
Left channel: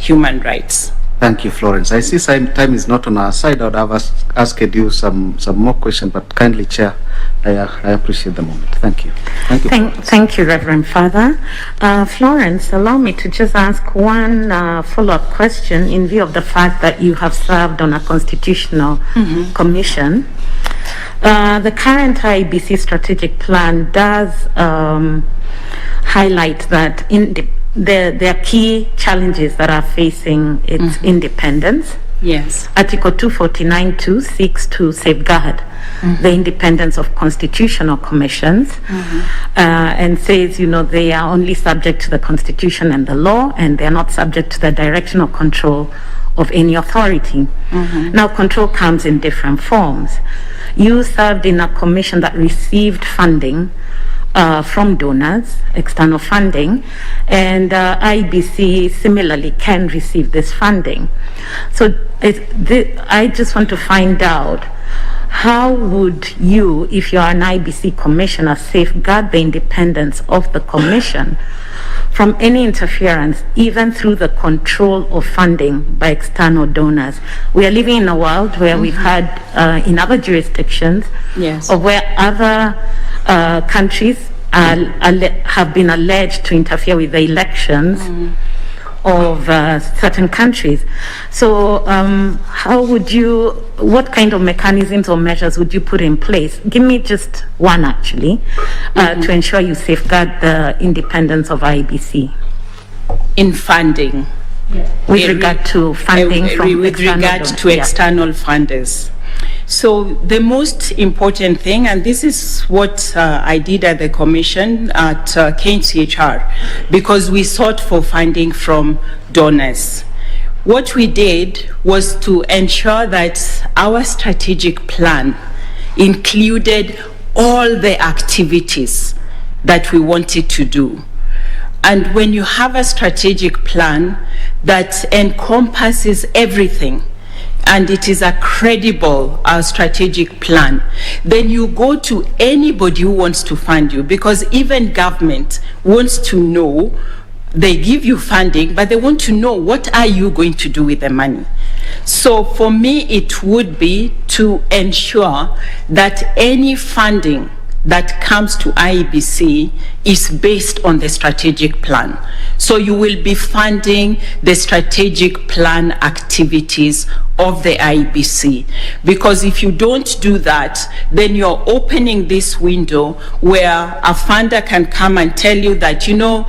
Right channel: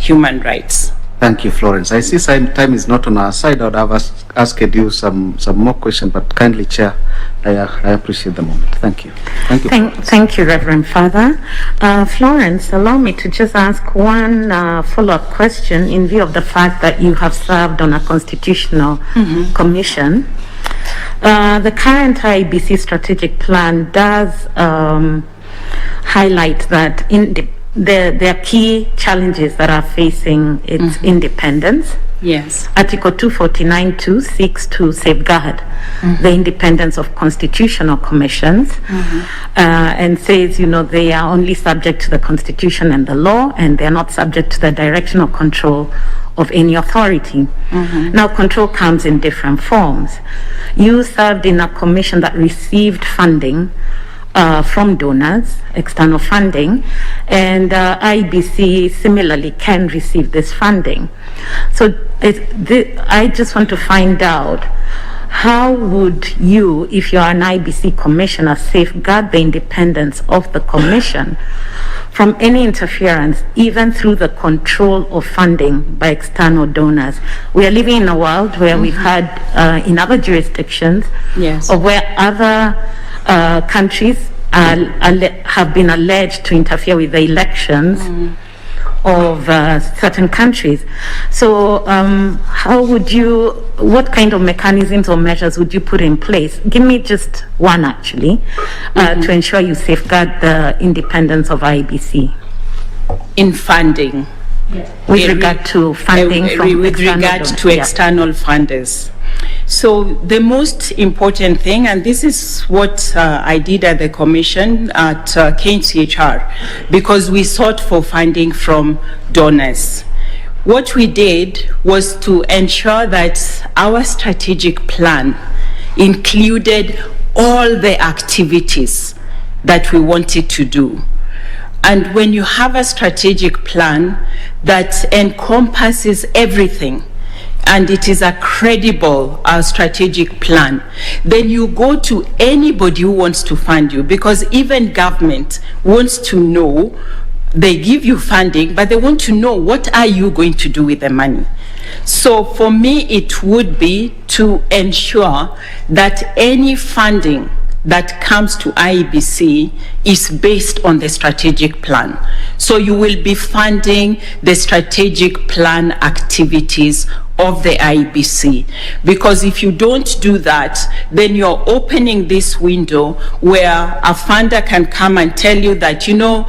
Human Rights. Thank you, Florence. I see time is not on our side. I would have asked you some more questions, but kindly, Chair, I appreciate the moment. Thank you. Thank you, Reverend Father. Florence, allow me to just ask one follow-up question in view of the fact that you have served on a constitutional commission. The current IEBC strategic plan does highlight that there are key challenges that are facing its independence. Yes. Article 249(2) seeks to safeguard the independence of constitutional commissions, and says, they are only subject to the Constitution and the law, and they are not subject to the direction or control of any authority. Now, control comes in different forms. You served in a commission that received funding from donors, external funding, and IEBC similarly can receive this funding. So I just want to find out, how would you, if you are an IEBC commissioner, safeguard the independence of the commission from any interference, even through the control of funding by external donors? We are living in a world where we've had, in other jurisdictions, yes, or where other countries have been alleged to interfere with the elections of certain countries. So what kind of mechanisms or measures would you put in place? Give me just one, actually, to ensure you safeguard the independence of IEBC. In funding? With regard to funding from with regard to external funders. So the most important thing, and this is what I did at the Commission at KCHR, because we sought for funding from donors. What we did was to ensure that our strategic plan included all the activities that we wanted to do. And when you have a strategic plan that encompasses everything, and it is a credible strategic plan, then you go to anybody who wants to fund you, because even government wants to know, they give you funding, but they want to know, what are you going to do with the money? So for me, it would be to ensure that any funding that comes to IEBC is based on the strategic plan. So you will be funding the strategic plan activities of the IEBC, because if you don't do that, then you're opening this window where a funder can come and tell you that, you know,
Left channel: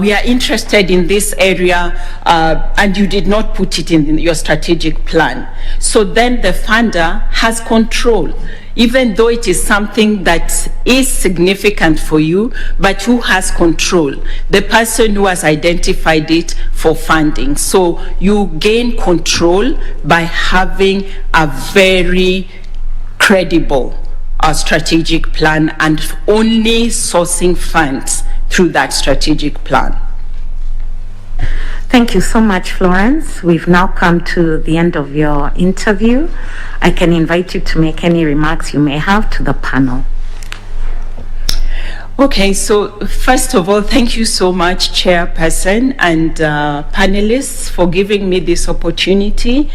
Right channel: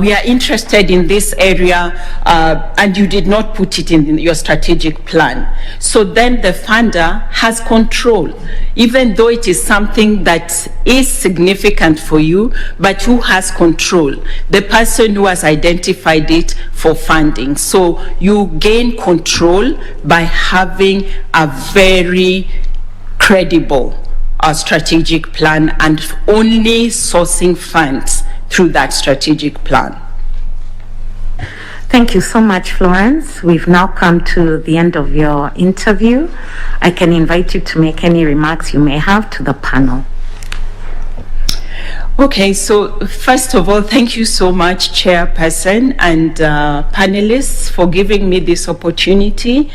we are interested in this area, and you did not put it in your strategic plan. So then the funder has control, even though it is something that is significant for you, but who has control? The person who has identified it for funding. So you gain control by having a very credible strategic plan and only sourcing funds through that strategic plan. Thank you so much, Florence. We've now come to the end of your interview. I can invite you to make any remarks you may have to the panel. Okay, so first of all, thank you so much, Chairperson and panelists, for giving me this opportunity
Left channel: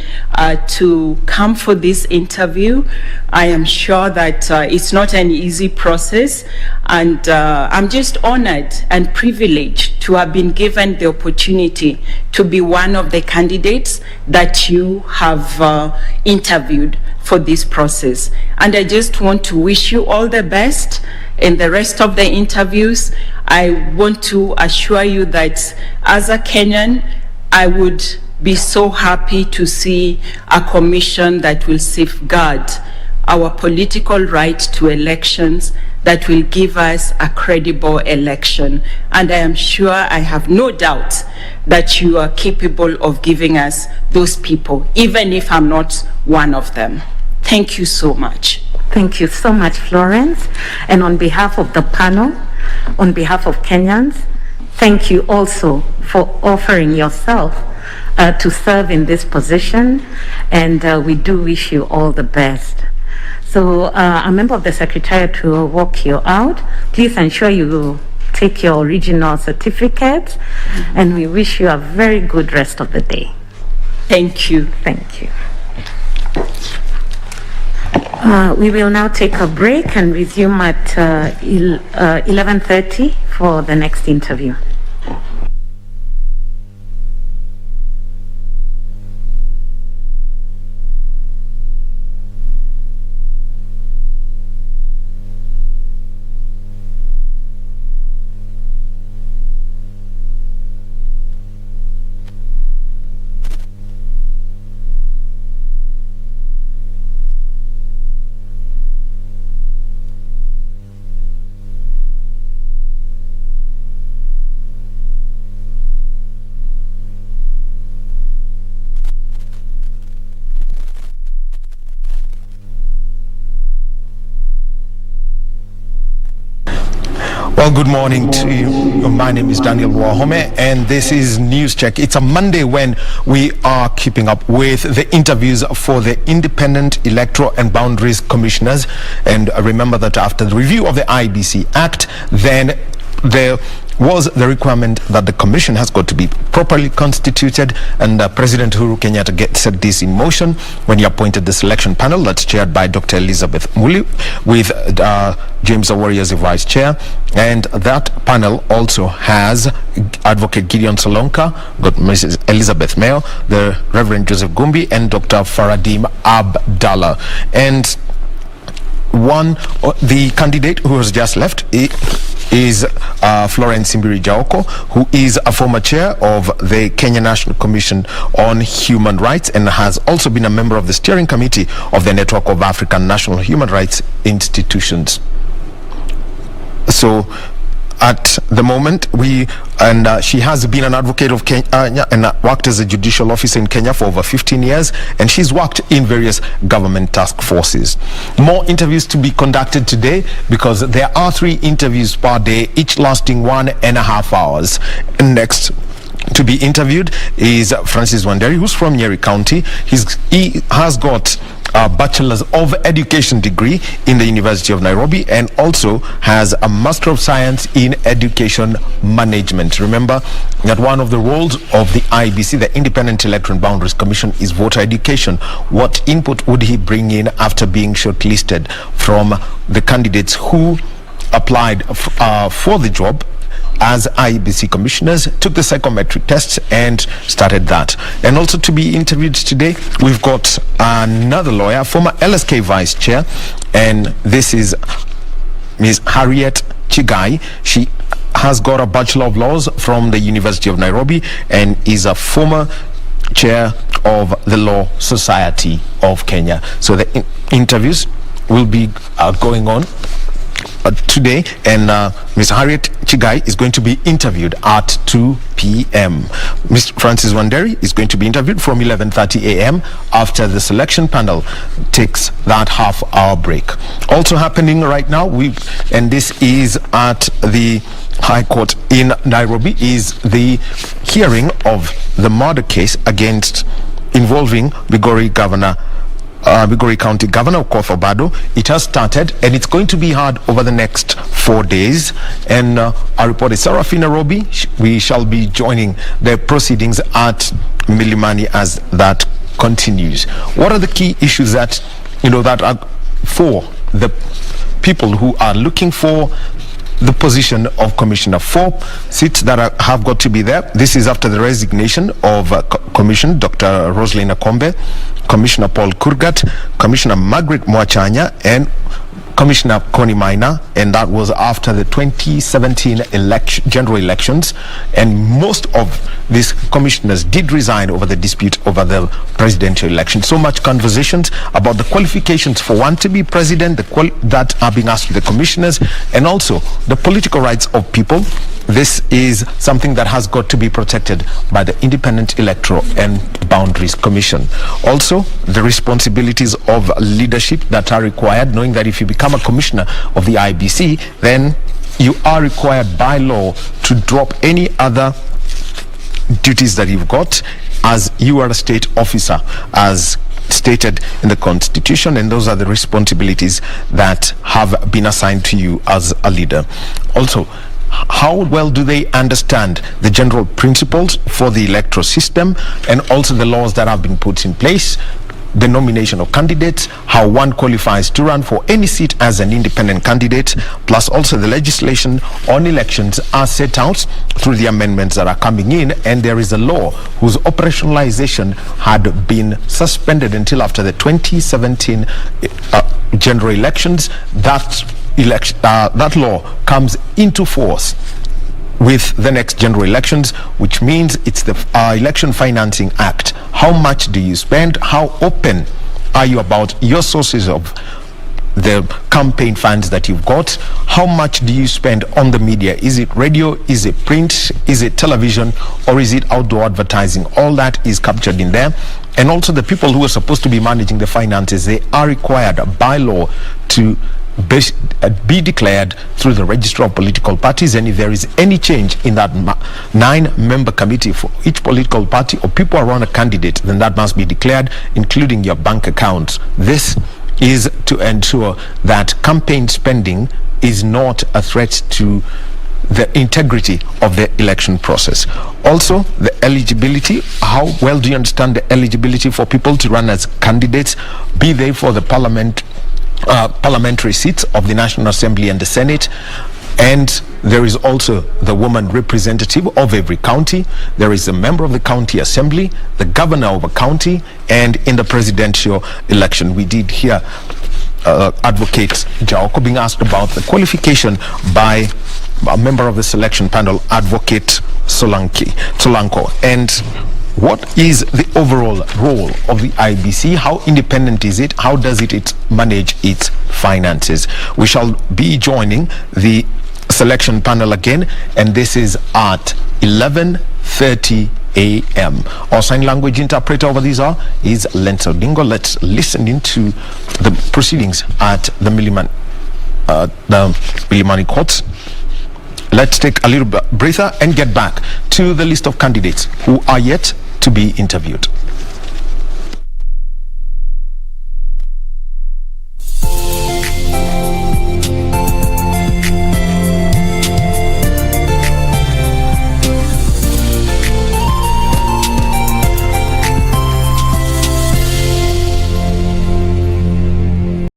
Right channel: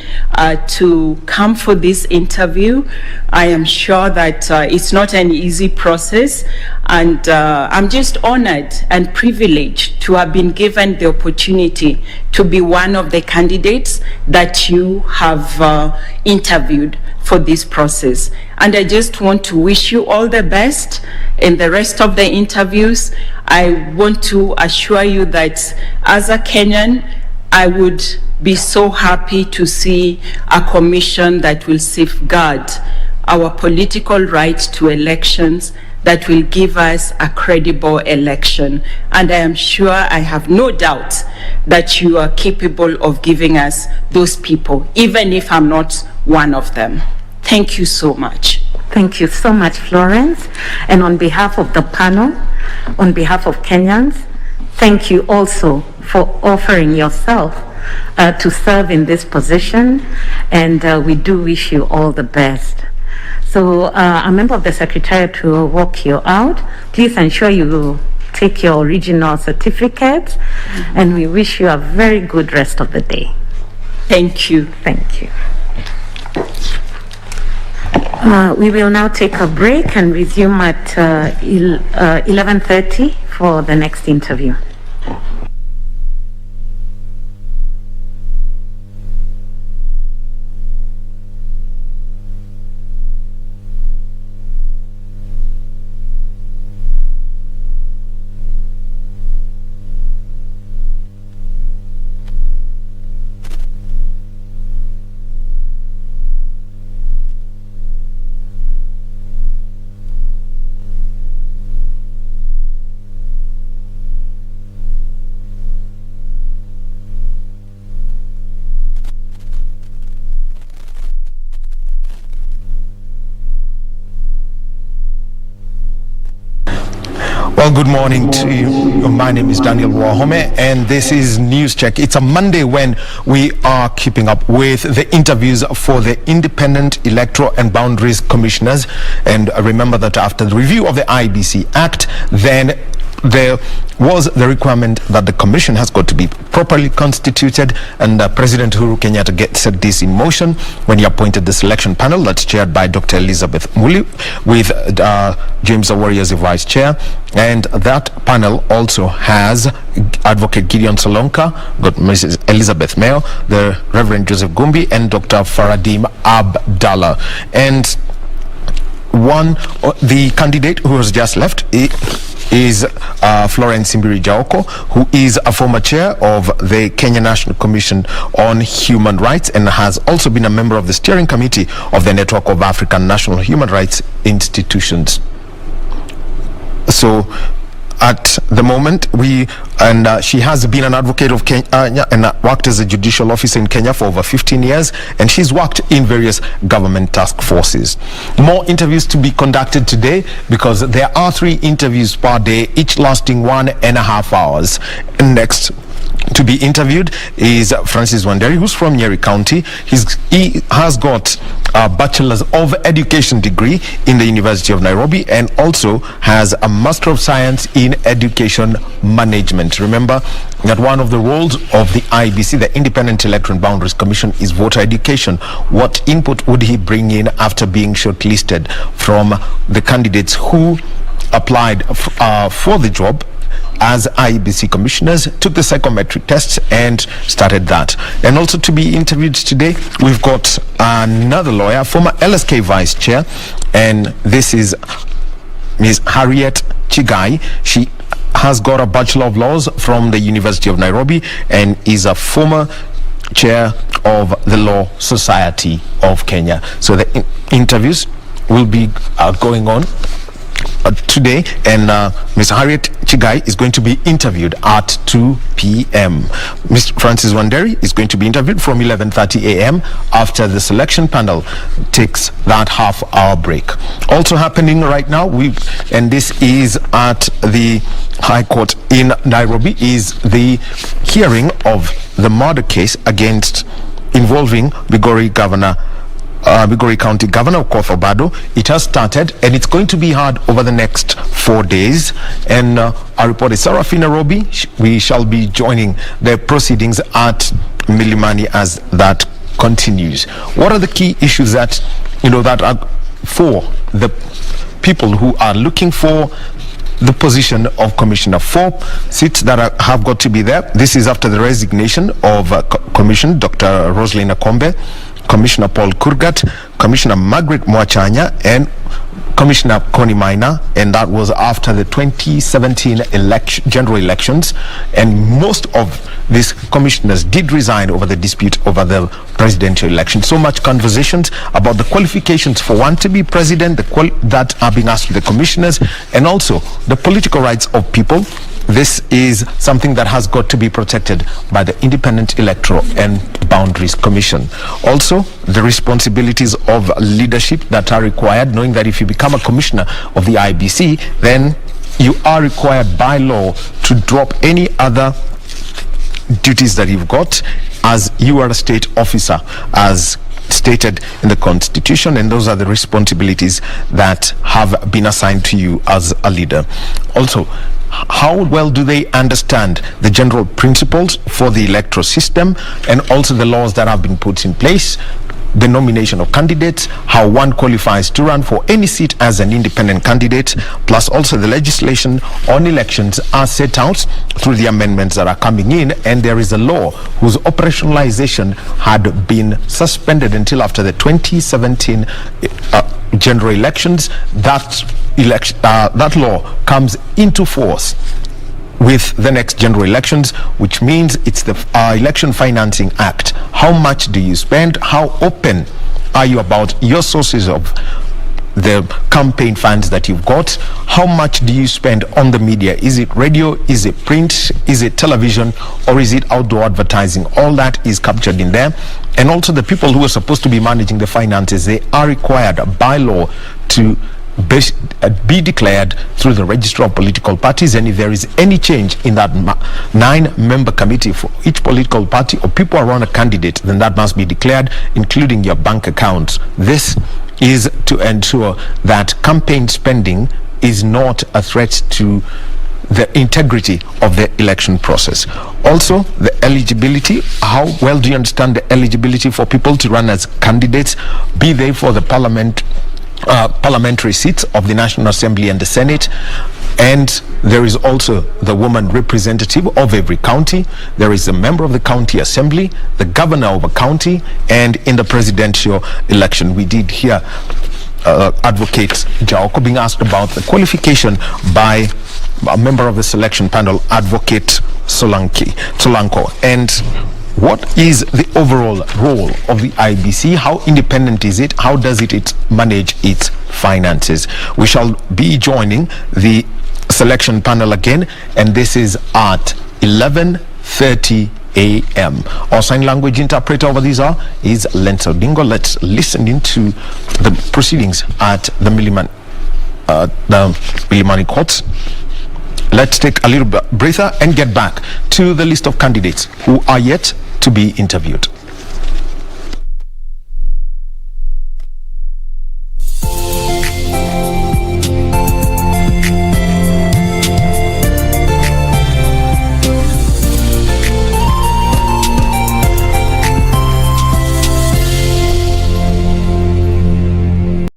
to come for this interview. I am sure that it's not an easy process, and I'm just honored and privileged to have been given the opportunity to be one of the candidates that you have interviewed for this process. And I just want to wish you all the best in the rest of the interviews. I want to assure you that as a Kenyan, I would be so happy to see a commission that will safeguard our political right to elections, that will give us a credible election. And I am sure, I have no doubt, that you are capable of giving us those people, even if I'm not one of them. Thank you so much. Thank you so much, Florence. And on behalf of the panel, on behalf of Kenyans, thank you also for offering yourself to serve in this position. And we do wish you all the best. So a member of the Secretariat will walk you out. Please ensure you take your original certificates. And we wish you a very good rest of the day. Thank you. Thank you. We will now take a break and resume at 11:30 for the next interview. Well, good morning to you. My name is Daniel Wahome, and this is News Check. It's a Monday when we are keeping up with the interviews for the Independent Electoral and Boundaries Commissioners. And remember that after the review of the IEBC Act, then there was the requirement that the commission has got to be properly constituted, and President Uhuru Kenyatta set this in motion when he appointed the selection panel that's chaired by Dr. Elizabeth Muli with James Awori as the vice chair. And that panel also has Advocate Gideon Solonka, got Mrs. Elizabeth Mayo, the Reverend Joseph Gumbi, and Dr. Faradim Abdallah. And the candidate who has just left is Florence Simbiri Jaoko, who is a former chair of the Kenya National Commission on Human Rights and has also been a member of the steering committee of the Network of African National Human Rights Institutions. So at the moment, she has been an advocate of Kenya and worked as a judicial officer in Kenya for over 15 years, and she's worked in various government task forces. More interviews to be conducted today, because there are 3 interviews per day, each lasting 1.5 hours. Next to be interviewed is Francis Wanderi, who's from Nyeri County. He has got a Bachelor's of Education degree in the University of Nairobi, and also has a Master of Science in Education Management. Remember, that one of the roles of the IEBC, the Independent Electoral and Boundaries Commission, is voter education. What input would he bring in after being shortlisted from the candidates who applied for the job as IEBC commissioners, took the psychometric tests and started that? And also to be interviewed today, we've got another lawyer, former LSK vice chair, and this is Ms. Harriet Chigai. She has got a Bachelor of Laws from the University of Nairobi and is a former chair of the Law Society of Kenya. So the interviews will be going on today, and Ms. Harriet Chigai is going to be interviewed at 2 p.m. Ms. Francis Wanderi is going to be interviewed from 11:30 a.m. after the selection panel takes that half-hour break. Also happening right now, and this is at the High Court in Nairobi, is the hearing of the murder case involving Migori County Governor Okoth Obado. It has started and it's going to be heard over the next 4 days. And our reporter Sarafina Robi, we shall be joining the proceedings at Milimani as that continues. What are the key issues that that are for the people who are looking for the position of commissioner? 4 seats that have got to be there. This is after the resignation of Commission Dr. Roslyn Akombe, Commissioner Paul Kurgat, Commissioner Margaret Mwachanya, and Commissioner Connie Maina, and that was after the 2017 general elections. And most of these commissioners did resign over the dispute over the presidential election. So much conversations about the qualifications for one to be president, that are being asked to the commissioners, and also the political rights of people. This is something that has got to be protected by the Independent Electoral and Boundaries Commission. Also, the responsibilities of leadership that are required, knowing that if you become a commissioner of the IEBC, then you are required by law to drop any other duties that you've got, as you are a state officer, as stated in the Constitution, and those are the responsibilities that have been assigned to you as a leader. Also, how well do they understand the general principles for the electoral system and also the laws that have been put in place, the nomination of candidates, how one qualifies to run for any seat as an independent candidate, plus also the legislation on elections are set out through the amendments that are coming in, and there is a law whose operationalization had been suspended until after the 2017 general elections. That law comes into force with the next general elections, which means it's the Election Financing Act. How much do you spend? How open are you about your sources of the campaign funds that you've got? How much do you spend on the media? Is it radio? Is it print? Is it television? Or is it outdoor advertising? All that is captured in there. And also the people who are supposed to be managing the finances, they are required by law to be declared through the Register of Political Parties, and if there is any change in that 9-member committee for each political party or people around a candidate, then that must be declared, including your bank accounts. This is to ensure that campaign spending is not a threat to the integrity of the election process. Also, the eligibility. How well do you understand the eligibility for people to run as candidates, be they for the parliamentary seats of the National Assembly and the Senate? And there is also the woman representative of every county. There is a member of the county assembly, the governor of a county, and in the presidential election, we did hear Advocate Jaoko being asked about the qualification by a member of the selection panel, Advocate Solanko. And what is the overall role of the IEBC? How independent is it? How does it manage its finances? We shall be joining the selection panel again, and this is at 11:30 a.m. Our sign language interpreter over these hour is Lenzo Dingo. Let's listen into the proceedings at the Milimani courts. Let's take a little breather and get back to the list of candidates who are yet to be interviewed.